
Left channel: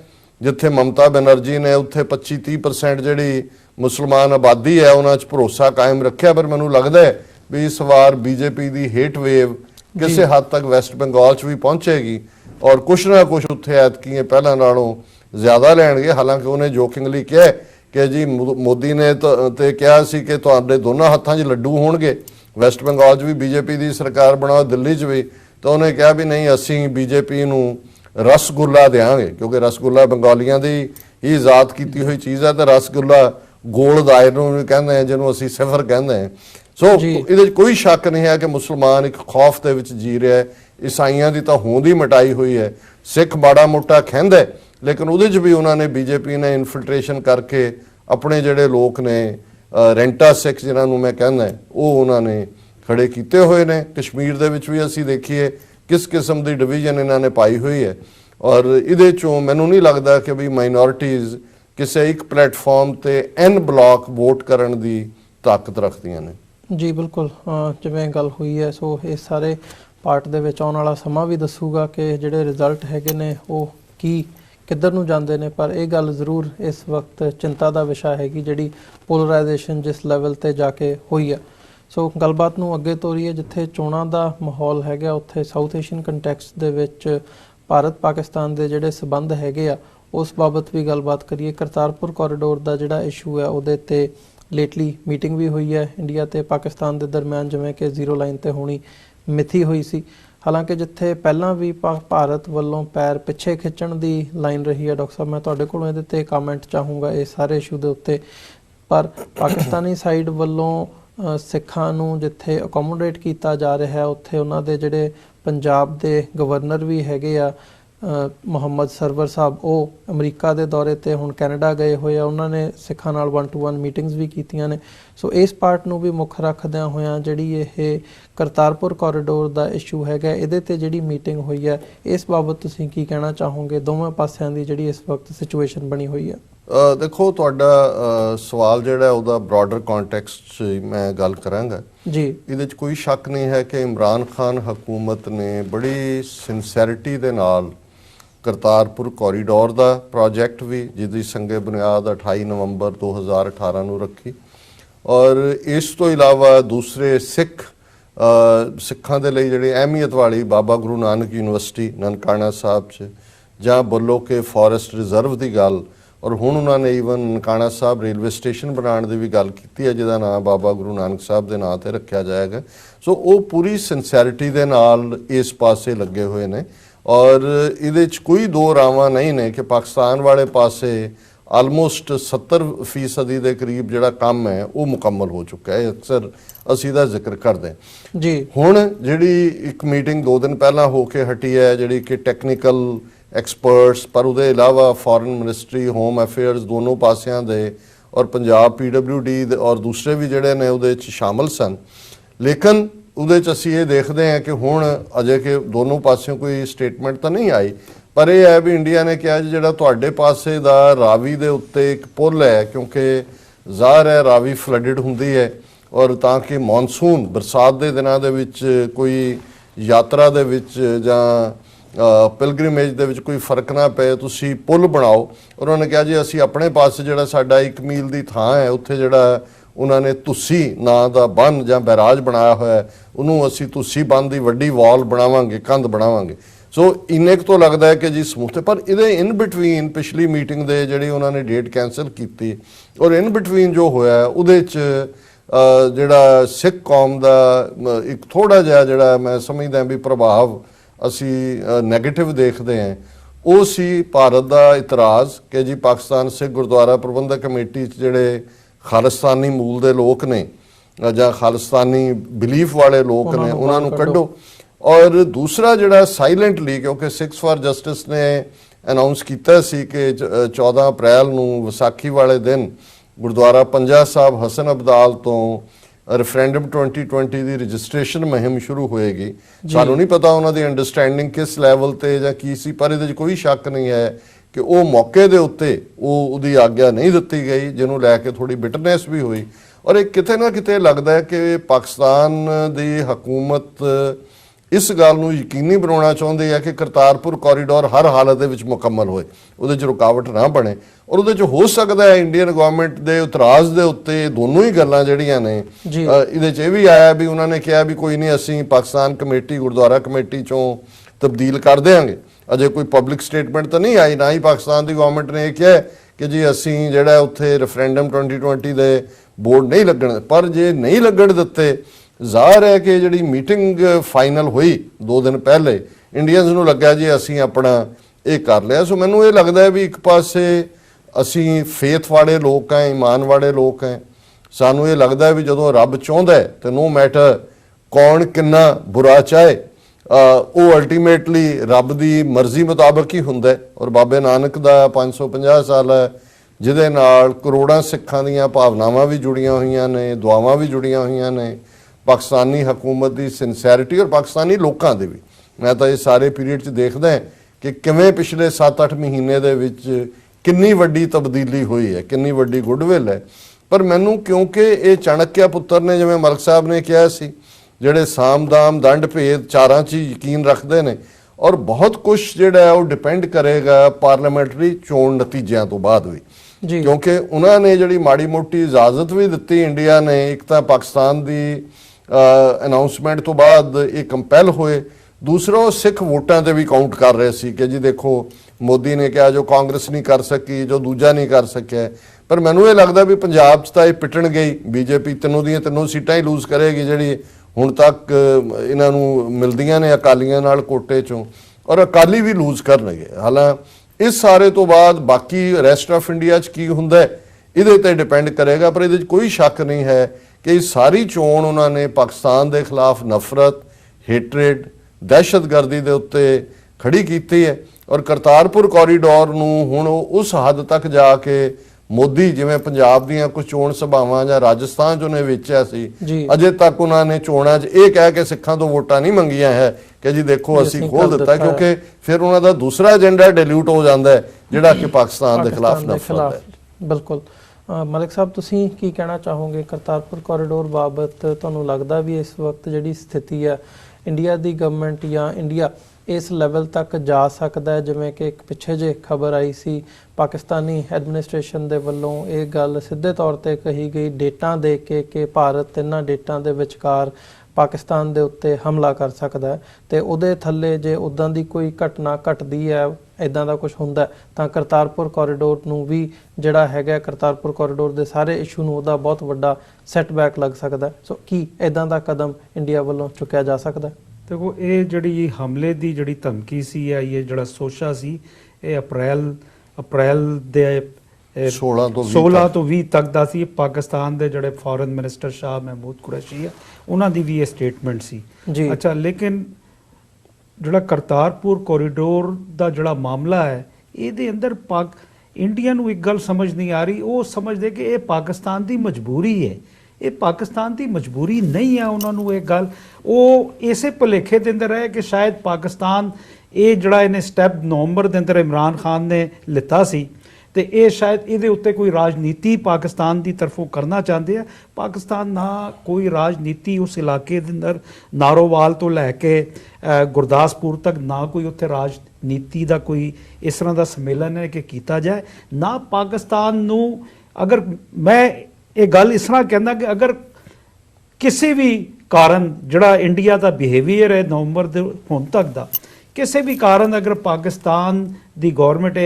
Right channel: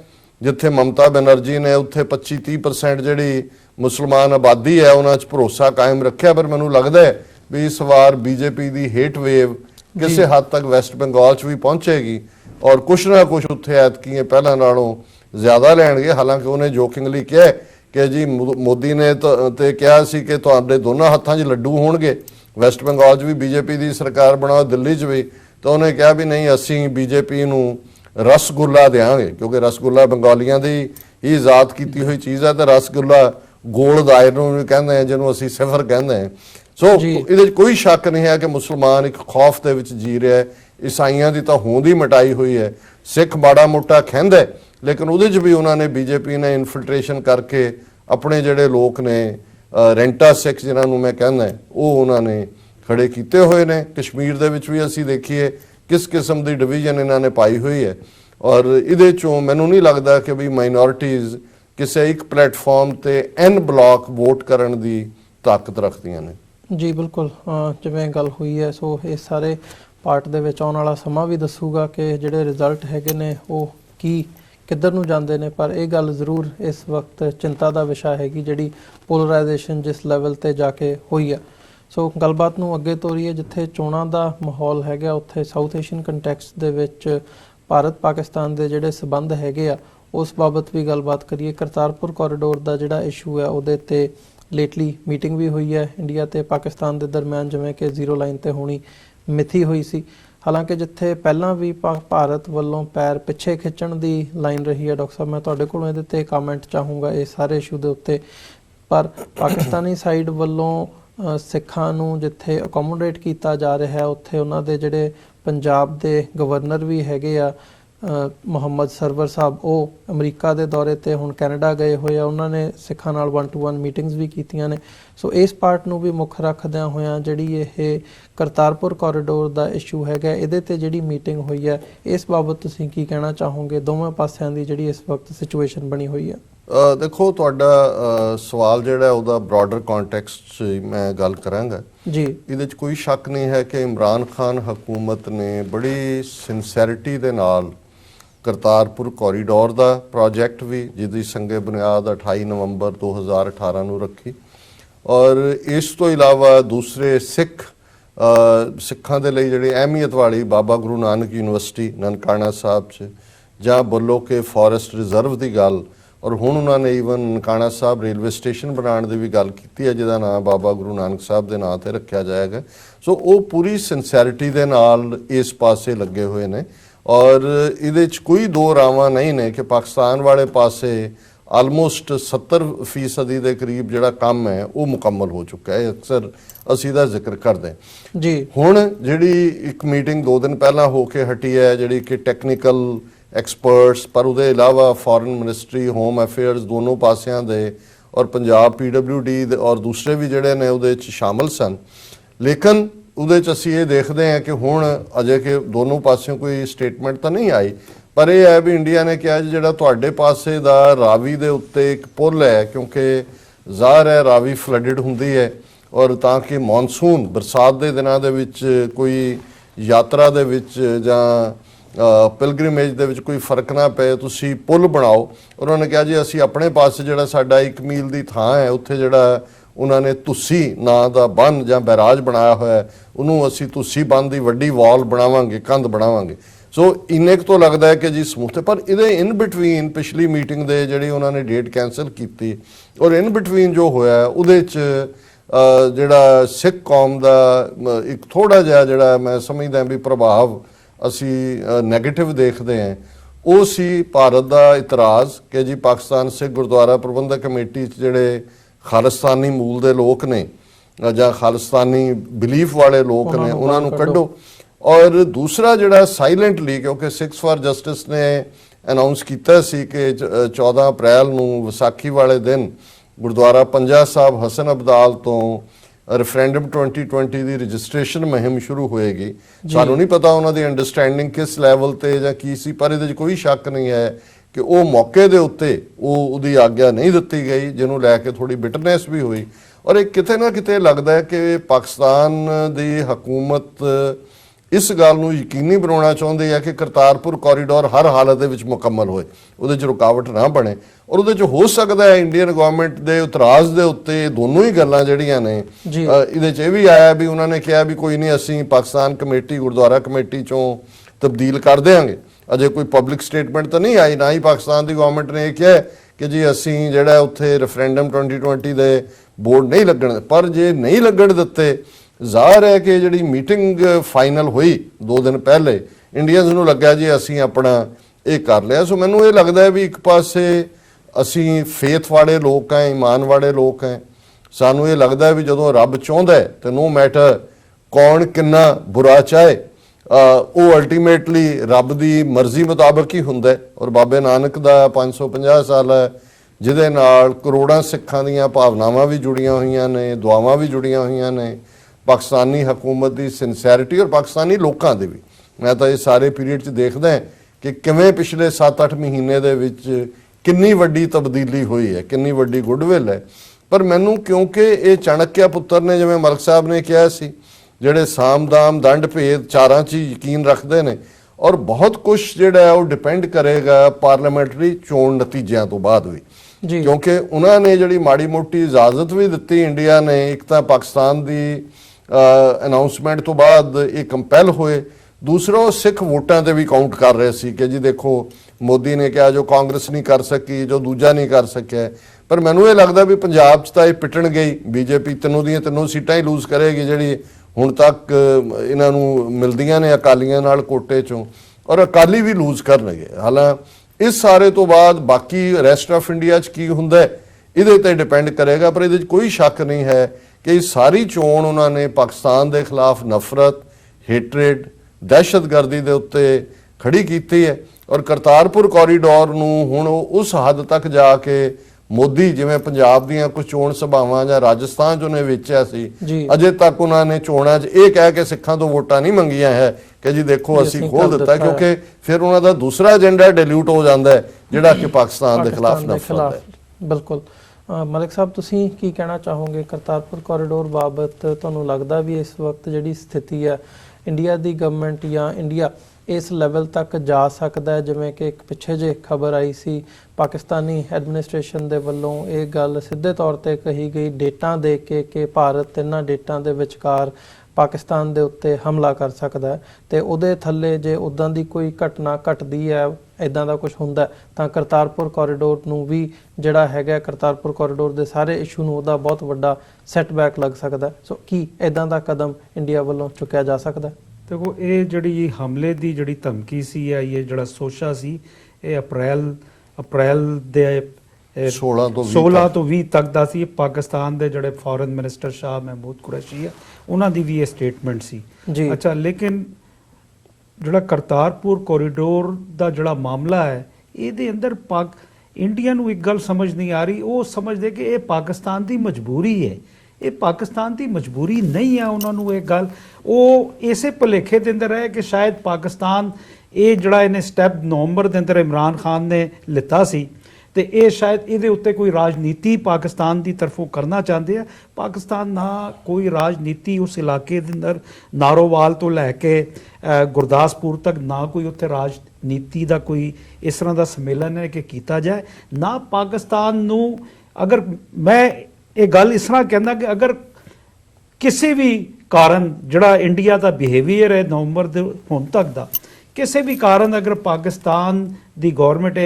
ਜਿੱਥੇ ਮਮਤਾ ਬੈਨਰਜੀ ਨੇ ਉੱਥੇ 25-30% ਜਿਹੜੀ ਮੁਸਲਮਾਨ ਆਬਾਦੀ ਹੈ ਉਹਨਾਂ 'ਚ ਭਰੋਸਾ ਕਾਇਮ ਰੱਖਿਆ। ਪਰ ਮੈਨੂੰ ਲੱਗਦਾ ਹੈ ਵੀ ਇਸ ਵਾਰ ਬੀਜੇਪੀ ਦੀ ਹੇਟ ਵੇਵ ਕਿਸੇ ਹੱਦ ਤੱਕ ਵੈਸਟ ਬੰਗਾਲ 'ਚ ਵੀ ਪਹੁੰਚੇਗੀ ਔਰ ਕੁਛ ਨਾ ਕੁਛ ਉੱਥੇ ਐਤਕੀ ਪਹਿਲਾਂ ਨਾਲੋਂ ਜ਼ਿਆਦਾ ਲੈਣਗੇ। ਹਾਲਾਂਕਿ ਉਹਨੇ ਜੋਕਿੰਗਲੀ ਕਿਹਾ ਕਿ ਜੀ ਮੋਦੀ ਨੇ ਤੇ ਕਿਹਾ ਸੀ ਕਿ ਤੁਹਾਡੇ ਦੋਨਾਂ ਹੱਥਾਂ 'ਚ ਲੱਡੂ ਹੋਣਗੇ, ਵੈਸਟ ਬੰਗਾਲ 'ਚ ਵੀ ਬੀਜੇਪੀ ਦੀ ਸਰਕਾਰ ਬਣਾਓ, ਦਿੱਲੀ 'ਚ ਵੀ, ਤਾਂ ਉਹਨੇ ਕਿਹਾ ਵੀ ਨਹੀਂ ਅਸੀਂ ਬੀਜੇਪੀ ਨੂੰ ਰਸਗੁੱਲਾ ਦੇਵਾਂਗੇ ਕਿਉਂਕਿ ਰਸਗੁੱਲਾ ਬੰਗਾਲੀਆਂ ਦੀ ਹੀ ਇਜਾਦ ਕੀਤੀ ਹੋਈ ਚੀਜ਼ ਹੈ ਤੇ ਰਸਗੁੱਲਾ ਗੋਲ ਦਾਇਰ ਨੂੰ ਕਹਿੰਦੇ ਆ ਜਿਹਨੂੰ ਅਸੀਂ ਸਿਫਰ ਕਹਿੰਦੇ ਆ। ਸੋ ਇਹਦੇ 'ਚ ਕੋਈ ਸ਼ੱਕ ਨਹੀਂ ਹੈ ਕਿ ਮੁਸਲਮਾਨ ਇੱਕ ਖੌਫ ਦੇ ਵਿੱਚ ਜੀ ਰਿਹਾ ਹੈ ਈਸਾਈਆਂ ਦੀ ਤਾਂ ਹੋਂਦ ਹੀ ਮਿਟਾਈ ਹੋਈ ਹੈ। ਸਿੱਖ ਮਾੜਾ ਮੋਟਾ ਖਹਿੰਦਾ ਹੈ, ਲੇਕਿਨ ਉਹਦੇ 'ਚ ਵੀ ਉਹਨਾਂ ਨੇ ਬੀਜੇਪੀ ਨੇ ਇਨਫਿਲਟ੍ਰੇਸ਼ਨ ਕਰਕੇ ਆਪਣੇ ਜਿਹੜੇ ਲੋਕ ਨੇ ਰੈਂਟਾ ਸਿੱਖ ਜਿਹਨਾਂ ਨੂੰ ਮੈਂ ਕਹਿੰਦਾ ਉਹ ਉਹਨਾਂ ਨੇ ਖੜੇ ਕੀਤੇ ਹੋਏ ਨੇ। ਕਸ਼ਮੀਰ ਦੇ ਵਿੱਚ ਵੀ ਅਸੀਂ ਦੇਖੀਏ ਕਿਸ ਕਿਸਮ ਦੀ ਡਿਵੀਜ਼ਨ ਇਹਨਾਂ ਨੇ ਪਾਈ ਹੋਈ ਹੈ, ਔਰ ਇਹਦੇ 'ਚੋਂ ਮੈਨੂੰ ਨਹੀਂ ਲੱਗਦਾ ਕਿ ਵੀ ਮਾਈਨੋਰਿਟੀਜ਼ ਕਿਸੇ ਇੱਕ ਪਲੇਟਫਾਰਮ ਤੇ ਐਨ ਬਲਾਕ ਵੋਟ ਕਰਨ ਦੀ ਤਾਕਤ ਰੱਖਦੀਆਂ ਨੇ। ਜੀ ਬਿਲਕੁਲ, ਜਿਵੇਂ ਗੱਲ ਹੋਈ ਹੈ ਸੋ ਇਹ ਸਾਰੇ ਪਾਰਟ ਦੇ ਵਿੱਚ ਆਉਣ ਵਾਲਾ ਸਮਾਂ ਵੀ ਦੱਸੂਗਾ ਕਿ ਜਿਹੜੇ ਰਿਜ਼ਲਟ ਹੈਗੇ ਨੇ ਉਹ ਕੀ ਕਿੱਧਰ ਨੂੰ ਜਾਂਦੇ ਨੇ। ਪਰ ਇਹ ਗੱਲ ਜ਼ਰੂਰ ਇਸ ਵਕਤ ਚਿੰਤਾ ਦਾ ਵਿਸ਼ਾ ਹੈਗੀ ਜਿਹੜੀ ਪੋਲਰਾਈਜੇਸ਼ਨ ਜਿਸ ਲੈਵਲ ਤੇ ਜਾ ਕੇ ਹੋਈ ਆ। ਸੋ ਗੱਲਬਾਤ ਨੂੰ ਅੱਗੇ ਤੋਰੀਏ, ਜਿੱਥੇ ਚੋਣਾਂ ਦਾ ਮਾਹੌਲ ਹੈਗਾ ਉੱਥੇ ਸਾਊਥ ਏਸ਼ੀਅਨ ਕੰਟੈਕਸਟ ਦੇ ਵਿੱਚ ਭਾਰਤ ਪਾਕਿਸਤਾਨ ਦੇ ਜਿਹੜੇ ਸਬੰਧ ਹੈਗੇ ਆ ਉਸ ਬਾਬਤ ਵੀ ਗੱਲਬਾਤ ਕਰੀਏ। ਕਰਤਾਰਪੁਰ ਕੋਰੀਡੋਰ ਦਾ ਜਿਹੜਾ ਇਸ਼ੂ ਹੈ ਉਹਦੇ ਤੇ ਲੇਟਲੀ ਮੀਟਿੰਗ ਵੀ ਹੋਈ ਹੈ ਇੰਡੀਆ ਤੇ ਪਾਕਿਸਤਾਨ ਦੇ ਦਰਮਿਆਨ, ਜਿਵੇਂ ਕਿ ਜ਼ੀਰੋ ਲਾਈਨ ਤੇ ਹੋਣੀ ਮਿਥੀ ਹੋਈ ਸੀ। ਹਾਲਾਂਕਿ ਜਿੱਥੇ ਪਹਿਲਾਂ ਵੀ ਭਾਰਤ ਵੱਲੋਂ ਪੈਰ ਪਿੱਛੇ ਖਿੱਚਣ ਦੀ ਲਾਈਨ ਰਹੀ ਹੈ, ਡਾਕਟਰ ਸਾਹਿਬ ਮੈਂ ਤੁਹਾਡੇ ਕੋਲੋਂ ਇਹਦੇ ਤੇ ਕਮੈਂਟ ਚਾਹੂੰਗਾ ਇਹ ਸਾਰੇ ਇਸ਼ੂ ਦੇ ਉੱਤੇ। ਪਰ ਪਾਕਿਸਤਾਨੀ ਸਾਈਡ ਵੱਲੋਂ ਸਿੱਖਾਂ ਨੂੰ ਜਿੱਥੇ ਅਕੋਮੋਡੇਟ ਕੀਤਾ ਜਾ ਰਿਹਾ ਹੈ ਉੱਥੇ ਉਹਨਾਂ ਦੇ ਜਿਹੜੇ ਪੰਜਾਬ ਦੇ ਗਵਰਨਰ ਵੀ ਹੈਗੇ ਆ ਮੁਹੰਮਦ ਸਰਵਰ ਸਾਹਿਬ, ਉਹ ਅਮਰੀਕਾ ਦੇ ਦੌਰੇ ਤੇ ਹੁਣ ਕੈਨੇਡਾ ਗਏ ਹੋਏ ਆ। ਉਹਨਾਂ ਨੇ ਸਿੱਖਾਂ ਨਾਲ 1-to-1 ਮੀਟਿੰਗਸ ਵੀ ਕੀਤੀਆਂ ਨੇ। ਸੋ ਇਸ ਪਾਰਟ ਨੂੰ ਵੀ ਮੁੱਖ ਰੱਖਦਿਆਂ ਹੋਇਆਂ ਜਿਹੜੀ ਇਹ ਕਰਤਾਰਪੁਰ ਕੋਰੀਡੋਰ ਦਾ ਇਸ਼ੂ ਹੈਗਾ ਇਹਦੇ ਤੇ ਜਿਹੜੀ ਮੀਟਿੰਗ ਹੋਈ ਹੈ ਇਸ ਬਾਬਤ ਤੁਸੀਂ ਕੀ ਕਹਿਣਾ ਚਾਹੋਗੇ? ਦੋਵਾਂ ਪਾਸਿਆਂ ਦੀ ਜਿਹੜੀ ਇਸ ਵਕਤ ਸਿਚੁਏਸ਼ਨ ਬਣੀ ਹੋਈ ਹੈ। ਦੇਖੋ, ਤੁਹਾਡਾ ਸਵਾਲ ਜਿਹੜਾ ਉਹਦਾ ਬ੍ਰੌਡਰ ਕੰਟੈਕਸਟ 'ਚ ਮੈਂ ਗੱਲ ਕਰਾਂਗਾ ਜੀ। ਇਹਦੇ 'ਚ ਕੋਈ ਸ਼ੱਕ ਨਹੀਂ ਹੈ ਕਿ ਇਮਰਾਨ ਖਾਨ ਹਕੂਮਤ ਨੇ ਬੜੀ ਸਿੰਸੈਰਿਟੀ ਦੇ ਨਾਲ ਕਰਤਾਰਪੁਰ ਕੋਰੀਡੋਰ ਦਾ ਪ੍ਰੋਜੈਕਟ ਵੀ, ਜਿਹਦੀ ਸੰਗੇ ਬੁਨਿਆਦ 28 ਨਵੰਬਰ 2018 ਨੂੰ ਰੱਖੀ, ਔਰ ਇਸ ਤੋਂ ਇਲਾਵਾ ਦੂਸਰੇ ਸਿੱਖਾਂ ਦੇ ਲਈ ਜਿਹੜੀ ਅਹਿਮੀਅਤ ਵਾਲੀ ਬਾਬਾ ਗੁਰੂ ਨਾਨਕ ਯੂਨੀਵਰਸਿਟੀ ਨਨਕਾਣਾ ਸਾਹਿਬ 'ਚ, ਜਾਂ ਬੋਲੋ ਕਿ ਫੋਰੈਸਟ ਰਿਜ਼ਰਵ ਦੀ ਗੱਲ, ਔਰ ਹੁਣ ਉਹਨਾਂ ਨੇ even Nankana Sahib railway station ਬਣਾਉਣ ਦੀ ਵੀ ਗੱਲ ਕੀਤੀ ਹੈ ਜਿਹਦਾ ਨਾਮ ਬਾਬਾ ਗੁਰੂ ਨਾਨਕ ਸਾਹਿਬ ਦੇ ਨਾਂ ਤੇ ਰੱਖਿਆ ਜਾਏਗਾ। ਸੋ ਉਹ ਪੂਰੀ ਸਿੰਸੈਰਿਟੀ ਦੇ ਨਾਲ ਇਸ ਪਾਸੇ ਲੱਗੇ ਹੋਏ ਨੇ, ਔਰ ਇਹਦੇ 'ਚ ਕੋਈ ਦੋ ਰਾਵਾਂ ਨਹੀਂ ਨੇ ਕਿ ਪਾਕਿਸਤਾਨ ਵਾਲੇ ਪਾਸੇ ਆਲਮੋਸਟ 70% ਦੇ ਕਰੀਬ ਜਿਹੜਾ ਕੰਮ ਹੈ ਉਹ ਮੁਕੰਮਲ ਹੋ ਚੁੱਕਾ ਹੈ। ਅਕਸਰ ਅਸੀਂ ਦਾ ਜ਼ਿਕਰ ਕਰਦੇ ਹਾਂ ਜੀ। ਹੁਣ ਜਿਹੜੀ ਇੱਕ ਮੀਟਿੰਗ 2 ਦਿਨ ਪਹਿਲਾਂ ਹੋ ਕੇ ਹਟੀ ਹੈ ਜਿਹੜੀ ਕਿ ਟੈਕਨੀਕਲ ਐਕਸਪਰਟਸ, ਪਰ ਉਹਦੇ ਇਲਾਵਾ ਫੋਰਨ ਮਿਨਿਸਟਰੀ, ਹੋਮ ਅਫੇਅਰਸ ਦੋਨੋਂ ਪਾਸਿਆਂ ਦੇ, ਔਰ ਪੰਜਾਬ PWD ਔਰ ਦੂਸਰੇ ਵੀ ਜਿਹੜੇ ਨੇ ਉਹਦੇ 'ਚ ਸ਼ਾਮਲ ਸਨ। ਲੇਕਿਨ ਉਹਦੇ 'ਚ ਅਸੀਂ ਇਹ ਦੇਖਦੇ ਹਾਂ ਕਿ ਹੁਣ ਅਜੇ ਕਿ ਦੋਨੋਂ ਪਾਸਿਓਂ ਕੋਈ ਸਟੇਟਮੈਂਟ ਤਾਂ ਨਹੀਂ ਆਈ, ਪਰ ਇਹ ਹੈ ਵੀ ਇੰਡੀਆ ਨੇ ਕਿਹਾ ਜਿਹੜਾ ਤੁਹਾਡੇ ਪਾਸੇ ਦਾ ਰਾਵੀ ਦੇ ਉੱਤੇ ਇੱਕ ਪੁਲ ਹੈ, ਕਿਉਂਕਿ ਜ਼ਾਹਰ ਹੈ ਰਾਵੀ ਫਲੱਡਡ ਹੁੰਦੀ ਹੈ, ਔਰ ਤਾਂ ਕਿ ਮੌਨਸੂਨ ਬਰਸਾਤ ਦੇ ਦਿਨਾਂ ਦੇ ਵਿੱਚ ਕੋਈ ਯਾਤਰਾ ਦੇ ਵਿੱਚ ਜਾਂ ਪਿਲਗ੍ਰਿਮੇਜ ਦੇ ਵਿੱਚ ਕੋਈ ਫਰਕ ਨਾ ਪਏ, ਤੁਸੀਂ ਪੁਲ ਬਣਾਓ। ਔਰ ਉਹਨਾਂ ਨੇ ਕਿਹਾ ਜੀ ਅਸੀਂ ਆਪਣੇ ਪਾਸੇ ਜਿਹੜਾ ਸਾਡਾ 1 ਮੀਲ ਦੀ ਥਾਂ ਹੈ ਉੱਥੇ ਜਿਹੜਾ ਉਹਨਾਂ ਨੇ ਤੁਸੀਂ ਨਾਂ ਦਾ ਬੰਨ ਜਾਂ ਬੈਰਾਜ ਬਣਾਇਆ ਹੋਇਆ ਉਹਨੂੰ ਅਸੀਂ ਤੁਸੀਂ ਬੰਨ ਦੀ ਵੱਡੀ ਵਾਲ ਬਣਾਵਾਂਗੇ, ਕੰਧ ਬਣਾਵਾਂਗੇ। ਸੋ ਇੰਨੇ ਕੁ ਤੋਂ ਲੱਗਦਾ ਹੈ ਕਿ ਜੀ ਸਮੂਥ, ਪਰ ਇਹਦੇ ਇਨ ਬਿਟਵੀਨ ਪਿਛਲੀ ਮੀਟਿੰਗ ਦੇ ਜਿਹੜੀ ਉਹਨਾਂ ਨੇ ਡੇਟ ਕੈਂਸਲ ਕੀਤੀ, ਔਰ ਇਨ ਬਿਟਵੀਨ ਜੋ ਹੋਇਆ ਉਹਦੇ 'ਚ ਜਿਹੜਾ ਸਿੱਖ ਕੌਮ ਦਾ ਇੱਕ ਥੋੜਾ ਜਿਹਾ ਜਿਹੜਾ ਮੈਂ ਸਮਝਦਾ ਵੀ ਪ੍ਰਭਾਵ ਅਸੀਂ ਨੈਗੇਟਿਵ ਦੇਖਦੇ ਹਾਂ, ਉਹ ਸੀ ਭਾਰਤ ਦਾ ਇਤਰਾਜ਼ ਕਿ ਜੀ ਪਾਕਿਸਤਾਨ ਸਿੱਖ ਗੁਰਦੁਆਰਾ ਪ੍ਰਬੰਧਕ ਕਮੇਟੀ 'ਚ ਜਿਹੜੇ ਖਾਲਿਸਤਾਨੀ ਮੂਲ ਦੇ ਲੋਕ ਨੇ ਜਾਂ ਖਾਲਿਸਤਾਨੀ ਬਿਲੀਫ ਵਾਲੇ ਲੋਕ ਨੇ ਉਹਨਾਂ ਨੂੰ ਕੱਢੋ। ਔਰ ਦੂਸਰਾ ਜਿਹੜਾ ਸਾਇਲੈਂਟਲੀ, ਕਿਉਂਕਿ ਸਿੱਖਸ ਫਾਰ ਜਸਟਿਸ ਨੇ ਅਨਾਉਂਸ ਕੀਤਾ ਸੀ ਕਿ 14 ਅਪ੍ਰੈਲ ਨੂੰ ਵਿਸਾਖੀ ਵਾਲੇ ਦਿਨ ਗੁਰਦੁਆਰਾ ਪੰਜਾ ਸਾਹਿਬ ਹਸਨ ਅਬਦਾਲ ਤੋਂ ਰੈਫਰੈਂਡਮ 2020 ਦੀ ਰਜਿਸਟ੍ਰੇਸ਼ਨ ਮੁਹਿੰਮ ਸ਼ੁਰੂ ਹੋਏਗੀ। ਸਾਨੂੰ ਨਹੀਂ ਪਤਾ ਉਹਨਾਂ ਦੀ ਅੰਡਰਸਟੈਂਡਿੰਗ ਕਿਸ ਲੈਵਲ ਤੇ ਜਾਂ ਕੀ ਸੀ, ਪਰ ਇਹਦੇ 'ਚ ਕੋਈ ਸ਼ੱਕ ਨਹੀਂ ਹੈ ਕਿ ਉਹ ਮੌਕੇ ਦੇ ਉੱਤੇ ਉਹਦੀ ਆਗਿਆ ਨਹੀਂ ਦਿੱਤੀ ਗਈ, ਜਿਹਨੂੰ ਲੈ ਕੇ ਥੋੜੀ ਬਿਟਰਨੈਸ ਵੀ ਹੋਈ। ਔਰ ਇਹ ਕਿਤੇ ਨਾ ਕਿਤੇ ਲੱਗਦਾ ਹੈ ਕਿ ਪਾਕਿਸਤਾਨ ਦੀ ਹਕੂਮਤ ਇਸ ਗੱਲ ਨੂੰ ਯਕੀਨੀ ਬਣਾਉਣਾ ਚਾਹੁੰਦੀ ਹੈ ਕਿ ਕਰਤਾਰਪੁਰ ਕੋਰੀਡੋਰ ਹਰ ਹਾਲਤ ਦੇ ਵਿੱਚ ਮੁਕੰਮਲ ਹੋਏ, ਉਹਦੇ 'ਚ ਰੁਕਾਵਟ ਨਾ ਬਣੇ। ਔਰ ਉਹਦੇ 'ਚ ਹੋ ਸਕਦਾ ਹੈ ਇੰਡੀਅਨ ਗਵਰਨਮੈਂਟ ਦੇ ਇਤਰਾਜ਼ ਦੇ ਉੱਤੇ ਦੋਨੋਂ ਹੀ ਗੱਲਾਂ ਜਿਹੜੀਆਂ ਨੇ ਇਹਦੇ 'ਚ ਇਹ ਵੀ ਆਇਆ ਵੀ ਉਹਨਾਂ ਨੇ ਕਿਹਾ ਵੀ ਕੋਈ ਨਹੀਂ ਅਸੀਂ ਪਾਕਿਸਤਾਨ ਕਮੇਟੀ ਗੁਰਦੁਆਰਾ ਕਮੇਟੀ 'ਚੋਂ ਤਬਦੀਲ ਕਰ ਦੇਵਾਂਗੇ। ਅਜੇ ਕੋਈ ਪਬਲਿਕ ਸਟੇਟਮੈਂਟ ਤਾਂ ਨਹੀਂ ਆਈ, ਨਾ ਹੀ ਪਾਕਿਸਤਾਨ ਦੀ ਗਵਰਨਮੈਂਟ ਨੇ ਇਹ ਕਿਹਾ ਕਿ ਜੀ ਅਸੀਂ ਜਿਹੜਾ ਉੱਥੇ ਰੈਫਰੈਂਡਮ 2020 ਦੇ ਬੋਰਡ ਨਹੀਂ ਲੱਗਣ, ਪਰ ਜੇ ਨਹੀਂ ਲੱਗਣ ਦਿੱਤੇ ਜ਼ਾਹਰ ਹੈ ਕਿ ਜਿਹੜੀ ਮੀਟਿੰਗ ਫਾਈਨਲ ਹੋਈ 2 ਦਿਨ ਪਹਿਲੇ ਇੰਡੀਅਨਸ ਨੂੰ ਲੱਗਾ ਜੀ ਅਸੀਂ ਆਪਣਾ ਇਹ ਕਰ ਲਿਆ। ਸੋ ਮੈਨੂੰ ਇਹ ਲੱਗਦਾ ਵੀ ਇੱਕ ਪਾਸੇ ਅਸੀਂ ਫੇਥ ਵਾਲੇ ਲੋਕ ਹਾਂ, ਈਮਾਨ ਵਾਲੇ ਲੋਕ ਹਾਂ, ਸਾਨੂੰ ਇਹ ਲੱਗਦਾ ਵੀ ਜਦੋਂ ਰੱਬ ਚਾਹੁੰਦਾ ਹੈ ਤੇ ਨੋ ਮੈਟਰ ਕੌਣ ਕਿੰਨਾ ਬੁਰਾ ਚਾਹੇ, ਉਹ ਅਲਟੀਮੇਟਲੀ ਰੱਬ ਦੀ ਮਰਜ਼ੀ ਮੁਤਾਬਕ ਹੀ ਹੁੰਦਾ ਹੈ। ਔਰ ਬਾਬੇ ਨਾਨਕ ਦਾ 550 ਸਾਲ ਹੈ, ਜਿਹਦੇ ਨਾਲ ਕਰੋੜਾਂ ਸਿੱਖਾਂ ਦੀਆਂ ਭਾਵਨਾਵਾਂ ਵੀ ਜੁੜੀਆਂ ਹੋਈਆਂ ਨੇ, ਦੁਆਵਾਂ ਵੀ ਜੁੜੀਆਂ ਹੋਈਆਂ ਨੇ, ਪਾਕਿਸਤਾਨੀ ਹਕੂਮਤ ਦੀ ਸਿੰਸੈਰਿਟੀ ਔਰ ਪਾਕਿਸਤਾਨੀ ਲੋਕਾਂ ਦੇ ਵੀ। ਮੈਂ ਤਾਂ ਇਹ ਸਾਰੇ ਪੀਰੀਅਡ 'ਚ ਦੇਖਦਾ ਕਿ ਕਿਵੇਂ ਪਿਛਲੇ 7-8 ਮਹੀਨੇ ਦੇ ਵਿੱਚ ਕਿੰਨੀ ਵੱਡੀ ਤਬਦੀਲੀ ਹੋਈ ਹੈ, ਕਿੰਨੀ ਵੱਡੀ ਗੁੱਡਵਿਲ ਹੈ। ਪਰ ਮੈਨੂੰ ਕਿਉਂਕਿ ਇਹ ਚਾਣਕਿਆ ਪੁੱਤਰ ਨੇ, ਜਿਵੇਂ ਮਲਕ ਸਾਹਿਬ ਨੇ ਕਿਹਾ ਸੀ, ਜਿਹੜੇ ਸਾਮ-ਦਾਮ ਦੰਡ ਭੇਦ ਚਾਰਾਂ 'ਚ ਯਕੀਨ ਰੱਖਦੇ ਨੇ, ਔਰ ਬਹੁਤ ਕੁਝ ਜਿਹੜਾ ਉਹ ਡਿਪੈਂਡ ਕਰੇਗਾ ਪਾਰਲੀਮੈਂਟਰੀ ਚੋਣ ਨਤੀਜਿਆਂ ਤੋਂ ਬਾਅਦ ਵੀ। ਕਿਉਂਕਿ ਉਹਨਾਂ ਨੇ ਜਿਹੜੀ ਮਾੜੀ ਮੋਟੀ ਇਜਾਜ਼ਤ ਵੀ ਦਿੱਤੀ ਇੰਡੀਆ ਨੇ, ਇੱਕ ਤਾਂ ਪਾਕਿਸਤਾਨ ਦੀ ਅਨਾਉਂਸਮੈਂਟ ਤੋਂ ਬਾਅਦ ਇਹ ਕੰਪੈਲ ਹੋਏ, ਦੂਸਰਾ ਉਹ ਸਿੱਖ ਵੋਟਾਂ ਤੇ ਵੀ ਕਾਊਂਟ ਕਰ ਰਹੇ ਸੀ ਕਿ ਜੀ ਦੇਖੋ ਮੋਦੀ ਨੇ ਕਿਹਾ ਜੋ ਕਾਂਗਰਸ ਨਹੀਂ ਕਰ ਸਕੀ, ਜੋ ਦੂਜਾ ਨਹੀਂ ਕਰ ਸਕਿਆ। ਪਰ ਮੈਨੂੰ ਇਹ ਲੱਗਦਾ ਵੀ ਪੰਜਾਬ 'ਚ ਤਾਂ ਇਹ ਪਿੱਟਣ ਗਈ, ਬੀਜੇਪੀ ਤਿੰਨੋਂ ਸੀਟਾਂ ਹੀ ਲੂਜ਼ ਕਰੇਗੀ ਜਿਹੜੀ ਹੁਣ ਤੱਕ ਇਹਨਾਂ ਨੂੰ ਮਿਲਦੀਆਂ ਨੇ ਅਕਾਲੀਆਂ ਨਾਲ ਕੋਟੇ 'ਚੋਂ, ਔਰ ਅਕਾਲੀ ਵੀ ਲੂਜ਼ ਕਰਨਗੇ। ਹਾਲਾਂਕਿ ਇਸ ਸਾਰੇ ਤੋਂ ਬਾਅਦ ਬਾਕੀ ਰੈਸਟ ਆਫ ਇੰਡੀਆ 'ਚ ਕੀ ਹੁੰਦਾ ਇਹਦੇ ਤੇ ਡਿਪੈਂਡ ਕਰੇਗਾ। ਪਰ ਇਹਦੇ 'ਚ ਕੋਈ ਸ਼ੱਕ ਨਹੀਂ ਹੈ ਕਿ ਸਾਰੀ ਚੋਣ ਉਹਨਾਂ ਨੇ ਪਾਕਿਸਤਾਨ ਦੇ ਖਿਲਾਫ ਨਫ਼ਰਤ, ਹੇਟਰੇਡ, ਦਹਿਸ਼ਤਗਰਦੀ ਦੇ ਉੱਤੇ ਖੜੀ ਕੀਤੀ ਹੈ। ਔਰ ਕਰਤਾਰਪੁਰ ਕੋਰੀਡੋਰ ਨੂੰ ਹੁਣ ਉਸ ਹੱਦ ਤੱਕ ਜਾ ਕੇ ਮੋਦੀ, ਜਿਵੇਂ ਪੰਜਾਬ ਦੀਆਂ ਕੁਝ ਚੋਣ ਸਭਾਵਾਂ ਜਾਂ ਰਾਜਸਥਾਨ 'ਚ ਉਹਨੇ ਵੇਚਿਆ ਸੀ, ਅਜੇ ਤੱਕ ਉਹਨਾਂ ਨੇ ਚੋਣਾਂ 'ਚ ਇਹ ਕਹਿ ਕੇ ਸਿੱਖਾਂ ਤੋਂ ਵੋਟਾਂ ਨਹੀਂ ਮੰਗੀਆਂ ਹੈ ਕਿ ਜੀ ਦੇਖੋ ਅਸੀਂ ਖੋਲ ਦਿੱਤਾ, ਕਿਉਂਕਿ ਫਿਰ ਉਹਨਾਂ ਦਾ ਦੂਸਰਾ ਏਜੰਡਾ ਡਿਲੂਟ ਹੋ ਜਾਂਦਾ ਹੈ ਜਿਹੜਾ ਕਿ ਪਾਕਿਸਤਾਨ ਦੇ ਖਿਲਾਫ ਨਫ਼ਰਤ ਹੈ। ਬਿਲਕੁਲ। ਮਲਿਕ ਸਾਹਿਬ, ਤੁਸੀਂ ਕੀ ਕਹਿਣਾ ਚਾਹੋਗੇ ਕਰਤਾਰਪੁਰ ਕੋਰੀਡੋਰ ਬਾਬਤ? ਤੁਹਾਨੂੰ ਲੱਗਦਾ ਵੀ ਇਸ ਵਕਤ ਜਿਹੜੀ ਸਥਿਤੀ ਹੈ, ਇੰਡੀਆ ਦੀ ਗਵਰਨਮੈਂਟ ਜਾਂ ਇੰਡੀਆ ਇਸ ਲੈਵਲ ਤੱਕ ਜਾ ਸਕਦਾ ਹੈ? ਜਿਵੇਂ ਕਿ ਇੱਕ ਪਿੱਛੇ ਜੇ ਖਬਰ ਆਈ ਸੀ ਪਾਕਿਸਤਾਨੀ ਐਡਮਿਨਿਸਟ੍ਰੇਸ਼ਨ ਦੇ ਵੱਲੋਂ ਇਹ ਗੱਲ ਸਿੱਧੇ ਤੌਰ ਤੇ ਕਹੀ ਗਈ ਡੇਟਾਂ ਦੇ ਕੇ ਕਿ ਭਾਰਤ ਇਹਨਾਂ ਡੇਟਾਂ ਦੇ ਵਿਚਕਾਰ ਪਾਕਿਸਤਾਨ ਦੇ ਉੱਤੇ ਹਮਲਾ ਕਰ ਸਕਦਾ ਹੈ, ਤੇ ਉਹਦੇ ਥੱਲੇ ਜੇ ਉਦਾਂ ਦੀ ਕੋਈ ਘਟਨਾ ਘਟਦੀ ਹੈ, ਇਦਾਂ ਦਾ ਕੁਝ ਹੁੰਦਾ ਤਾਂ ਕਰਤਾਰਪੁਰ ਕੋਰੀਡੋਰ ਨੂੰ ਵੀ ਜਿਹੜਾ ਹੈਗਾ ਕਰਤਾਰਪੁਰ ਕੋਰੀਡੋਰ ਦੇ ਸਾਰੇ ਇਸ਼ੂ ਨੂੰ ਉਹਦਾ ਬਹੁਤ ਵੱਡਾ ਸੈਟਬੈਕ ਲੱਗ ਸਕਦਾ। ਸੋ ਕੀ ਇਦਾਂ ਦਾ ਕਦਮ ਇੰਡੀਆ ਵੱਲੋਂ ਚੁੱਕਿਆ ਜਾ ਸਕਦਾ? ਦੇਖੋ, ਇਹ ਜਿਹੜੀ ਹਮਲੇ ਦੀ ਜਿਹੜੀ ਧਮਕੀ ਸੀ, ਇਹ ਜਿਹੜਾ ਸੋਚਾ ਸੀ, ਇਹ ਅਪ੍ਰੈਲ ਦੇ 16 ਤੋਂ 20 ਤੱਕ ਦਾ ਸੀ। ਪਾਕਿਸਤਾਨ ਦੇ ਜਿਹੜੇ ਫੋਰਨ ਮਿਨਿਸਟਰ ਸ਼ਾਹ ਮਹਿਮੂਦ ਕੁਰੈਸ਼ੀ ਆ, ਉਹਨਾਂ ਦੀ ਵੀ ਇਹ ਸਟੇਟਮੈਂਟ ਸੀ। ਅੱਛਾ, ਲੇਕਿਨ ਜਿਹੜਾ ਕਰਤਾਰਪੁਰ ਕੋਰੀਡੋਰ ਦਾ ਜਿਹੜਾ ਮਾਮਲਾ ਹੈ, ਇਹਦੇ ਅੰਦਰ ਇੰਡੀਆ ਨੂੰ ਇੱਕ ਗੱਲ ਸਮਝ ਨਹੀਂ ਆ ਰਹੀ। ਉਹ ਸਮਝਦੇ ਕਿ ਇਹ ਪਾਕਿਸਤਾਨ ਦੀ ਮਜਬੂਰੀ ਹੈ। ਇਹ ਪਾਕਿਸਤਾਨ ਦੀ ਮਜਬੂਰੀ ਨਹੀਂ ਹੈ। ਉਹਨਾਂ ਨੂੰ ਇਹ ਗੱਲ, ਉਹ ਇਸੇ ਭੁਲੇਖੇ ਦੇ ਅੰਦਰ ਹੈ ਕਿ ਸ਼ਾਇਦ ਪਾਕਿਸਤਾਨ ਇਹ ਜਿਹੜਾ ਇਹਨੇ ਸਟੈਪ ਨਵੰਬਰ ਦੇ ਅੰਦਰ ਇਮਰਾਨ ਖਾਨ ਨੇ ਲਿੱਤਾ ਸੀ, ਤੇ ਇਹ ਸ਼ਾਇਦ ਇਹਦੇ ਉੱਤੇ ਕੋਈ ਰਾਜਨੀਤੀ ਪਾਕਿਸਤਾਨ ਦੀ ਤਰਫੋਂ ਕਰਨਾ ਚਾਹੁੰਦੇ ਆ। ਪਾਕਿਸਤਾਨ ਨਾ ਕੋਈ ਰਾਜਨੀਤੀ ਉਸ ਇਲਾਕੇ ਦੇ ਅੰਦਰ ਨਾਰੋਵਾਲ ਤੋਂ ਲੈ ਕੇ ਗੁਰਦਾਸਪੁਰ ਤੱਕ ਨਾ ਕੋਈ ਉੱਥੇ ਰਾਜਨੀਤੀ ਦਾ ਕੋਈ ਇਸ ਤਰ੍ਹਾਂ ਦਾ ਸੰਮੇਲਨ ਹੈ ਕਿ ਕੀਤਾ ਜਾਏ। ਨਾ ਪਾਕਿਸਤਾਨ ਨੂੰ, ਅਗਰ ਮੈਂ ਇਹ ਗੱਲ ਇਸ ਤਰ੍ਹਾਂ ਕਹਿੰਦਾ ਕਿ ਅਗਰ ਕਿਸੇ ਵੀ ਕਾਰਨ ਜਿਹੜਾ ਇੰਡੀਆ ਦਾ ਬਿਹੇਵੀਅਰ ਹੈ ਨਵੰਬਰ ਦੇ ਹੁਣ ਤੱਕ ਦਾ, ਕਿਸੇ ਵੀ ਕਾਰਨ ਅਗਰ ਪਾਕਿਸਤਾਨ ਦੀ ਗਵਰਨਮੈਂਟ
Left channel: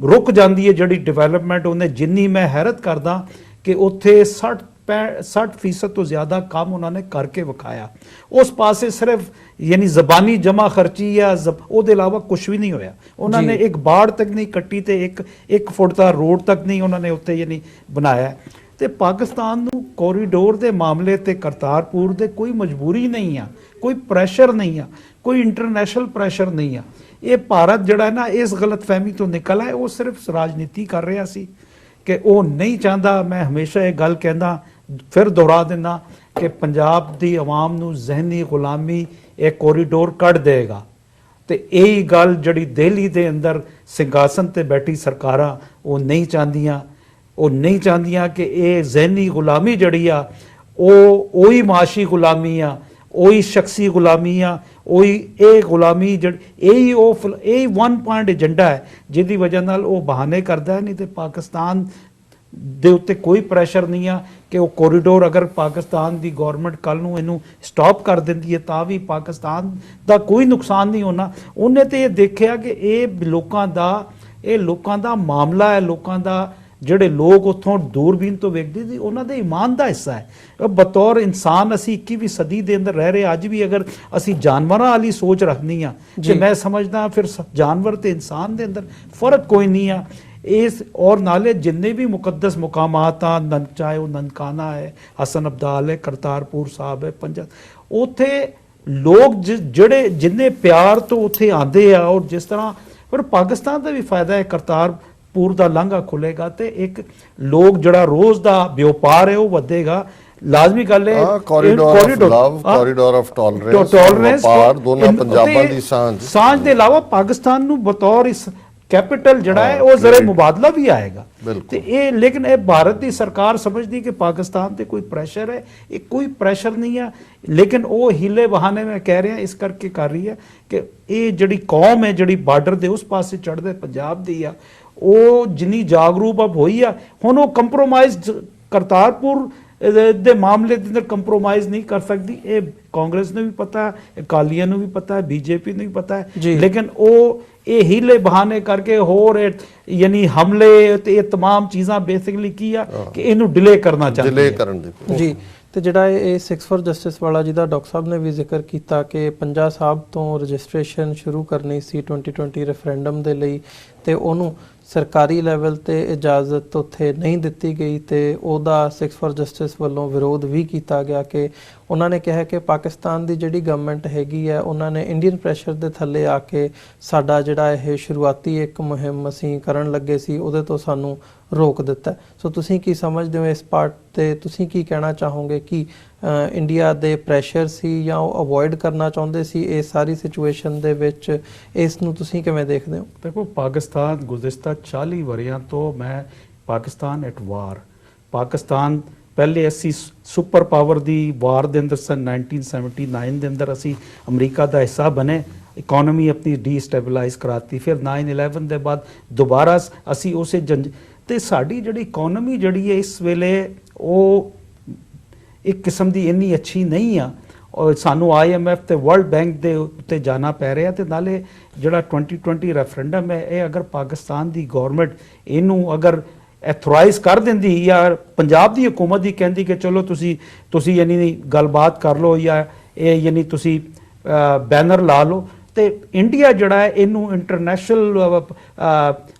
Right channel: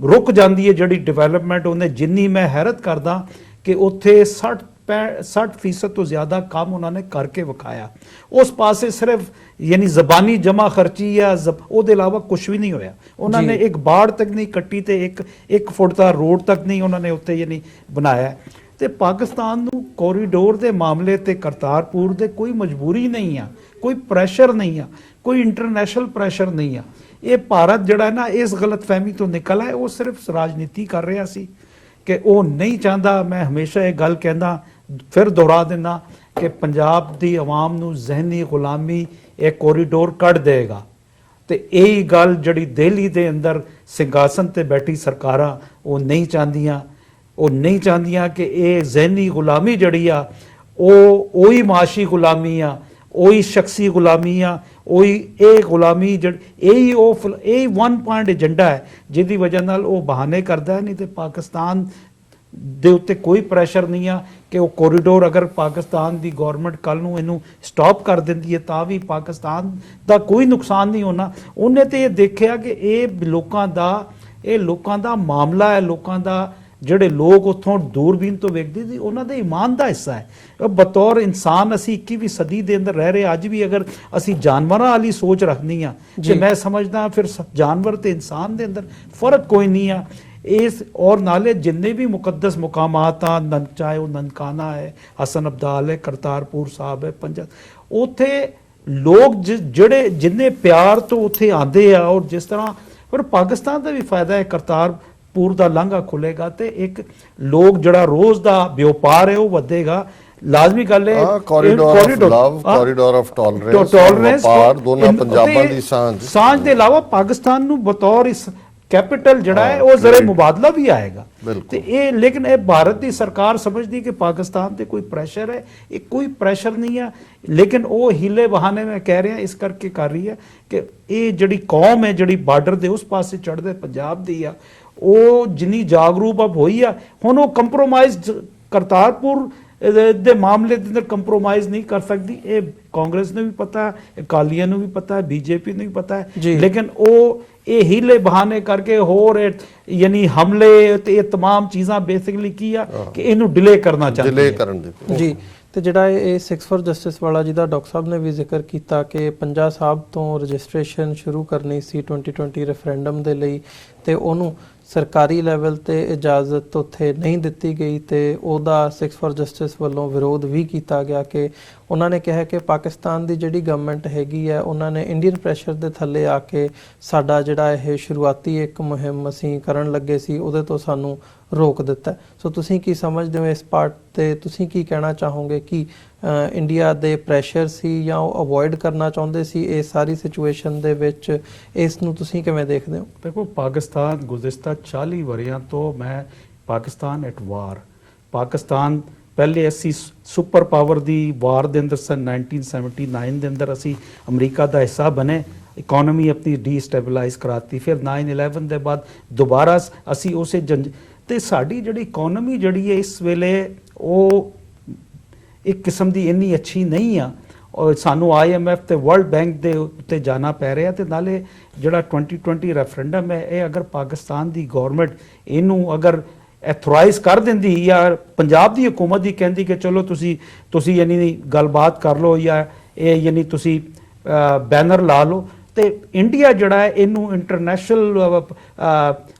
ਰੁਕ ਜਾਂਦੀ ਹੈ ਜਿਹੜੀ ਡਿਵੈਲਪਮੈਂਟ, ਉਹਨੇ ਜਿੰਨੀ ਮੈਂ ਹੈਰਤ ਕਰਦਾ ਕਿ ਉੱਥੇ 60% ਤੋਂ ਜ਼ਿਆਦਾ ਕੰਮ ਉਹਨਾਂ ਨੇ ਕਰਕੇ ਵਿਖਾਇਆ। ਉਸ ਪਾਸੇ ਸਿਰਫ ਯਾਨੀ ਜ਼ਬਾਨੀ ਜਮਾ ਖਰਚੀ ਜਾਂ ਉਹਦੇ ਇਲਾਵਾ ਕੁਝ ਵੀ ਨਹੀਂ ਹੋਇਆ। ਉਹਨਾਂ ਨੇ ਇੱਕ ਬਾੜ ਤੱਕ ਨਹੀਂ ਕੱਟੀ ਤੇ ਇੱਕ ਫੁੱਟ ਦਾ ਰੋਡ ਤੱਕ ਨਹੀਂ ਉਹਨਾਂ ਨੇ ਉੱਤੇ ਯਾਨੀ ਬਣਾਇਆ। ਤੇ ਪਾਕਿਸਤਾਨ ਨੂੰ ਕੋਰੀਡੋਰ ਦੇ ਮਾਮਲੇ ਤੇ ਕਰਤਾਰਪੁਰ ਦੇ ਕੋਈ ਮਜਬੂਰੀ ਨਹੀਂ ਆ, ਕੋਈ ਪ੍ਰੈਸ਼ਰ ਨਹੀਂ ਆ, ਕੋਈ ਇੰਟਰਨੈਸ਼ਨਲ ਪ੍ਰੈਸ਼ਰ ਨਹੀਂ ਆ। ਇਹ ਭਾਰਤ ਜਿਹੜਾ ਨਾ ਇਸ ਗਲਤਫਹਿਮੀ ਤੋਂ ਨਿਕਲ ਆਇਆ, ਉਹ ਸਿਰਫ ਰਾਜਨੀਤੀ ਕਰ ਰਿਹਾ ਸੀ ਕਿ ਉਹ ਨਹੀਂ ਚਾਹੁੰਦਾ। ਮੈਂ ਹਮੇਸ਼ਾ ਇਹ ਗੱਲ ਕਹਿੰਦਾ, ਫਿਰ ਦੁਹਰਾ ਦਿੰਦਾ ਕਿ ਪੰਜਾਬ ਦੀ ਆਵਾਮ ਨੂੰ ਜ਼ਿਹਨੀ ਗੁਲਾਮੀ ਇਹ ਕੋਰੀਡੋਰ ਕੱਢ ਦੇਗਾ। ਤੇ ਇਹ ਗੱਲ ਜਿਹੜੀ ਦਿੱਲੀ ਦੇ ਅੰਦਰ ਸਿੰਘਾਸਨ ਤੇ ਬੈਠੀ ਸਰਕਾਰਾਂ ਉਹ ਨਹੀਂ ਚਾਹੁੰਦੀਆਂ। ਉਹ ਨਹੀਂ ਚਾਹੁੰਦੀਆਂ ਕਿ ਇਹ ਜ਼ਿਹਨੀ ਗੁਲਾਮੀ ਜਿਹੜੀ ਆ ਉਹੀ ਮਾਸ਼ੀ ਗੁਲਾਮੀ ਆ, ਉਹੀ ਸ਼ਖਸੀ ਗੁਲਾਮੀ ਆ, ਉਹੀ ਇਹ ਗੁਲਾਮੀ ਇਹ 1 ਪੁਆਇੰਟ ਏਜੰਡਾ ਹੈ ਜਿਹਦੀ ਵਜ੍ਹਾ ਨਾਲ ਉਹ ਬਹਾਨੇ ਕਰਦਾ ਹੈ। ਨਹੀਂ ਤੇ ਪਾਕਿਸਤਾਨ ਦੇ ਉੱਤੇ ਕੋਈ ਪ੍ਰੈਸ਼ਰ ਨਹੀਂ ਆ ਕਿ ਉਹ ਕੋਰੀਡੋਰ ਅਗਰ ਪਾਕਿਸਤਾਨ ਦੀ ਗਵਰਨਮੈਂਟ ਕੱਲ ਨੂੰ ਇਹਨੂੰ ਸਟਾਪ ਕਰ ਦਿੰਦੀ ਹੈ ਤਾਂ ਵੀ ਪਾਕਿਸਤਾਨ ਦਾ ਕੋਈ ਨੁਕਸਾਨ ਨਹੀਂ ਹੋਣਾ। ਉਹਨੇ ਤੇ ਇਹ ਦੇਖਿਆ ਕਿ ਇਹ ਲੋਕਾਂ ਦਾ ਮਾਮਲਾ ਹੈ, ਲੋਕਾਂ ਦਾ ਜਿਹੜੇ ਲੋਕ ਉੱਥੋਂ ਦੂਰਬੀਨ ਤੋਂ ਵੇਖਦੇ ਸੀ ਉਹਨਾਂ ਦੇ ਈਮਾਨ ਦਾ ਹਿੱਸਾ ਹੈ। ਬਤੌਰ ਇਨਸਾਨ ਅਸੀਂ 21ਵੀਂ ਸਦੀ ਦੇ ਅੰਦਰ ਰਹਿ ਰਹੇ, ਅੱਜ ਵੀ ਅਗਰ ਅਸੀਂ ਜਾਨਵਰਾਂ ਵਾਲੀ ਸੋਚ ਰੱਖਣੀ ਆ ਤੇ ਮੈਂ ਸਮਝਦਾ ਫਿਰ ਜਾਨਵਰ ਤੇ ਇਨਸਾਨ ਦੇ ਅੰਦਰ ਫਰਕ ਕੋਈ ਨਹੀਂ ਆ। ਇਸ ਔਰ ਨਾਲੇ ਜਿੰਨੇ ਵੀ ਮੁਕੱਦਸ ਮੁਕਾਮਾਤ ਆ, ਚਾਹੇ ਉਹ ਨਨਕਾਣਾ ਹੈ, ਹਸਨ ਅਬਦਾਲ ਹੈ, ਕਰਤਾਰਪੁਰ ਸਾਹਿਬ ਹੈ, ਉੱਥੇ ਲੋਕ ਜਿਹੜੇ ਜਿੰਨੇ ਪਿਆਰ ਤੋਂ ਉੱਥੇ ਆਉਂਦੇ ਆ, ਔਰ ਜਿਸ ਤਰ੍ਹਾਂ ਫਿਰ ਪਾਕਿਸਤਾਨ ਦਾ ਵੀ ਫਾਇਦਾ ਹੈ, ਕਰਤਾਰਪੁਰ ਦਾ ਲਾਂਘਾ ਖੁੱਲੇਗਾ ਤੇ ਇੱਕ ਲੋਕ ਜਿਹੜਾ ਰੋਜ਼ ਦਾ ਵਪਾਰ ਹੈ ਉਹ ਵਧੇਗਾ। ਲਾਜ਼ਮੀ ਗੱਲ ਹੈ corridor of love, corridor of tolerance, ਵਪਾਰ ਦੋਨਾਂ ਪੰਜਾਬਾਂ ਦੀ ਸਾਂਝ ਦੇ ਇਲਾਵਾ ਪਾਕਿਸਤਾਨ ਨੂੰ ਬਤੌਰ ਇਸ ਕੈਪੀਟਲ ਜਿਹੜਾ ਹੈ ਉਹ ਜ਼ਰਾ ਮੁਬਾਦਲਾ ਵੀ ਆਏਗਾ। ਤੇ ਇਹ ਲੇਕਿਨ ਇਹ ਭਾਰਤ ਦੀ ਸਰਕਾਰ ਸਮਝਦੀ ਕਿ ਪਾਕਿਸਤਾਨ ਤੇ ਕੋਈ ਪ੍ਰੈਸ਼ਰ ਹੈ, ਇਹ ਕੋਈ ਪ੍ਰੈਸ਼ਰ ਨਹੀਂ ਹੈ, ਲੇਕਿਨ ਉਹ ਹੀਲੇ ਬਹਾਨੇ ਮੈਂ ਕਹਿ ਰਿਹਾ ਇਸ ਕਰਕੇ ਕਰ ਰਹੀ ਹੈ ਕਿ ਇਹ ਜਿਹੜੀ ਕੌਮ ਹੈ ਜਿਹੜੀ ਬਾਰਡਰ ਦੇ ਉਸ ਪਾਸੇ ਚੜ੍ਹਦੇ ਪੰਜਾਬ ਦੀ ਆ, ਉਹ ਜਿੰਨੀ ਜਾਗਰੂਕ ਅਬ ਹੋਈ ਆ, ਹੁਣ ਉਹ ਕੰਪਰੋਮਾਈਜ਼ ਕਰਤਾਰਪੁਰ ਦੇ ਮਾਮਲੇ ਦੇ ਅੰਦਰ ਕੰਪਰੋਮਾਈਜ਼ ਨਹੀਂ ਕਰ ਸਕਦੀ। ਇਹ ਕਾਂਗਰਸ ਨੂੰ ਵੀ ਪਤਾ ਹੈ, ਅਕਾਲੀਆਂ ਨੂੰ ਵੀ ਪਤਾ ਹੈ, ਬੀਜੇਪੀ ਨੂੰ ਵੀ ਪਤਾ ਹੈ, ਲੇਕਿਨ ਉਹ ਇਹ ਹੀਲੇ ਬਹਾਨੇ ਕਰਕੇ ਹੋਰ ਯਾਨੀ ਹਮਲੇ ਤੇ ਇਹ तमाम ਚੀਜ਼ਾਂ ਬੇਸਿਕਲੀ ਕੀ ਆ ਕਿ ਇਹਨੂੰ ਡਿਲੇ ਕਰਨਾ ਚਾਹੁੰਦੇ ਡਿਲੇ ਕਰਨ ਦੇ ਜੀ। ਤੇ ਜਿਹੜਾ ਇਹ 6 ਫॉर ਜਸਟਿਸ ਵਾਲਾ ਜਿਹਦਾ ਡਾਕਟਰ ਸਾਹਿਬ ਨੇ ਵੀ ਜ਼ਿਕਰ ਕੀਤਾ ਕਿ ਪੰਜਾ ਸਾਹਿਬ ਤੋਂ ਰਜਿਸਟ੍ਰੇਸ਼ਨ ਸ਼ੁਰੂ ਕਰਨੀ ਸੀ 2020 ਰੈਫਰੈਂਡਮ ਦੇ ਲਈ ਤੇ ਉਹਨੂੰ ਸਰਕਾਰੀ ਲੈਵਲ ਤੇ ਇਜਾਜ਼ਤ ਉੱਥੇ ਨਹੀਂ ਦਿੱਤੀ ਗਈ ਤੇ ਉਹਦਾ 6 ਫॉर ਜਸਟਿਸ ਵੱਲੋਂ ਵਿਰੋਧ ਵੀ ਕੀਤਾ ਗਿਆ ਕਿ ਉਹਨਾਂ ਨੇ ਕਿਹਾ ਕਿ ਪਾਕਿਸਤਾਨ ਦੀ ਜਿਹੜੀ ਗਵਰਨਮੈਂਟ ਹੈਗੀ ਹੈ ਉਹਨਾਂ ਨੇ ਇੰਡੀਅਨ ਪ੍ਰੈਸ਼ਰ ਦੇ ਥੱਲੇ ਆ ਕੇ ਸਾਡਾ ਜਿਹੜਾ ਇਹ ਸ਼ੁਰੂਆਤੀ ਇੱਕ ਮੁਹਿੰਮ ਅਸੀਂ ਕਰਨ ਲੱਗੇ ਸੀ ਉਹਦੇ ਤੋਂ ਸਾਨੂੰ ਰੋਕ ਦਿੱਤਾ। ਸੋ ਤੁਸੀਂ ਕੀ ਸਮਝਦੇ ਹੋ ਇਸ ਪਾਰਟ ਤੇ, ਤੁਸੀਂ ਕੀ ਕਹਿਣਾ ਚਾਹੋਗੇ ਕਿ ਇੰਡੀਆ ਦੇ ਪ੍ਰੈਸ਼ਰ ਸੀ ਜਾਂ ਉਹ ਅਵੋਇਡ ਕਰਨਾ ਚਾਹੁੰਦੇ ਸੀ ਇਸ ਸਾਰੀ ਸਿਚੁਏਸ਼ਨ ਦੇ ਵਿੱਚ, ਇਸ ਨੂੰ ਤੁਸੀਂ ਕਿਵੇਂ ਦੇਖਦੇ ਹੋ? ਦੇਖੋ ਪਾਕਿਸਤਾਨ ਗੁਜ਼ਸ਼ਤਾ 40 ਵਰਿਆਂ ਤੋਂ ਮੈਂ ਪਾਕਿਸਤਾਨ ਐਟ ਵਾਰ, ਪਾਕਿਸਤਾਨ ਪਹਿਲੇ ਅਸੀਂ ਸੁਪਰ ਪਾਵਰ ਦੀ ਵਾਰ ਦੇ ਅੰਦਰ ਸਨ 1979 ਦੇ ਅੰਦਰ ਅਸੀਂ ਅਮਰੀਕਾ ਦਾ ਹਿੱਸਾ ਬਣੇ, ਇਕਨੋਮੀ ਆਪਣੀ ਡੀਸਟੈਬਲਾਈਜ਼ ਕਰਾਤੀ, ਫਿਰ 9/11 ਦੇ ਬਾਅਦ ਦੁਬਾਰਾ ਅਸੀਂ ਉਸੇ ਤੇ ਸਾਡੀ ਜਿਹੜੀ ਇਕਨੋਮੀ ਜਿਹੜੀ ਹੈ ਇਸ ਵੇਲੇ ਉਹ ਇੱਕ ਕਿਸਮ ਦੀ ਇੰਨੀ ਅੱਛੀ ਨਹੀਂ ਆ, ਔਰ ਸਾਨੂੰ IMF ਤੇ ਵਰਲਡ ਬੈਂਕ ਦੇ ਉੱਤੇ ਜਾਣਾ ਪੈ ਰਿਹਾ। ਤੇ ਨਾਲੇ ਜਿਹੜਾ 2020 ਰੈਫਰੈਂਡਮ ਹੈ ਇਹ ਅਗਰ ਪਾਕਿਸਤਾਨ ਦੀ ਗਵਰਨਮੈਂਟ ਇਹਨੂੰ ਅਗਰ ਐਥੋਰਾਈਜ਼ ਕਰ ਦਿੰਦੀ ਜਾਂ ਪੰਜਾਬ ਦੀ ਹਕੂਮਤ ਦੀ ਕਹਿੰਦੀ ਕਿ ਚਲੋ ਤੁਸੀਂ ਯਾਨੀ ਗੱਲਬਾਤ ਕਰ ਲਓ ਜਾਂ ਇਹ ਯਾਨੀ ਤੁਸੀਂ ਬੈਨਰ ਲਾ ਲਓ, ਤੇ ਇੰਡੀਆ ਜਿਹੜਾ ਹੈ ਇਹਨੂੰ ਇੰਟਰਨੈਸ਼ਨਲ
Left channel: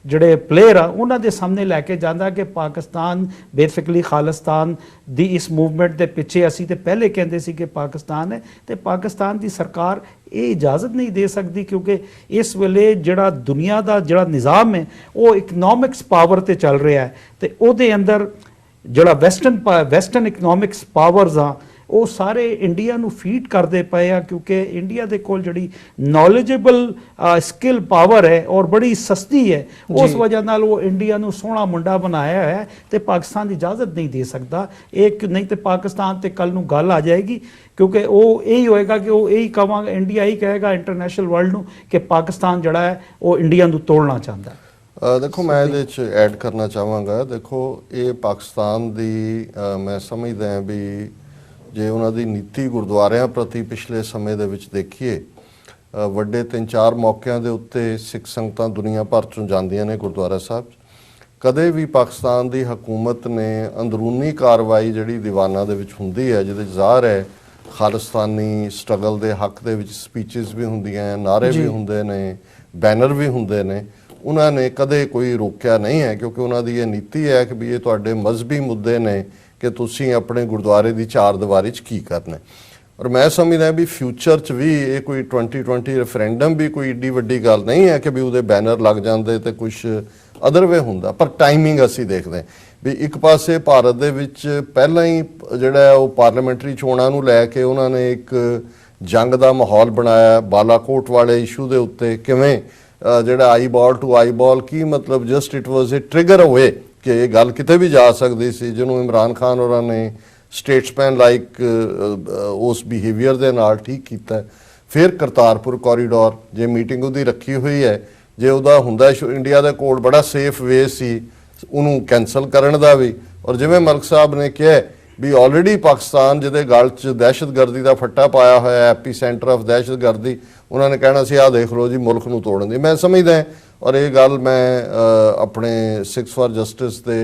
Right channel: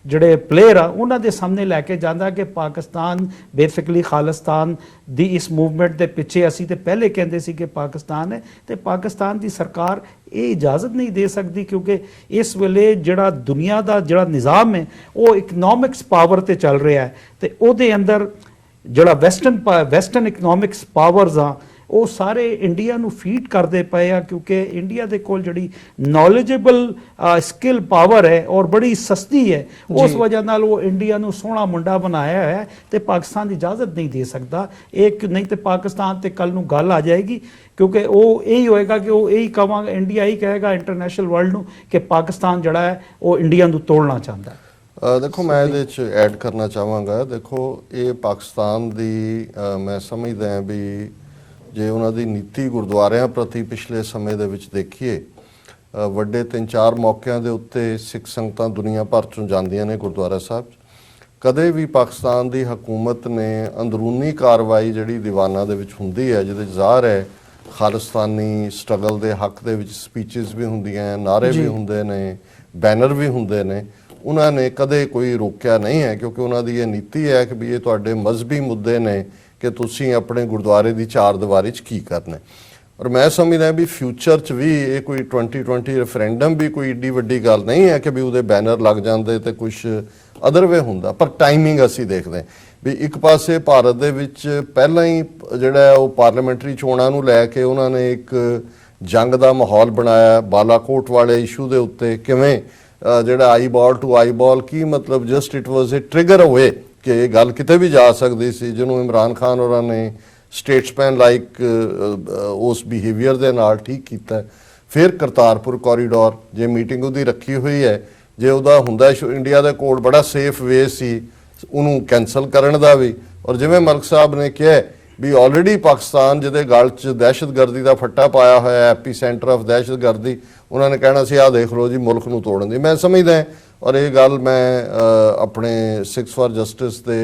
ਜਿਹੜੇ ਪਲੇਅਰ ਆ ਉਹਨਾਂ ਦੇ ਸਾਹਮਣੇ ਲੈ ਕੇ ਜਾਂਦਾ ਕਿ ਪਾਕਿਸਤਾਨ ਬੇਸਿਕਲੀ ਖਾਲਿਸਤਾਨ ਦੀ ਇਸ ਮੂਵਮੈਂਟ ਦੇ ਪਿੱਛੇ ਅਸੀਂ ਤੇ ਪਹਿਲੇ ਕਹਿੰਦੇ ਸੀ ਕਿ ਪਾਕਿਸਤਾਨ ਹੈ, ਤੇ ਪਾਕਿਸਤਾਨ ਦੀ ਸਰਕਾਰ ਇਹ ਇਜਾਜ਼ਤ ਨਹੀਂ ਦੇ ਸਕਦੀ ਕਿਉਂਕਿ ਇਸ ਵੇਲੇ ਜਿਹੜਾ ਦੁਨੀਆ ਦਾ ਜਿਹੜਾ ਨਿਜ਼ਾਮ ਹੈ ਉਹ ਇਕਨੋਮਿਕਸ ਪਾਵਰ ਤੇ ਚੱਲ ਰਿਹਾ ਹੈ, ਤੇ ਉਹਦੇ ਅੰਦਰ ਜਿਹੜਾ ਵੈਸਟਰਨ ਇਕਨੋਮਿਕਸ ਪਾਵਰਸ ਆ ਉਹ ਸਾਰੇ ਇੰਡੀਆ ਨੂੰ ਫੀਡ ਕਰਦੇ ਪਏ ਆ ਕਿਉਂਕਿ ਇੰਡੀਆ ਦੇ ਕੋਲ ਜਿਹੜੀ ਨੌਲੇਜੇਬਲ ਸਕਿੱਲ ਪਾਵਰ ਹੈ ਔਰ ਬੜੀ ਸਸਤੀ ਹੈ, ਉਸ ਵਜ੍ਹਾ ਨਾਲ ਉਹ ਇੰਡੀਆ ਨੂੰ ਸੋਹਣਾ ਮੁੰਡਾ ਬਣਾਇਆ ਹੈ ਤੇ ਪਾਕਿਸਤਾਨ ਦੀ ਇਜਾਜ਼ਤ ਨਹੀਂ ਦੇ ਸਕਦਾ। ਇੱਕ ਨਹੀਂ ਤੇ ਪਾਕਿਸਤਾਨ ਤੇ ਕੱਲ ਨੂੰ ਗੱਲ ਆ ਜਾਏਗੀ ਕਿਉਂਕਿ ਉਹ ਇਹੀ ਹੋਏਗਾ ਕਿ ਉਹ ਇਹੀ ਕਹਾਂਗਾ, ਇੰਡੀਆ ਹੀ ਕਹੇਗਾ ਇੰਟਰਨੈਸ਼ਨਲ ਵਰਲਡ ਨੂੰ ਕਿ ਪਾਕਿਸਤਾਨ ਜਿਹੜਾ ਹੈ ਉਹ ਇੰਡੀਆ ਨੂੰ ਤੋੜਨਾ ਚਾਹੁੰਦਾ ਹੈ। ਦੇਖੋ ਮੈਂ ਇਹਦੇ ਚ ਐਡ ਕਰਨਾ ਚਾਹਾਂਗਾ, ਦੇਖੋ ਇਹ ਪਾਕਿਸਤਾਨ ਦੀ ਮੈਂ ਸਮਝਦਾ ਹਾਂ ਵੀ ਜੇ ਉਹਨਾਂ ਦੀ ਨੀਤੀ ਗੁਰਦੁਆਰਿਆਂ ਪ੍ਰਤੀ ਪਿਛਲੇ ਸਮੇਂ ਦੇ ਵਿੱਚ ਦੇਖੀਏ, ਵੱਡੇ 3-4 ਮੌਕਿਆਂ ਦੇ ਉੱਤੇ ਸਿੱਖ ਸੰਗਤਾਂ ਦੁਨੀਆ ਭਰ ਚੋਂ ਜਾਂਦੀਆਂ ਨੇ ਗੁਰਦੁਆਰਾ ਸਾਹਿਬ। ਕਦੇ ਵੀ ਪਾਕਿਸਤਾਨ ਦੀ ਹਕੂਮਤ ਨੇ ਅੰਦਰੂਨੀ ਕਾਰਵਾਈ ਜਿਹੜੀ ਦੀਵਾਨਾਂ ਦੇ ਵਿੱਚ ਹੁੰਦੀ ਹੈ ਜਿਹਦੇ ਜ਼ਾਹਰ ਹੈ ਖਾਲਿਸਤਾਨੀ ਸਟਰਗਲ ਦੇ ਹੱਕ ਦੇ ਵਿੱਚ ਸਪੀਚਸ ਵੀ ਹੁੰਦੀਆਂ, ਨਾਅਰੇ ਵੀ ਹੁੰਦੇ ਨੇ, ਬੈਨਰ ਵੀ ਹੁੰਦੇ ਨੇ, ਉਹਨਾਂ ਨੇ ਕਦੇ ਕੋਈ ਰੋਕਿਆ ਨਹੀਂ ਹੈ ਕਿਉਂਕਿ ਉਹਨਾਂ ਦੀ ਇਹ ਨੀਤੀ ਹੈ ਕਿ ਵੀ ਇਹ ਤੁਹਾਡੇ ਮਜ਼ਹਬੀ ਮੁੱਦੇ ਨੇ ਕਿ ਤੁਸੀਂ ਆਪਣੇ ਗੁਰਦੁਆਰੇ ਦੀ ਚਾਰ ਦੀਵਾਰੀ 'ਚ ਕੀ ਕਰਨਾ। ਔਰ ਮੈਂ ਸਮਝਦਾ ਵੀ ਫਿਊਚਰ 'ਚ ਵੀ ਇਹ ਕੋਈ 2020 ਰੈਫਰੈਂਡਮ ਵੀ ਕੋਈ ਏਡੀ ਵੱਡੀ ਗੱਲ ਨਹੀਂ ਹੈ ਕਿ ਵੀ ਉਹਦੇ ਬੈਨਰ ਲੱਗ ਜਾਂਦੇ ਤੇ ਕੁਝ ਅਦਰ ਵੇ ਹੁੰਦਾ, ਪਰ ਟਾਈਮਿੰਗ ਅਸੀਂ ਦੇਖਦੇ ਵੀ ਇੱਕ ਪਾਸੇ ਭਾਰਤ ਦੇ ਵਿੱਚ ਪਹਿਲਾਂ ਹੀ ਜਿਹੜਾ ਉਹ ਪਾਰਲੀਮੈਂਟਰੀ ਚੋਣਾਂ ਨੂੰ ਲੈ ਕੇ ਉਹਨਾਂ ਨੇ ਇੱਕ ਜੰਗ ਦਾ ਮਾਹੌਲ ਬਣਾਇਆ ਬਾਲਾਕੋਟ ਵਾਲੇ ਇਸ਼ੂ ਦੇ ਉੱਤੇ, ਕਿਵੇਂ ਜਿਹੜਾ ਆਈਬਾਲ ਟੂ ਆਈਬਾਲ ਕੀ ਮਤਲਬ just it was a trigger away ਕਿ ਇਹ ਗੱਲ ਕਿਤੇ ਵੀ ਜਾ ਸਕਦੀ ਸੀ, ਜਿਹਨੂੰ ਇਮਰਾਨ ਖਾਨ ਹੋਰਾਂ ਨੇ ਸਟੇਟਸਮੈਨ ਲਾਈਕ ਉਸ ਬਿਹੇਵੀਅਰ ਦੇ ਨਾਲ ਠੀਕ ਕੀਤਾ। ਫਿਰ ਕਰਤਾਰਪੁਰ ਕੋਰੀਡੋਰ ਜੇ ਮੀਟਿੰਗ ਉਹਦੀ ਰੱਖੀ ਹੋਈ ਹੈ, ਜੇ ਉਹਦਾ ਹੁੰਦਾ ਇੰਡੀਆ ਦੇ ਕੋਲ ਬੜਾ ਸੇਫ ਵੇ ਸੀ ਉਹਨੂੰ ਕੈਂਸਲ ਕਰਨ ਦਾ ਵੀ। ਔਰ ਜਿਵੇਂ ਮਲਕ ਸਾਹਿਬ ਨੇ ਕਿਹਾ ਵੀ ਆਲਰੇਡੀ ਪਾਕਿਸਤਾਨ ਜਿਹਦੇ ਗਲ 'ਚ ਦਹਿਸ਼ਤਗਰਦੀ ਦਾ ਫੱਟਾ ਪਾਇਆ ਹੋਇਆ, ਐਪੀ ਸੈਂਟਰ ਆਫ ਦਹਿਸ਼ਤਗਰਦੀ, ਉਹਨਾਂ ਨੇ ਕਹਿਣਾ ਸੀ ਆਹ ਦੇਖ ਲਓ ਜੀ ਮੁਲਕ ਨੂੰ ਤੋੜਨ ਦੀ। ਮੈਂ ਸਮਝਦਾ ਔਰ ਇਹ ਗੱਲ ਮੈਂ ਆਪਣੇ 6 ਫॉर ਜਸਟਿਸ ਦੇ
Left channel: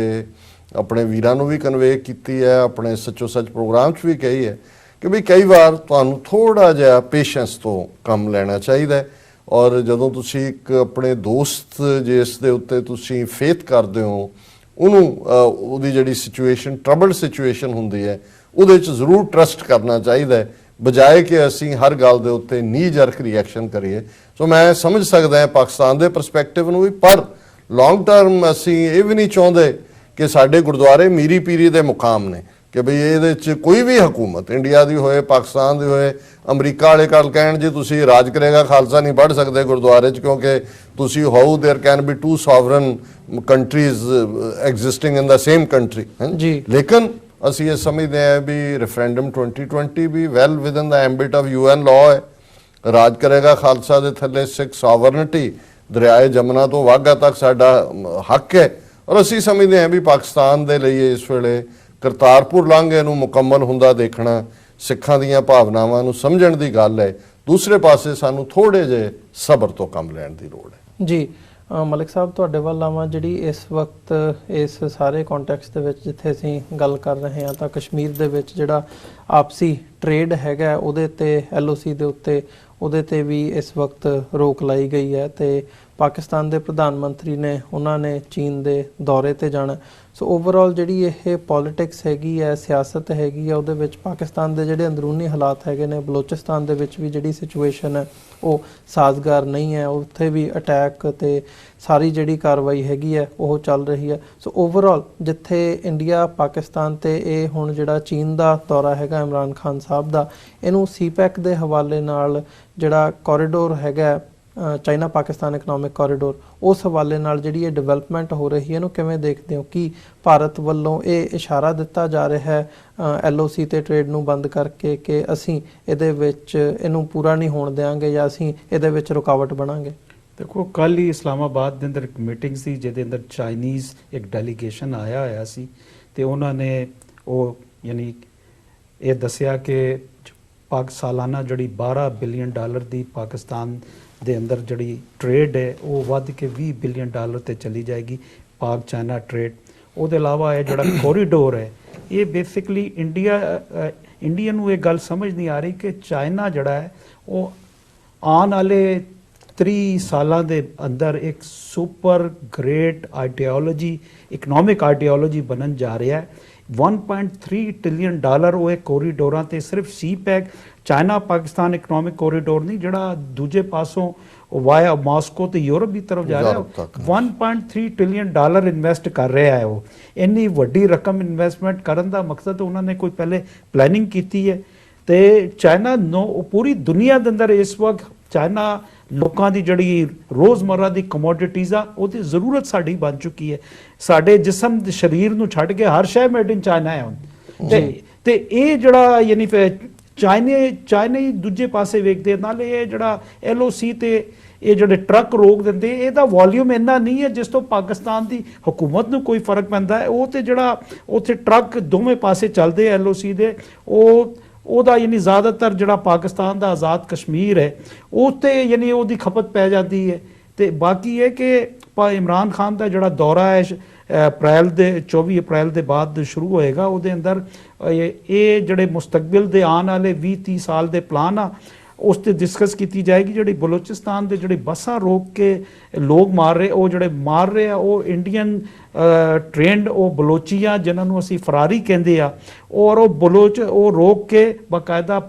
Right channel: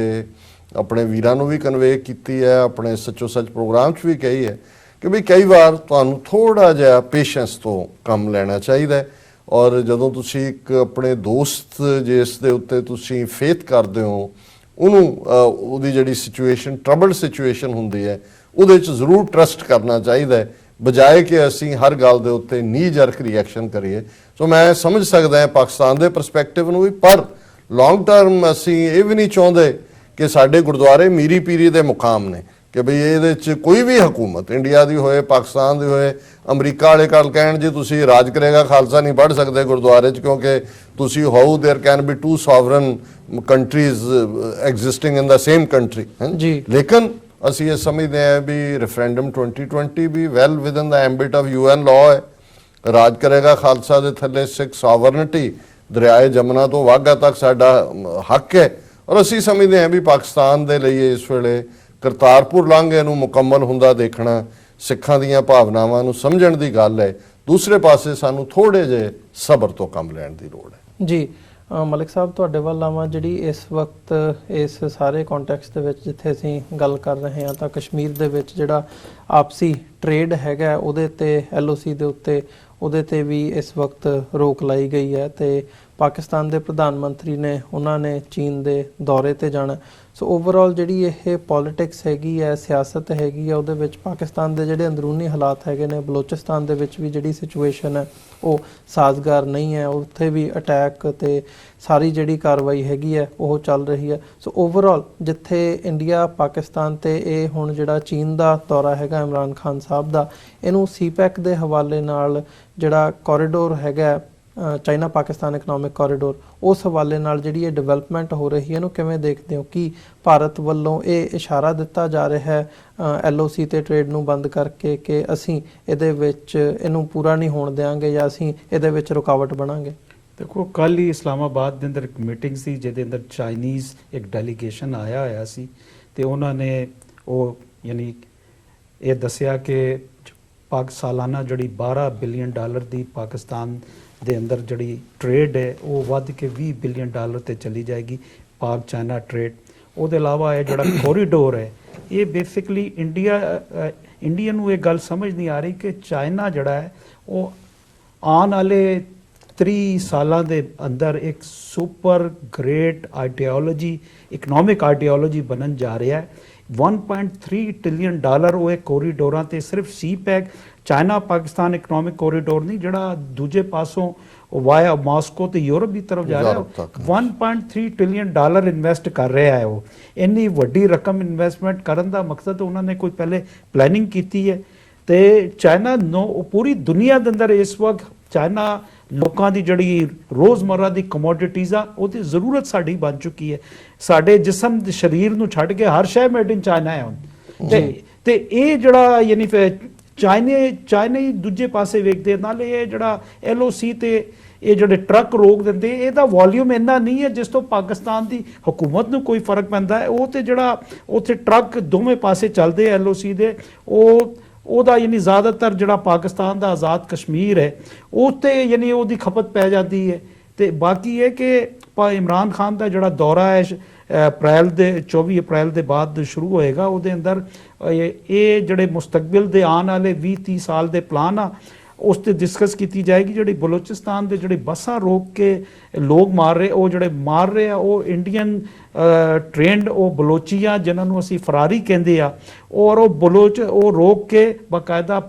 ਆਪਣੇ ਵੀਰਾਂ ਨੂੰ ਵੀ ਕਨਵੇ ਕੀਤੀ ਹੈ, ਆਪਣੇ ਸੱਚੋ ਸੱਚ ਪ੍ਰੋਗਰਾਮ 'ਚ ਵੀ ਕਹੀ ਹੈ ਕਿ ਵੀ ਕਈ ਵਾਰ ਤੁਹਾਨੂੰ ਥੋੜਾ ਜਿਹਾ ਪੇਸ਼ੈਂਸ ਤੋਂ ਕੰਮ ਲੈਣਾ ਚਾਹੀਦਾ ਹੈ। ਔਰ ਜਦੋਂ ਤੁਸੀਂ ਇੱਕ ਆਪਣੇ ਦੋਸਤ ਜਿਸ ਦੇ ਉੱਤੇ ਤੁਸੀਂ ਫੇਥ ਕਰਦੇ ਹੋ ਉਹਨੂੰ ਉਹਦੀ ਜਿਹੜੀ ਸਿਚੁਏਸ਼ਨ ਟਰਬਲਡ ਸਿਚੁਏਸ਼ਨ ਹੁੰਦੀ ਹੈ ਉਹਦੇ 'ਚ ਜ਼ਰੂਰ ਟਰਸਟ ਕਰਨਾ ਚਾਹੀਦਾ ਹੈ ਬਜਾਏ ਕਿ ਅਸੀਂ ਹਰ ਗੱਲ ਦੇ ਉੱਤੇ ਨੀ ਜਰਕ ਰਿਐਕਸ਼ਨ ਕਰੀਏ। ਸੋ ਮੈਂ ਸਮਝ ਸਕਦਾ ਹਾਂ ਪਾਕਿਸਤਾਨ ਦੇ ਪਰਸਪੈਕਟਿਵ ਨੂੰ ਵੀ, ਪਰ ਲੌਂਗ ਟਰਮ ਅਸੀਂ ਇਹ ਵੀ ਨਹੀਂ ਚਾਹੁੰਦੇ ਕਿ ਸਾਡੇ ਗੁਰਦੁਆਰੇ ਮੀਰੀ ਪੀਰੀ ਦੇ ਮੁਕਾਮ ਨੇ, ਕਿ ਬਈ ਇਹਦੇ 'ਚ ਕੋਈ ਵੀ ਹਕੂਮਤ ਇੰਡੀਆ ਦੀ ਹੋਏ, ਪਾਕਿਸਤਾਨ ਦੀ ਹੋਏ, ਅਮਰੀਕਾ ਵਾਲੇ ਕੱਲ ਕਹਿਣ ਜੀ ਤੁਸੀਂ ਰਾਜ ਕਰੇਗਾ ਖਾਲਸਾ ਨਹੀਂ ਪੜ੍ਹ ਸਕਦੇ ਗੁਰਦੁਆਰੇ 'ਚ, ਕਿਉਂਕਿ ਤੁਸੀਂ how there can be two sovereign countries existing in the same country ਜੀ। ਲੇਕਿਨ ਅਸੀਂ ਇਹ ਸਮਝਦੇ ਹਾਂ ਵੀ ਰੈਫਰੈਂਡਮ 2020 ਵੀ well within the ambit of UN law ਹੈ। ਰਾਜ ਕਰੇਗਾ ਖਾਲਸਾ ਦੇ ਥੱਲੇ ਸਿੱਖ ਸੋਵਰਨਿਟੀ ਦਰਿਆਏ ਜਮਨਾ ਤੋਂ ਵਾਘਾ ਤੱਕ ਸਾਡਾ ਹੱਕ ਹੈ, ਔਰ ਅਸੀਂ ਸਮਝਦੇ ਹਾਂ ਵੀ ਪਾਕਿਸਤਾਨ ਦੇ ਲਈ ਇਸ ਵੇਲੇ ਕਰਤਾਰਪੁਰ ਲਾਂਘੇ ਨੂੰ ਮੁਕੰਮਲ ਹੁੰਦਾ ਦੇਖਣਾ ਸਿੱਖਾਂ ਦੀਆਂ ਭਾਵਨਾਵਾਂ ਨੂੰ ਸਮਝਣ ਦੀ ਗੱਲ ਹੈ। ਦੂਸਰੇ ਪਾਸੇ ਸਾਨੂੰ ਥੋੜੇ ਜਿਹੇ ਸਬਰ ਤੋਂ ਕੰਮ ਲੈਣ ਦੀ ਲੋੜ ਹੈ। ਜੀ ਮਲਿਕ ਸਾਹਿਬ, ਤੁਹਾਡੇ ਵੱਲ ਆਵਾਂ, ਜਿਹੜੀ ਇਸ ਵਕਤ ਇਸ ਸਾਰੇ ਕੰਟੈਕਸਟ ਦੇ ਵਿੱਚ ਜਿੱਥੇ ਅਸੀਂ ਗੱਲ ਕਰ ਰਹੇ ਹਾਂ ਤਾਂ ਕਸ਼ਮੀਰ ਦੇ ਵਿੱਚ ਜਿਹੜਾ ਆਪਸੀ ਟ੍ਰੇਡ ਹੈਗਾ ਉਹਦੇ ਤੇ LOC ਦੇ ਉੱਤੇ ਉਹਦੇ ਤੇ ਵੀ ਇਸ ਵਕਤ ਰੋਕ ਲਾਈ ਗਈ ਹੈ ਤੇ ਪਾਕਿਸਤਾਨ ਦੇ ਪ੍ਰਧਾਨ ਮੰਤਰੀ ਨੇ ਉਹਨਾਂ ਨੇ ਚੀਨ ਦੇ ਦੌਰੇ ਤੇ ਜਾਣਾ। ਸੋ ਓਵਰਆਲ ਜਿਹੜੀ ਇਹ ਪੋਲਿਟਿਕਸ ਹੈਗੀ ਹੈ, ਸਿਆਸਤ ਹੈਗੀ ਹੈ, ਉਹਦੇ ਵਿੱਚ ਪਾਕਿਸਤਾਨ ਦੇ ਜਿਹੜੇ ਅੰਦਰੂਨੀ ਹਾਲਾਤ ਹੈਗੇ ਨੇ, ਬਲੋਚਿਸਤਾਨ ਦੇ ਵਿੱਚ ਵੀ ਜਿਹੜੀ ਸਿਚੁਏਸ਼ਨ ਹੈ ਉਹ ਸਾਜ਼ਗਾਰ ਨਹੀਂ ਹੈ, ਉੱਥੇ ਵੀ ਅਟੈਕ ਤੇ ਸਾਰੀ ਜਿਹੜੀ ਕਾਰਵਾਈ ਹੈਗੀ ਹੈ ਉਹ ਚੱਲ ਰਹੀ ਹੈ। ਸੋ ਓਵਰਆਲ ਜਿੱਥੇ ਇੰਡੀਆ ਪਾਕਿਸਤਾਨ ਤੇ ਇਹ ਹੁਣ ਜਿਹੜਾ ਚੀਨ ਦਾ ਦੌਰਾ ਹੈਗਾ ਇਮਰਾਨ ਖਾਨ ਸਾਹਿਬ ਦਾ, ਇਹਨੂੰ CPEC ਦੇ ਹਵਾਲੇ ਨਾਲ ਜਿਹੜਾ ਕੋਰੀਡੋਰ ਹੈਗਾ ਚਾਈਨਾ ਪਾਕਿਸਤਾਨ ਇਕਨੋਮਿਕ ਕੋਰੀਡੋਰ, ਉਸ ਹਵਾਲੇ ਨਾਲ ਜਿਹੜੀ ਇਹ ਡਿਵੈਲਪਮੈਂਟ ਹੋ ਰਹੀ ਹੈ ਇਹਨੂੰ ਕਿਵੇਂ ਦੇਖਦੇ ਹੋ? ਕਿ ਭਾਰਤ ਵੱਲੋਂ ਇਹ ਇਸ਼ਾਰਾ ਦਿੱਤਾ ਜਾ ਰਿਹਾ ਹੈ LOC ਤੇ ਟ੍ਰੇਡ ਨੂੰ ਬੰਦ ਕਰਕੇ ਕਿ ਅਸੀਂ ਇਹਦੇ ਵਿੱਚ ਇਹਨੂੰ ਪੂਰਾ ਨਹੀਂ ਹੋਣ ਦੇਵਾਂਗੇ ਜਾਂ ਅਸੀਂ ਇਹਦੇ ਵਿੱਚ ਰੁਕਾਵਟ ਬਣਾਂਗੇ? ਦੇਖੋ, ਕੱਲ ਹੀ ਇਸਲਾਮਾਬਾਦ ਦੇ ਅੰਦਰ ਇੱਕ ਮੀਟਿੰਗ ਸੀ ਜਿਹਦੇ ਅੰਦਰ ਚਾਈਨੀਜ਼ ਇੱਕ ਡੈਲੀਗੇਸ਼ਨ ਆਇਆ ਹੋਇਆ ਸੀ ਤੇ ਉਹਨਾਂ ਨੇ ਉਹ ਯਾਨੀ ਇਹ ਦੱਸਿਆ ਕਿ ਸਾਲਾਨਾ ਜਿਹੜੀ $12 ਬਿਲੀਅਨ ਦੀ ਪਾਕਿਸਤਾਨ ਦੇ ਅੰਦਰ ਜਿਹੜੀ ਟ੍ਰੇਡ ਹੈ ਉਹ ਵੱਧ ਕੇ $20 ਬਿਲੀਅਨ ਤੇ ਚਲੀ ਜਾਏਗੀ, ਪਾਕ ਚਾਈਨਾ ਟ੍ਰੇਡ। ਉਹਦੇ ਇਲਾਵਾ ਇਹ ਜਿਹੜਾ ਕੋਰੀਡੋਰ ਹੈ ਇਹ ਬੇਸਿਕਲੀ ਇੰਡੀਆ ਨੂੰ ਇਹ ਗੱਲ ਸਮਝ ਨਹੀਂ ਆ ਰਹੀ ਕਿ ਚਾਈਨਾ ਜਿਹੜਾ ਹੈ ਉਹ ਆਉਣ ਵਾਲੇ 30 ਸਾਲਾਂ ਦੇ ਅੰਦਰ ਇੱਕ super great ideology, economic ideology ਬਣਨ ਜਾ ਰਿਹਾ ਹੈ। $1.3 ਟ੍ਰਿਲੀਅਨ ਉਹ ਇਹ ਕੋਰੀਡੋਰਾਂ ਤੇ ਸਿਰਫ CPEC China Pakistan economic corridor ਨਹੀਂ, ਜਿਹੜਾ ਦੂਜੇ ਪਾਸੋਂ ਵਾਇਆ ਮਾਸਕੋ ਤੇ ਯੂਰਪ ਦੀ ਤਰਫ ਜਾ ਰਿਹਾ, $1.3 ਟ੍ਰਿਲੀਅਨ ਇਨਵੈਸਟ ਕਰ ਰਿਹਾ ਹੈ। ਉਹ ਇੰਨੀ ਵੱਡੀ ਰਕਮ ਇਨਵੈਸਟਮੈਂਟ ਕਰਨ ਦਾ ਮਕਸਦ ਉਹਨਾਂ ਨੇ ਕੋਈ ਪਹਿਲੇ ਪਲੈਨਿੰਗ ਕੀਤੀ ਹੈ ਤੇ ਚਾਈਨਾ ਨੂੰ ਪੂਰੀ ਦੁਨੀਆ ਦੇ ਅੰਦਰ ਇਸ ਵਕਤ ਚਾਈਨਾ ਲੋਕਾਂ ਦੀ ਜਿਹੜੀ ਰੋਜ਼ਮਰਰਾ ਦੀ ਕਮੋਡਿਟੀਜ਼ ਆ ਉਹਦੀ ਜ਼ਰੂਰਤ ਸਾਡੀ ਬਣ ਚੁੱਕੀ ਹੈ। ਸਾਡੇ ਜਿਸਮ ਦੇ ਸਰੀਰ ਨੂੰ ਛੱਡ ਕੇ ਹਰ ਸ਼ੈ ਮੇਡ ਇਨ ਚਾਈਨਾ ਹੈ ਹੁਣ ਤੇ ਇਹ ਜਿਹੜਾ ਯਾਨੀ ਚਾਈਨੇ ਦੂਜੇ ਪਾਸੇ ਵੇਖਦੇ ਨਾਲੇ ਇਹ ਜਿਹੜਾ LOC ਤੇ ਇਹ ਜਿਹੜੇ ਟਰੱਕ ਰੋਕ ਦਿੰਦੇ, ਇਹਦਾ ਵੋਲਿਊਮ ਇੰਨਾ ਨਹੀਂ ਹੈ ਜਿਸ ਤੋਂ ਪਾਕਿਸਤਾਨ ਦੀ ਹਕੂਮਤ ਨੂੰ ਕੋਈ ਫਰਕ ਪੈਂਦਾ ਹੈ। ਉਹ ਤੇ ਜਿਹੜਾ ਉੱਥੇ ਟਰੱਕ ਦੋਵੇਂ ਪਾਸੇ ਚੱਲਦੇ LOC ਦੇ, ਉਹਦਾ ਯਾਨੀ ਜ਼ਿਆਦਾਤਰ ਜਿਹੜਾ ਪਾਕਿਸਤਾਨ ਦਾ ਆਜ਼ਾਦ ਕਸ਼ਮੀਰ ਹੈ ਉਹ ਤੇ ਯਾਨੀ ਉਹਦੀ ਖਪਤ ਪੈ ਜਾਂਦੀ ਹੈ। ਤੇ ਬਾਕੀ ਇਹ ਕਿ ਇਮਰਾਨ ਖਾਨ ਦਾ ਜਿਹੜਾ ਦੌਰਾ ਹੈ 24 ਅਪ੍ਰੈਲ ਦੇ ਬਾਅਦ ਸ਼ੁਰੂ ਹੋਏਗਾ, ਉਹਦੇ ਅੰਦਰ ਇਹ ਜਿਹੜੇ ਮੁਸਤਕਬਲ ਦੇ ਆਉਣ ਵਾਲੇ 20-30 ਸਾਲ ਦੇ ਪਲਾਨ ਆ ਉਸ ਤੇ ਡਿਸਕਸ ਕੀਤੀ ਜਾਏਗੀ। ਜਿਹੜੀ ਬਲੋਚਿਸਤਾਨ ਦੇ ਜਿਹੜੇ ਬੱਸਾਂ ਰੋਕ ਕੇ ਲੋਕ ਮਾਰ ਰਹੇ, ਉਹ ਜਿਹੜੇ ਮਾਰ ਰਹੇ ਆ ਉਹ ਇੰਡੀਅਨ ਟ੍ਰੇਨਡ ਉਹ ਬਲੋਚੀਆਂ ਜਿਨ੍ਹਾਂ ਨੂੰ ਅਸੀਂ ਫਰਾਰੀ ਕਹਿੰਦੇ ਆ, ਔਰ ਉਹ ਬਲੋਚ ਉਹ ਰੋਕ ਕੇ ਬਾਕਾਇਦਾ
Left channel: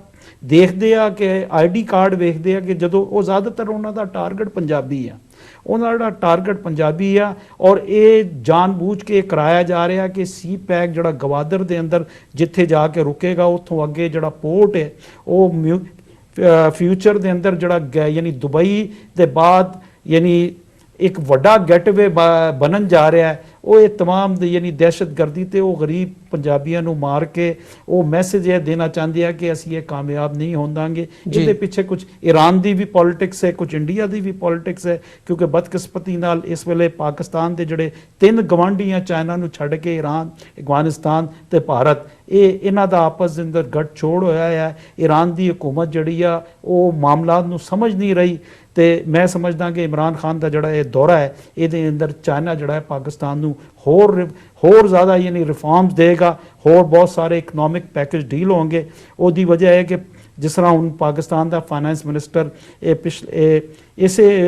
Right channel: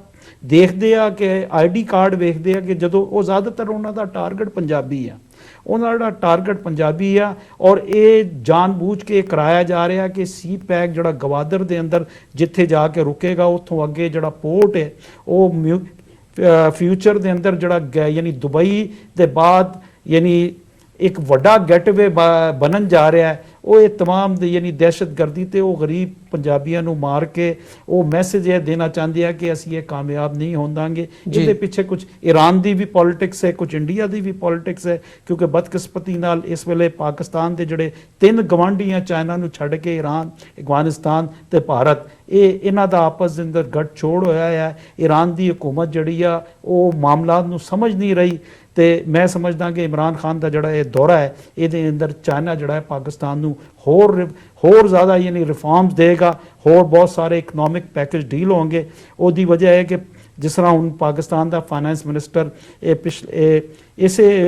ਦੇਖਦੇ ਆ ਕਿ ID ਕਾਰਡ ਵੇਖਦੇ ਆ ਕਿ ਜਦੋਂ ਉਹ ਜ਼ਿਆਦਾਤਰ ਉਹਨਾਂ ਦਾ ਟਾਰਗੇਟ ਪੰਜਾਬੀ ਆ, ਉਹਨਾਂ ਦਾ ਟਾਰਗੇਟ ਪੰਜਾਬੀ ਆ ਔਰ ਇਹ ਜਾਣਬੁੱਝ ਕੇ ਕਰਾਇਆ ਜਾ ਰਿਹਾ ਕਿ CPEC ਜਿਹੜਾ ਗਵਾਦਰ ਦੇ ਅੰਦਰ ਜਿੱਥੇ ਜਾ ਕੇ ਰੁਕੇਗਾ ਉੱਥੋਂ ਅੱਗੇ ਜਿਹੜਾ ਪੋਰਟ ਹੈ ਉਹ ਫਿਊਚਰ ਦੇ ਅੰਦਰ ਜਿਹੜਾ ਯਾਨੀ ਦੁਬਈ ਦੇ ਬਾਅਦ ਯਾਨੀ ਇੱਕ ਵੱਡਾ ਗੇਟਵੇ ਬਣਨ ਜਾ ਰਿਹਾ ਹੈ। ਉਹ ਇਹ तमाम ਯਾਨੀ ਦਹਿਸ਼ਤਗਰਦੀ ਤੇ ਉਹ ਗਰੀਬ ਪੰਜਾਬੀਆਂ ਨੂੰ ਮਾਰ ਕੇ ਉਹ ਮੈਸੇਜ ਇਹ ਦੇਣਾ ਚਾਹੁੰਦੇ ਆ ਕਿ ਅਸੀਂ ਇਹ ਕਾਮਯਾਬ ਨਹੀਂ ਹੋਵਾਂਗੇ। ਇਹਦੇ ਪਿੱਛੇ ਕੁਝ ਈਰਾਨ ਦੀ ਵੀ ਪੋਲਿਟਿਕਸ ਹੈ, ਕੁਝ ਇੰਡੀਆ ਦੀ ਵੀ ਪੋਲਿਟਿਕਸ ਹੈ, ਕਿਉਂਕਿ ਬਦਕਿਸਮਤੀ ਨਾਲ ਇਸ ਵੇਲੇ ਪਾਕਿਸਤਾਨ ਦੇ ਜਿਹੜੇ 3 ਗਵਾਂਢੀਆਂ ਚਾਈਨਾ ਨੂੰ ਛੱਡ ਕੇ ਈਰਾਨ, ਅਫਗਾਨਿਸਤਾਨ ਤੇ ਭਾਰਤ, ਇਹਨਾਂ ਦਾ ਆਪਸ ਦੇ ਅੰਦਰ ਗੱਠਜੋੜ ਹੋਇਆ ਹੈ। ਈਰਾਨ ਦੀ ਹਕੂਮਤ ਜਿਹੜੀ ਆ ਉਹ ਮਾਮਲਾਤ ਨੂੰ ਸਮਝ ਨਹੀਂ ਰਹੀ ਤੇ ਮੈਂ ਸਮਝਦਾ ਕਿ ਇਮਰਾਨ ਖਾਨ ਦਾ ਜਿਹੜਾ ਇਹ ਦੌਰਾ ਹੈ ਇਹਦੇ ਅੰਦਰ ਚਾਈਨਾ ਜਿਹੜਾ ਹੈ ਪਾਕਿਸਤਾਨ ਨੂੰ ਹੋਰ ਜ਼ਿਆਦਾ ਯਾਨੀ ਰਿਫਾਰਮਸ ਦੇਗਾ, ਹੋਰ ਬਹੁਤ ਸਾਰੇ ਇਕਨੋਮਿਕ ਪੈਕੇਜ ਡੀਲ ਹੋਣਗੇ। ਉਹਦੀ ਵਜ੍ਹਾ ਹੈ ਕਿ ਜਿਸ ਤਰ੍ਹਾਂ ਹੁਣ ਪਾਕਿਸਤਾਨ ਦਾ ਫਾਈਨੈਂਸ ਮਿਨਿਸਟਰ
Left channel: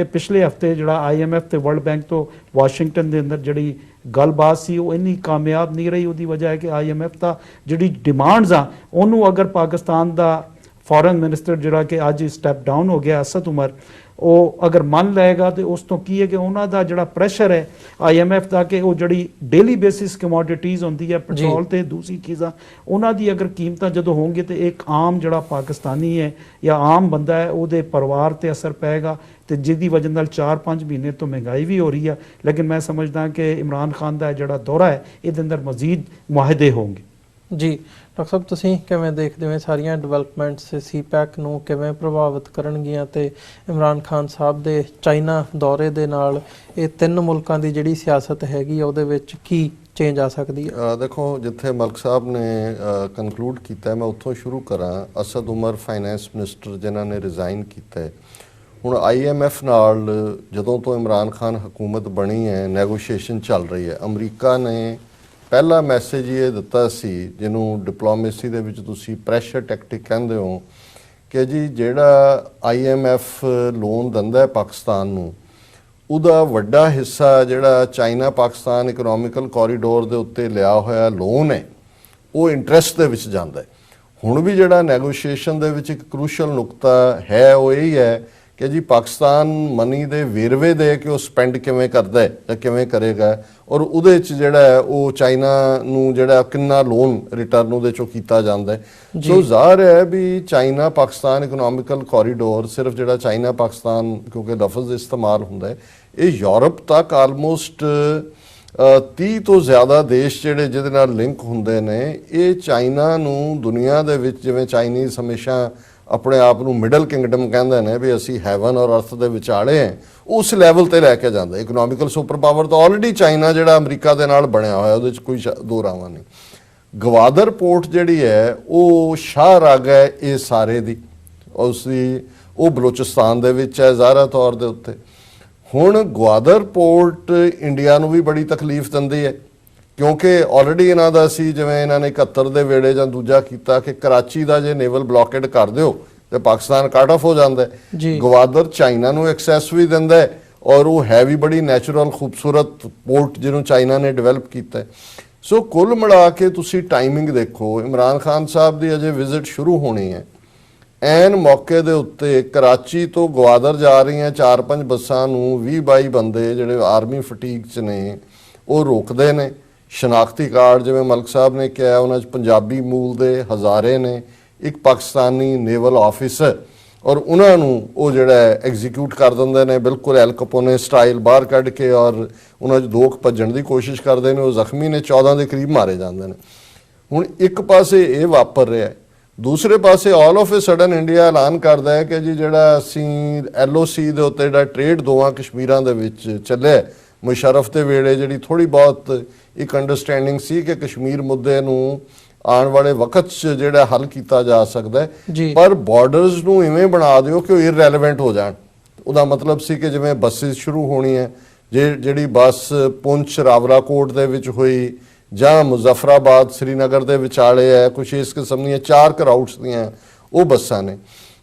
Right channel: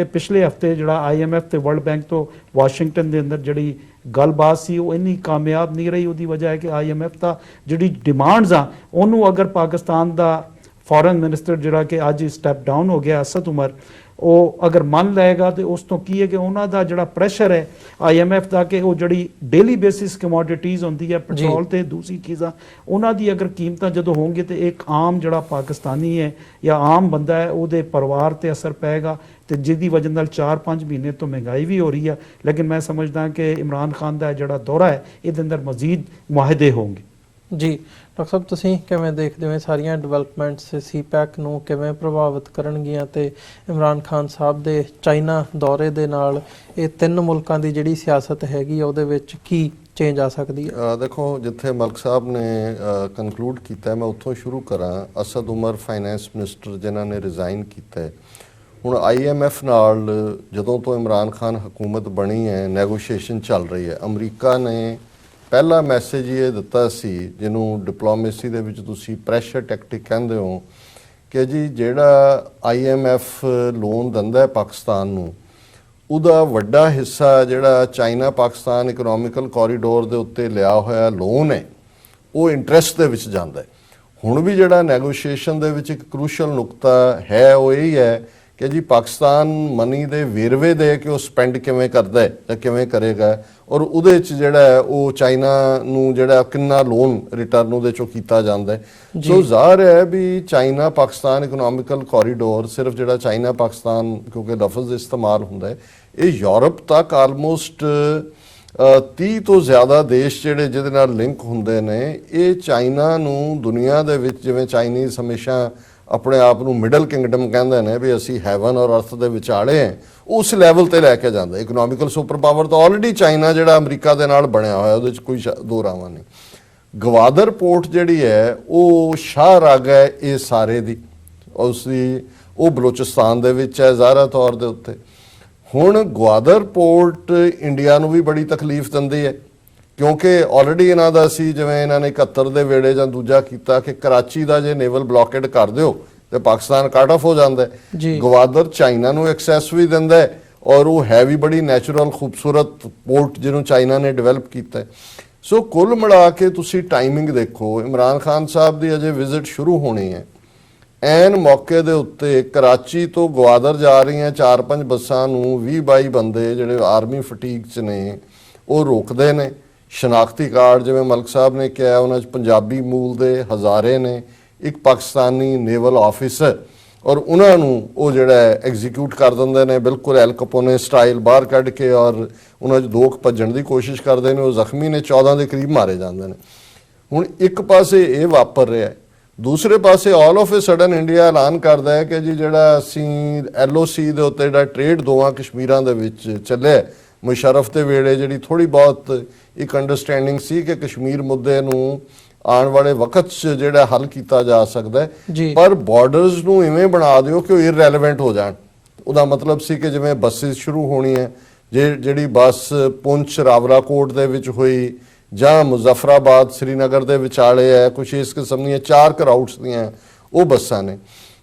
ਪਿਛਲੇ ਹਫਤੇ ਜਿਹੜਾ IMF ਤੇ ਵਰਲਡ ਬੈਂਕ ਤੋਂ ਵਾਸ਼ਿੰਗਟਨ ਦੇ ਅੰਦਰ ਜਿਹੜੀ ਗੱਲਬਾਤ ਸੀ ਉਹ ਇੰਨੀ ਕਾਮਯਾਬ ਨਹੀਂ ਰਹੀ। ਉਹਦੀ ਵਜ੍ਹਾ ਹੈ ਕਿ IMF ਦਾ ਜਿਹੜੀ ਡਿਮਾਂਡਸ ਆ ਉਹਨੂੰ ਅਗਰ ਪਾਕਿਸਤਾਨ ਦਾ ਫੋਰਨ ਮਿਨਿਸਟਰ ਜਿਹੜਾ ਕਿ ਅੱਜ ਸਟੈਪ ਡਾਊਨ ਹੋ ਗਿਆ ਅਸਦ ਉਮਰ, ਉਹ ਅਗਰ ਮੰਨ ਲਏਗਾ ਤੇ ਉਸ ਤੋਂ ਕੀ ਹੈ ਕਿ ਉਹਨਾਂ ਦਾ ਜਿਹੜਾ ਪ੍ਰੈਸ਼ਰ ਹੈ IMF ਦਾ ਕਿ ਉਹ ਜਿਹੜੀ ਡੇਲੀ ਬੇਸਿਸ ਕਮੋਡਿਟੀਜ਼ ਹੁੰਦੀ ਹੈ ਪੈਟਰੋਲ ਤੇ ਦੂਸਰੀ ਚੀਜ਼ਾਂ, ਉਹਨਾਂ ਦੀ ਅਗਰ ਕੀਮਤਾਂ ਜਦੋਂ ਹੋਣਗੇ ਤੇ ਇੱਕ ਆਮ ਜਿਹੜਾ ਪਾਕਿਸਤਾਨੀ ਹੈ ਜਾਂ ਆਮ ਬੰਦਾ ਹੈ ਉਹਦੇ ਪਰਿਵਾਰ ਤੇ ਅਸਰ ਪਏਗਾ, ਤੇ ਜਿਹਦੀ ਵਜ੍ਹਾ ਨਾਲ 4-5 ਮਹੀਨੇ ਤੋਂ ਮਹਿੰਗਾਈ ਵੀ ਹੋ ਰਹੀ ਹੈ। ਲੇਕਿਨ ਮੈਂ ਸਮਝਦਾ ਕਿ ਇਮਰਾਨ ਖਾਨ ਦਾ ਜਿਹੜਾ ਦੌਰਾ ਹੈ ਇਹਦੇ ਅੰਦਰ ਮਜ਼ੀਦ ਮੁਆਹਦੇ ਹੋਣਗੇ। ਜੀ ਡਾਕਟਰ ਸਾਹਿਬ, ਤੁਸੀਂ ਕਿਵੇਂ ਦੇਖਦੇ ਹੋ ਇਹ ਸਾਰੀਆਂ ਡਿਵੈਲਪਮੈਂਟਸ CPEC ਨੂੰ ਕਿਵੇਂ ਪ੍ਰਭਾਵਿਤ ਕਰਨਗੀਆਂ ਤੇ ਇਮਰਾਨ ਖਾਨ ਸਾਹਿਬ ਦੇ ਚਾਈਨਾ ਦੌਰੇ ਦੇ ਨਾਲ ਇਹ ਤਿੰਨ ਮੁਲਕਾਂ ਦੀ ਜਿਹੜੀ ਸਿਆਸਤ ਹੈਗੀ ਉਹਦੇ ਵਿੱਚ ਕੀ ਚੇਂਜ ਆ ਸਕਦੀ ਹੈ? ਦੇਖੋ, ਜਿੱਥੇ ਮਲਕ ਸਾਹਿਬ ਨੇ ਕਨਕਲੂਡ ਕੀਤਾ ਮੈਂ ਉੱਥੋਂ ਸ਼ੁਰੂ ਕਰਾਂ। ਅਸਦ ਉਮਰ ਫਾਈਨੈਂਸ ਮਿਨਿਸਟਰ ਜਿਨ੍ਹਾਂ ਨੇ ਰਿਜ਼ਾਈਨ ਕੀਤਾ ਹੈ, ਹੁਣ IMF ਨਾਲ ਜਦੋਂ ਤੋਂ ਇਮਰਾਨ ਖਾਨ ਹਕੂਮਤ ਬਣੀ ਹੈ ਨੈਗੋਸ਼ੀਏਸ਼ਨ ਚੱਲ ਰਹੀ ਹੈ। ਅਮਰੀਕਾ ਨੇ ਪਹਿਲਾ ਮੈਸੇਜ ਇਹ ਦਿੱਤਾ ਸੀ, ਜਿਹਨੂੰ ਡਿਪਲੋਮੇਸੀ ਦੇ ਵਿੱਚ ਤੁਸੀਂ ਪ੍ਰੈਸ਼ਰ ਟੈਕਟਿਕ ਕਹਿੰਦੇ ਹੋ, ਕਿ ਜੀ ਜਿਹੜਾ IMF ਲੋਨ ਦਿੰਦਾ ਹੈ ਪਾਕਿਸਤਾਨ ਨੂੰ, ਉਹਦਾ ਵੱਡਾ ਹਿੱਸਾ ਜਿਹੜਾ ਚਾਈਨਾ ਪਾਕਿਸਤਾਨ ਇਕਨੋਮਿਕਲ ਕੋਰੀਡੋਰ ਦੇ ਉੱਤੇ ਲਿਆ ਹੋਇਆ ਲੋਨ ਹੈ ਉਹ ਇੰਟਰਸਟ ਦੇ ਵਿੱਚ ਜਾਂਦਾ ਹੈ। ਹੁਣ ਵੀ ਜਿਹੜਾ ਨੈਗੋਸ਼ੀਏਸ਼ਨ ਦੇ ਵਿੱਚ ਇੱਕ ਕ੍ਰੂਸ਼ਲ ਨੁਕਤਾ ਹੈ ਉਹ ਇਹ ਹੈ ਕਿ ਜੀ ਪਾਕਿਸਤਾਨ ਮਨੀ ਦੇ ਵੇਰਵੇ ਦੇ ਕੇ ਉਹ ਸਪੈਂਡ ਕਿਵੇਂ ਕਰਦਾ ਹੈ ਜਾਂ ਕਿਵੇਂ ਕਰੇਗਾ, ਔਰ ਉਹਦੇ ਵਿੱਚ ਜਿਹੜਾ ਹੈ ਉਹ ਚਾਈਨਾ ਨੂੰ ਜਿਹੜਾ ਕਿੰਨਾ ਲੋਨ ਰਿਟਰਨ ਉਹਦੇ ਚੋਂ ਕੀਤਾ ਜਾਂਦਾ ਹੈ। ਸੋ ਜ਼ਾਹਰ ਹੈ ਵੀ ਚਾਈਨਾ ਪਾਕਿਸਤਾਨ ਇਕਨੋਮਿਕਲ ਕੋਰੀਡੋਰ ਸਿਰਫ ਜਿਹੜਾ ਚਾਈਨਾ ਪਾਕਿਸਤਾਨ ਕਿਉਂਕਿ ਲਫ਼ਜ਼ ਇਸਤੇਮਾਲ ਹੁੰਦਾ ਹੈ, ਇਹ ਯੂਰਪ ਤੱਕ ਆਲਮੋਸਟ 30 ਤੋਂ ਜ਼ਿਆਦਾ ਦੇਸ਼ ਜਿਹੜੇ ਜਿਹਦੇ ਨਾਲ ਲਿੰਕ ਹੁੰਦੇ ਨੇ, ਇਹ ਚਾਈਨਾ ਨੂੰ ਦੁਨੀਆ ਦੇ ਵਿੱਚ, ਜਿਵੇਂ ਚਾਈਨੀਜ਼ ਹਮੇਸ਼ਾ ਆਪਣੇ ਆਪ ਨੂੰ ਮਿਡਲ ਕਿੰਗਡਮ ਕਹਿੰਦੇ ਨੇ ਵੀ ਅਸੀਂ ਹੈਵਨ ਔਰ ਅਰਥ ਦੇ ਵਿਚਾਲੇ ਹਾਂ, ਉਸ ਲੈਵਲ ਤੇ ਲੈ ਕੇ ਜਾਂਦਾ। ਇਕਨੋਮਿਕਲ ਸੁਪਰ ਪਾਵਰ ਤਾਂ ਆਲਰੇਡੀ ਚਾਈਨਾ ਜਿਹੜਾ ਅਮਰੀਕਾ ਦੇ ਨਾਲ ਬਣਿਆ ਹੋਇਆ, ਉਹਦੇ ਚ ਕੋਈ ਦੋ ਰਾਵਾਂ ਨਹੀਂ। ਗਵਾਦਰ ਪੋਰਟ ਜਿਹੜੀ ਹੈ ਉਹ ਸ਼ਾਹਰਾਗ ਹੈ ਇਹ ਸਾਰੇ ਦੀ, ਉਹ ਬਲੋਚਿਸਤਾਨ ਦੇ ਵਿੱਚ ਹੈ ਜ਼ਾਹਰਾ ਤੌਰ ਦੇ ਉੱਤੇ। ਹੁਣ ਗਵਾਦਰ ਪੋਰਟ ਇੰਡੀਆ ਨੂੰ ਵੀ ਬੜੀ ਤਕਲੀਫ ਦਿੰਦੀ ਹੈ ਕਿਉਂਕਿ ਆਲਰੇਡੀ ਇਹਨਾਂ ਦਾ ਸੀ, ਜਿਵੇਂ ਇਹਨਾਂ ਨੇ 71 ਦੇ ਵੇੜੇ ਜਾਂ ਦੂਜਾ ਕੀਤਾ ਕਿ ਕਰਾਚੀ ਦਾ ਜੇ ਨੇਵਲ ਬਲੌਕੇਡ ਕਰ ਦਿਓ ਤੇ ਪਾਕਿਸਤਾਨ ਕੱਟ ਆਫ ਹੋ ਜਾਂਦਾ ਹੈ। ਗਵਾਦਰ ਚਾਈਨਾ ਨੂੰ ਐਕਸੈਸ ਵੀ ਦਿੰਦਾ ਹੈ ਔਰ ਉਹ ਹੈ ਵੀ ਬੜੀ ਨੈਚੁਰਲ ਖੂਬਸੂਰਤ ਪੋਰਟ ਜਿਹਨੂੰ ਚਾਈਨਾ ਨੇ ਡਿਵੈਲਪ ਕੀਤਾ ਹੈ। ਸੋ ਕੁੱਲ ਮਿਲਾ ਕੇ ਤੁਸੀਂ ਟਾਈਮਿੰਗ ਦੇਖੋ, ਇਮਰਾਨ ਖਾਨ ਸਾਹਿਬ ਦੀ ਅਜੇ ਵਿਜ਼ਿਟ ਸ਼ੁਰੂ ਹੋਣੀ ਹੈ, ਐਨ ਮੌਕੇ ਦੇ ਉੱਤੇ ਕਰਾਚੀ ਤੋਂ ਗਵਾਦਰ ਜਾ ਰਹੀਆਂ 4-5 ਬੱਸਾਂ ਨੂੰ 20-22 ਬੰਦੇ ਜਿਹੜੇ ਆਰਮੀ ਫਟੀਗ 'ਚ ਨੇ ਉਹ ਰੋਕਦੇ ਨੇ। ਸ਼ਨਾਖਤੀ ਕਾਰਡ ਜਿਵੇਂ ਮਲਕ ਸਾਹਿਬ ਨੇ ਕਿਹਾ ਉਹਨਾਂ 'ਚ ਪੰਜਾਬੀ ਮੂਲ ਦੇ ਹਜ਼ਾਰੇ ਨੇ, ਇੱਕ ਪਾਕਿਸਤਾਨੀ ਨੇਵਲ ਆਫਿਸਰ, ਔਰ ਉਹਨਾਂ ਨੂੰ ਉਹ ਜਿਹੜਾ ਐਗਜ਼ੀਕਿਊਟ ਕਰ ਦਿੰਦੇ ਨੇ ਬਿਲਕੁਲ ਐਲ ਕਪੋਨੇ ਸਟਾਈਲ, ਬਾਹਰ ਕੱਢ ਕੇ, ਔਰ ਉਹਨਾਂ 'ਚ ਦੋ ਭੱਜਣ ਦੀ ਕੋਸ਼ਿਸ਼ ਕਰਦੇ ਨੇ, ਉਹ ਜ਼ਖਮੀ ਨੇ, 14 ਦੇ ਕਰੀਬ ਮਾਰੇ ਜਾਂਦੇ ਨੇ। ਹੁਣ ਇੱਕ ਪਾਸੇ ਇਹ ਵਾਪਰ ਰਿਹਾ, ਦੂਸਰੇ ਪਾਸੇ all of a sudden India ਐਲਾਨ ਕਰਦਾ ਹੈ ਕਿ ਜੀ ਜਿਹੜਾ ਅਸੀਂ LOC ਦੇ ਉੱਤੇ ਜਿਹੜਾ ਟ੍ਰੇਡ ਦੋਵਾਂ ਕਸ਼ਮੀਰਾਂ ਦੇ ਵਿੱਚ ਚੱਲਿਆ, ਮੁਸ਼ਰਫ ਦੇ ਵੇਲੇ ਜਿਹੜੀ ਥੋੜੀ ਬਹੁਤ ਇੱਕ ਅੰਡਰਸਟੈਂਡਿੰਗ ਸੀ ਕਿ ਕਸ਼ਮੀਰ ਮੁੱਦੇ ਨੂੰ ਆਉਣ ਵਾਲੇ ਵਕਤ 'ਚ ਜਿਹੜਾ ਹੱਲ ਕੀਤਾ ਜਾ ਸਕਦਾ ਹੈ, ਪਰ ਬਾਰਡਰਸ ਨੂੰ ਇਵੇਂ ਬਣਾ ਦਿਓ ਕਿ ਉਹ ਇਰਰੈਲੇਵੈਂਟ ਹੋ ਜਾਣ। ਉਹਦਾ ਮਤਲਬ ਸੀ ਕਿ ਜਿਵੇਂ ਬੱਸਿਸ ਸ਼ੁਰੂ ਹੋਣੀ ਹੈ, ਜਿਹੜੀ ਬੱਸ ਪੁੰਛ ਰਾਵਲਾਕੋਟ ਦੇ ਵਿੱਚ ਹੋਈ ਜਾਂ ਮੁਜ਼ੱਫਰਾਬਾਦ ਸ੍ਰੀਨਗਰ ਦੇ ਵਿਚਾਲੇ ਹੈ, ਕੁਛ ਇਸ ਕਿਸਮ ਦੀਆਂ 4 ਰਾਊਟਸ ਦੀਆਂ ਉਹ ਬੱਸਾਂ ਨੇ।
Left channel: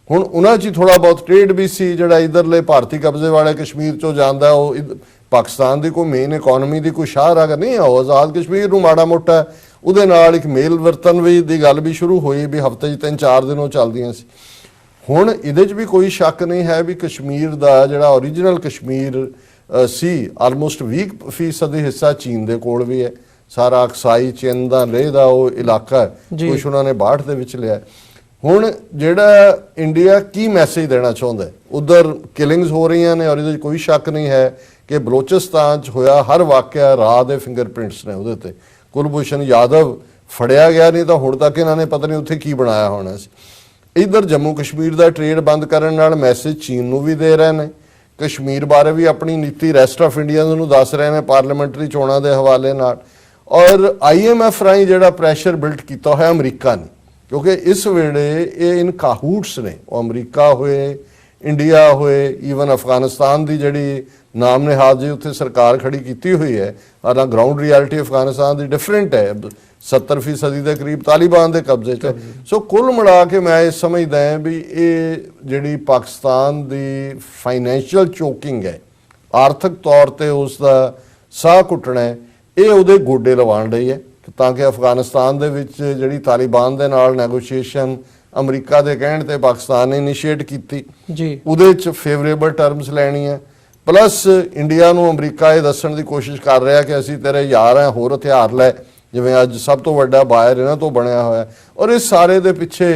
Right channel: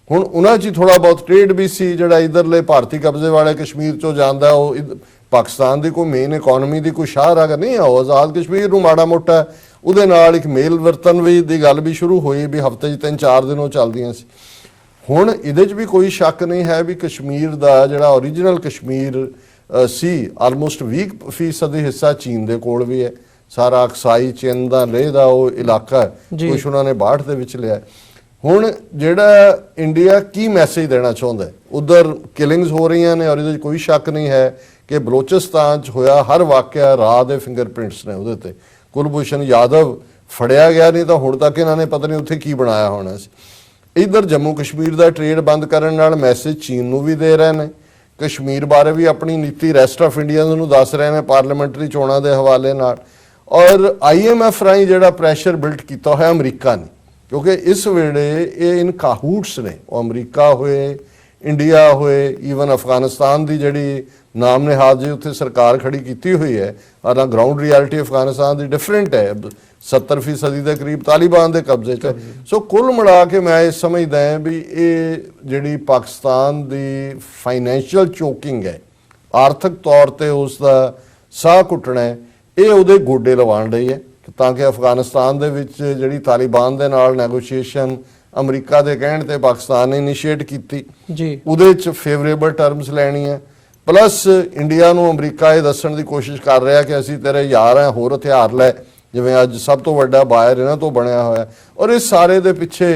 ਹੁਣ ਉਹਨਾਂ 'ਚ ਥੋੜਾ ਬਹੁਤ ਟ੍ਰੇਡ ਵੀ ਸੀ, ਜਿਹੜਾ ਇਧਰਲੇ ਭਾਰਤੀ ਕਬਜ਼ੇ ਵਾਲੇ ਕਸ਼ਮੀਰ 'ਚੋਂ ਜਾਂਦਾ, ਉਹ ਪਾਕਿਸਤਾਨ ਦੀ ਕੋਈ ਮੇਨ ਇਕਨੋਮੀ ਦੀ ਕੋਈ ਸ਼ਾਹਰਾਗ ਨਹੀਂ ਆ, ਉਹ ਆਜ਼ਾਦ ਕਸ਼ਮੀਰ ਨੂੰ ਮਾੜਾ ਮੋਟਾ ਉਹਦੇ ਨਾਲ ਇੱਕ ਮੇਲ ਵਰਤਨ ਵੀ ਦੀ ਗੱਲ ਵੀ ਸ਼ੁਰੂ ਹੋਈ ਵੀ ਹਫ਼ਤੇ 'ਚ 3-4 ਦਿਨ ਉਹ ਚੱਲਦੀਆਂ ਸੀ। ਹੁਣ ਇਹਦੇ 'ਚ ਵੀ ਕੋਈ ਸ਼ੱਕ ਨਹੀਂ ਹੈ ਵੀ ਕਸ਼ਮੀਰ ਦਾ ਜਿਹੜਾ ਓਰੀਜਨਲ ਕਸ਼ਮੀਰ ਸੀ, ਆਲਮੋਸਟ 20% ਹਿੱਸਾ ਚੀਨ ਦੇ ਕੋਲ ਵੀ ਹੈ। ਸਾਰਾ ਅਕਸਾਈ ਚਿੰਨ ਦਾ ਲੇਹ ਦਾ ਉਹ ਇਲਾਕਾ ਕੁਛ ਉਹਨਾਂ ਨੇ 62 ਦੇ ਵਿੱਚ ਲਿਆ। ਹੁਣ ਜਿਹੜਾ ਇੰਡੀਆ ਕੀ ਮੈਸੇਜ ਦੇਣਾ ਚਾਹੁੰਦਾ, ਉਧਰ ਕਿਲਿੰਗਸ ਹੋ ਰਹੀਆਂ ਨੇ ਔਰ ਇਹਦੇ 'ਚ ਕੋਈ ਸ਼ੱਕ ਨਹੀਂ ਹੈ ਕਿ ਬਲੋਚਿਸਤਾਨ 'ਚ ਹੋਇਆ ਹਰ ਵਾਕਿਆ ਰਾਹ ਦੇ ਫਿੰਗਰਪ੍ਰਿੰਟਸ ਨੇ ਉਹਦੇ ਤੇ। ਕੁਲਭੂਸ਼ਣ ਯਾਦਵ ਫੜਿਆ ਗਿਆ ਨਹੀਂ ਤਾਂ ਹੁਣ ਤੱਕ ਇਹਨਾਂ ਨੇ ਪਤਾ ਨਹੀਂ ਉੱਥੇ ਕੀ ਬਣਾਇਆ ਹੋਣਾ ਸੀ। ਇੱਧਰ ਜੰਮੂ ਕਸ਼ਮੀਰ ਦਾ ਟ੍ਰੇਡ ਬੰਦ ਕਰਨ ਨਾਲ ਮੈਸੇਜ ਚੀਨ ਨੂੰ ਵੀ ਦੇ ਰਹੇ ਨੇ, ਕਸ਼ਮੀਰ ਬਾਰੇ ਵੀ ਆਪਣੀ ਨੀਤੀ ਰੈਸਟ ਆਫ ਇੰਡੀਆ ਨੂੰ ਦੱਸ ਰਹੇ ਨੇ ਪਾਰਲੀਮੈਂਟਰੀ ਚੋਣਾਂ ਦੇ ਹਵਾਲੇ ਨਾਲ, ਔਰ IMF ਰਾਹੀਂ ਜਿਹੜਾ ਪ੍ਰੈਸ਼ਰ ਬਿਲਡ ਕੀਤਾ ਹੋਇਆ ਅਮਰੀਕਾ ਨੇ, ਕਿਉਂਕਿ ਇਸ ਵੇਲੇ ਇਹ ਇਨ ਕਾਹੂਟਸ ਨੇ, ਉਹ ਅਮਰੀਕਾ ਹੋਏ, ਇੰਡੀਆ ਹੋਏ, ਈਵਨ ਅਫਗਾਨਿਸਤਾਨ ਦੀ ਜਿਹੜੀ ਨਾਮ ਨਿਹਾਦ ਜੀ ਉੱਥੇ ਸਰਕਾਰ ਖੜੀ ਕੀਤੀ ਹੋਈ ਹੈ, ਔਰ ਗਰਾਊਂਡ ਰਿਐਲਿਟੀ ਅਫਗਾਨਿਸਤਾਨ ਦੀ ਡਿਫਰੈਂਟ ਹੈ, 70% ਦੇ ਕਰੀਬ ਤਾਲਿਬਾਨ ਦੇ ਕਬਜ਼ੇ 'ਚ। ਸੋ ਕੁੱਲ ਮਿਲਾ ਕੇ ਮੈਂ ਇਹ ਸਮਝਦਾ ਹਾਂ ਵੀ ਇਹ ਜਿਹੜੀ ਪਾਕਿਸਤਾਨ ਦੀ ਫਾਈਨੈਂਸ਼ੀਅਲ ਚੋਕਿੰਗ ਹੈ, ਆਰਥਿਕ ਤੌਰ ਤੇ ਉਸ ਦਾ ਸਾਹ ਘੁੱਟਣਾ ਹੈ, ਇਹ ਉਹਦੇ ਗੋਡੇ ਲਵਾਉਣ ਰਹੀ ਹੈ ਤਾਂ ਕਿ ਅਫਗਾਨਿਸਤਾਨ ਦੇ ਵਿੱਚ ਜਿਹੜੀ ਤਾਲਿਬਾਨ ਦੇ ਨਾਲ ਨੈਗੋਸ਼ੀਏਸ਼ਨ ਅਮਰੀਕਾ ਦੇ ਕਹਿਣ ਤੇ ਪਾਕਿਸਤਾਨ ਨੇ ਇਨੀਸ਼ੀਏਟ ਕੀਤੀ ਜੀ ਉਹਦੇ ਚ ਫੇਵਰੇਬਲ ਟਰਮਸ ਲੈਣੀਆਂ ਪਲੱਸ ਇੰਡੀਆ ਨੂੰ ਅਮਰੀਕਾ ਇਹ ਦੱਸਣ ਦੀ ਕੋਸ਼ਿਸ਼ ਕਰ ਰਿਹਾ ਕਿ ਅਸੀਂ ਤੇਰੇ ਯਾਰ ਆ ਹੋਰ ਹਥਿਆਰ ਲੈ ਜਿਵੇਂ ਅੱਜ ਸਭ ਤੋਂ ਵੱਡਾ ਬਾਇਰ ਇਹਨਾਂ ਤੋਂ ਬਣਿਆ ਹੋਇਆ ਔਰ ਇਸ ਸਾਰੇ ਦੇ ਪਿੱਛੇ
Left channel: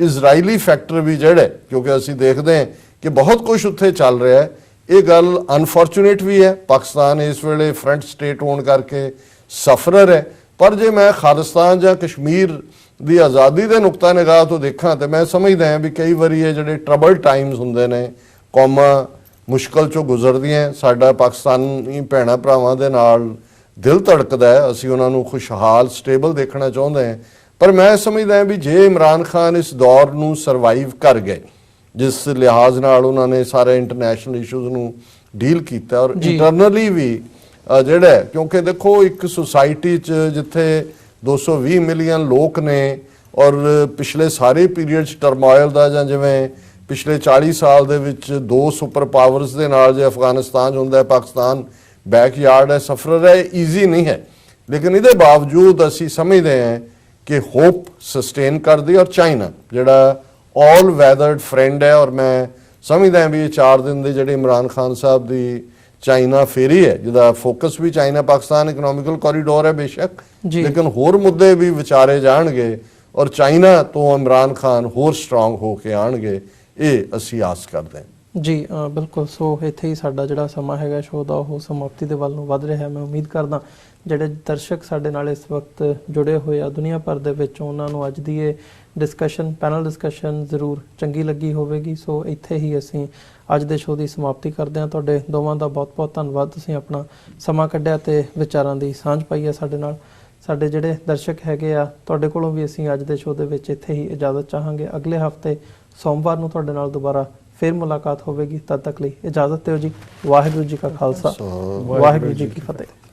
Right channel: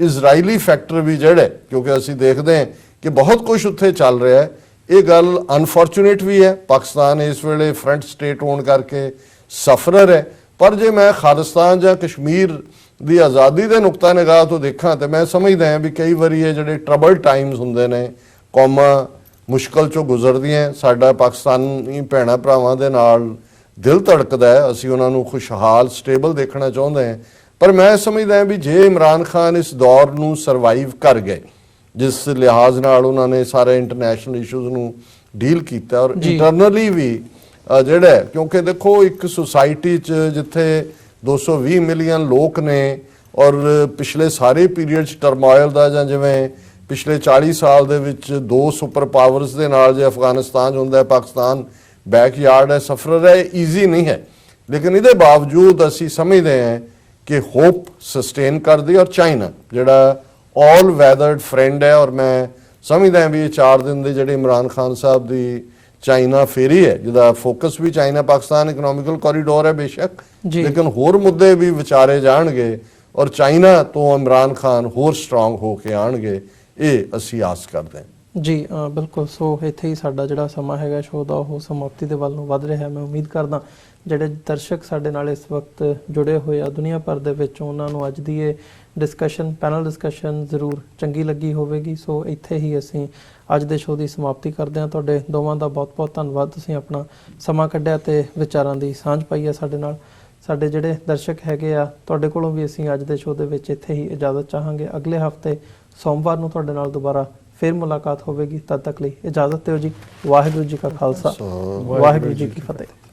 ਇਜ਼ਰਾਈਲੀ ਫੈਕਟਰ ਵੀ ਜਿਹੜਾ ਕਿਉਂਕਿ ਅਸੀਂ ਦੇਖਦੇ ਹਾਂ ਕਿ ਬਹੁਤ ਕੁਝ ਉੱਥੇ ਚੱਲ ਰਿਹਾ ਹੈ ਇਹ ਗੱਲ ਅਨਫੋਰਚੂਨੇਟ ਵੀ ਹੈ ਪਾਕਿਸਤਾਨ ਇਸ ਵੇਲੇ ਫਰੰਟ ਸਟੇਟ ਹੋਣ ਕਰਕੇ ਸਫਰਰ ਹੈ ਪਰ ਜੇ ਮੈਂ ਖਾਲਿਸਤਾਨ ਜਾਂ ਕਸ਼ਮੀਰ ਦੀ ਆਜ਼ਾਦੀ ਦੇ ਨੁਕਤਾ ਨਿਗਾਹ ਤੋਂ ਦੇਖਾਂ ਤੇ ਮੈਂ ਸਮਝਦਾ ਹਾਂ ਵੀ ਕਈ ਵਾਰੀ ਇਹ ਜਿਹੜੇ ਟਰਬਲ ਟਾਈਮਸ ਹੁੰਦੇ ਨੇ ਕੌਮਾਂ ਮੁਸ਼ਕਲ ਚੋਂ ਗੁਜ਼ਰਦੀਆਂ ਸਾਡਾ ਪਾਕਿਸਤਾਨੀ ਭੈਣਾਂ ਭਰਾਵਾਂ ਦੇ ਨਾਲ ਦਿਲ ਧੜਕਦਾ ਹੈ ਅਸੀਂ ਉਹਨਾਂ ਨੂੰ ਖੁਸ਼ਹਾਲ ਸਟੇਬਲ ਦੇਖਣਾ ਚਾਹੁੰਦੇ ਹਾਂ ਪਰ ਮੈਂ ਸਮਝਦਾ ਹਾਂ ਵੀ ਜੇ ਇਮਰਾਨ ਖਾਨ ਇਸ ਦੌਰ ਨੂੰ ਸਰਵਾਈਵ ਕਰ ਗਏ ਜਿਸ ਲਿਹਾਜ਼ ਨਾਲ ਉਹਨਾਂ ਨੇ ਸਾਰੇ ਇੰਟਰਨੈਸ਼ਨਲ ਇਸ਼ੂਜ਼ ਨੂੰ ਡੀਲ ਕੀਤਾ ਔਰ ਇੰਟਰਨਲੀ ਵੀ ਜਿਹੜਾ ਕਿਉਂਕਿ ਦੇਖੋ ਇੱਕ ਸੁਸਾਇਟੀ 'ਚ ਜਿੱਥੇ 220 ਮਿਲੀਅਨ ਲੋਕ ਨੇ ਔਰ ਪਿਛਲੇ ਸਾਰੇ ਪੀਰੀਅਡ 'ਚ ਟਰਮੋਇਲ ਦਾ ਜਾਂ ਜਿਵੇਂ ਪਿਛਲੇ 40 ਸਾਲ ਦੇ ਵਿੱਚ ਦੋ ਸੁਪਰ ਪਾਵਰਸ ਦੇ ਨਾਲ ਜੇ ਅਫਗਾਨਿਸਤਾਨ ਹੁੰਦਾ ਹੈ ਪਾਕਿਸਤਾਨ ਬੈਕਯਾਰਡ ਹੈ ਸਫਰ ਹੈ ਈਜ਼ੀ ਨਹੀਂ ਹੈ ਲੇਕਿਨ ਇਹਦੇ ਬਾਵਜੂਦ ਅਸੀਂ ਸਮਝਦੇ ਹਾਂ ਕਿ ਹੋਪ ਸਸਟੇਨ ਕਰਦੀ ਔਰ ਚਾਈਨਾ ਜਿਹੜਾ ਆਲ ਵੈਦਰਡ ਫਰੈਂਡ ਹੈ ਔਰ ਮੈਂ ਸਮਝਦਾ ਹਾਂ ਵੀ ਇਹ 4 ਦਿਨ ਦੇ ਜਿਹੜੇ ਇਮਰਾਨ ਖਾਨ ਸਾਹਿਬ ਦੀ ਚਾਈਨਾ ਫੇਰੀ ਹੈ ਜਿਹਦਾ ਫੋਕਸ ਵੀ ਚਾਈਨਾ ਪਾਕਿਸਤਾਨ ਇਕਨੋਮਿਕਲ ਕੋਰੀਡੋਰ ਹੈ ਬੇਸ਼ੱਕ ਲੇਕਿਨ ਹੋਰ ਮੁੱਦੇ ਵੀ ਵਿਚਾਰੇ ਜਾਣਗੇ ਔਰ ਚਾਈਨਾ ਤੋਂ ਇਮਰਾਨ ਖਾਨ ਹੋਰ ਸਟਰੋਂਗ ਹੋ ਕੇ ਆਣਗੇ ਇਹ ਅਸੀਂ ਆਸ ਕਰਦੇ ਹਾਂ ਜੀ ਬਿਲਕੁਲ ਸੋ ਇੱਥੇ ਹੀ ਸਾਡਾ ਜਿਹੜਾ ਸਮਾਂ ਹੈਗਾ ਸ਼ੋਅ ਦਾ ਉਹ ਸਮਾਪਤੀ ਦੇ ਵੱਲ ਨੂੰ ਵੱਧ ਰਿਹਾ ਮੈਂ ਉਮੀਦ ਕਰਦਾ ਜਿਹੜੇ ਦਰਸ਼ਕ ਸਾਡੇ ਨਾਲ ਇਸ ਵਕਤ ਜੁੜੇ ਹੋਏ ਆ ਦੁਨੀਆ ਭਰ ਦੇ ਵਿੱਚ ਉਹਨਾਂ ਨੂੰ ਅੱਜ ਦੀ ਇਹ ਡਿਸਕਸ਼ਨ ਪੈਨਲ ਡਿਸਕਸ਼ਨ ਜ਼ਰੂਰ ਚੰਗੀ ਲੱਗੀ ਹੋਵੇਗੀ ਸੋ ਇੱਥੇ ਹੀ ਅਸੀਂ ਅੱਜ ਦੇ ਸ਼ੋਅ ਦੀ ਸਮਾਪਤੀ ਕਰਦੇ ਹਾਂ ਤੁਹਾਡੇ ਦੋਵਾਂ ਦਾ ਬਹੁਤ-ਬਹੁਤ ਧੰਨਵਾਦ ਤੁਸੀਂ ਆਪਣਾ ਸਮਾਂ ਕੱਢਿਆ ਤੇ ਵਿਚਾਰਾਂ ਦੀ ਸਾਂਝ ਪਾਈ ਹੈ ਸਾਡੇ ਨਾਲ ਸਾਡੇ ਜਿਹੜੇ ਦਰਸ਼ਕ ਹੈਗੇ ਆ ਤੁਹਾਡੇ ਕੋਲੋਂ ਵੀ ਅਸੀਂ ਅੱਜ ਦੇ ਸ਼ੋਅ ਦੇ ਵਿੱਚ ਇੱਥੇ ਹੀ ਇਜਾਜ਼ਤ ਚਾਹਾਂਗੇ ਅਗਲੇ ਹਫਤੇ ਸੋਮਵਾਰ ਨੂੰ ਤੁਹਾਡੇ ਨਾਲ ਦੁਬਾਰਾ ਫਿਰ ਮੁਲਾਕਾਤ ਹੋਵੇਗੀ ਤਦ ਤੱਕ ਲਈ ਇਜਾਜ਼ਤ ਦਿਓ ਜੀ ਵਾਹਿਗੁਰੂ ਜੀ ਕਾ ਖਾਲਸਾ ਵਾਹਿਗੁਰੂ ਜੀ ਕੀ ਫਤਿਹ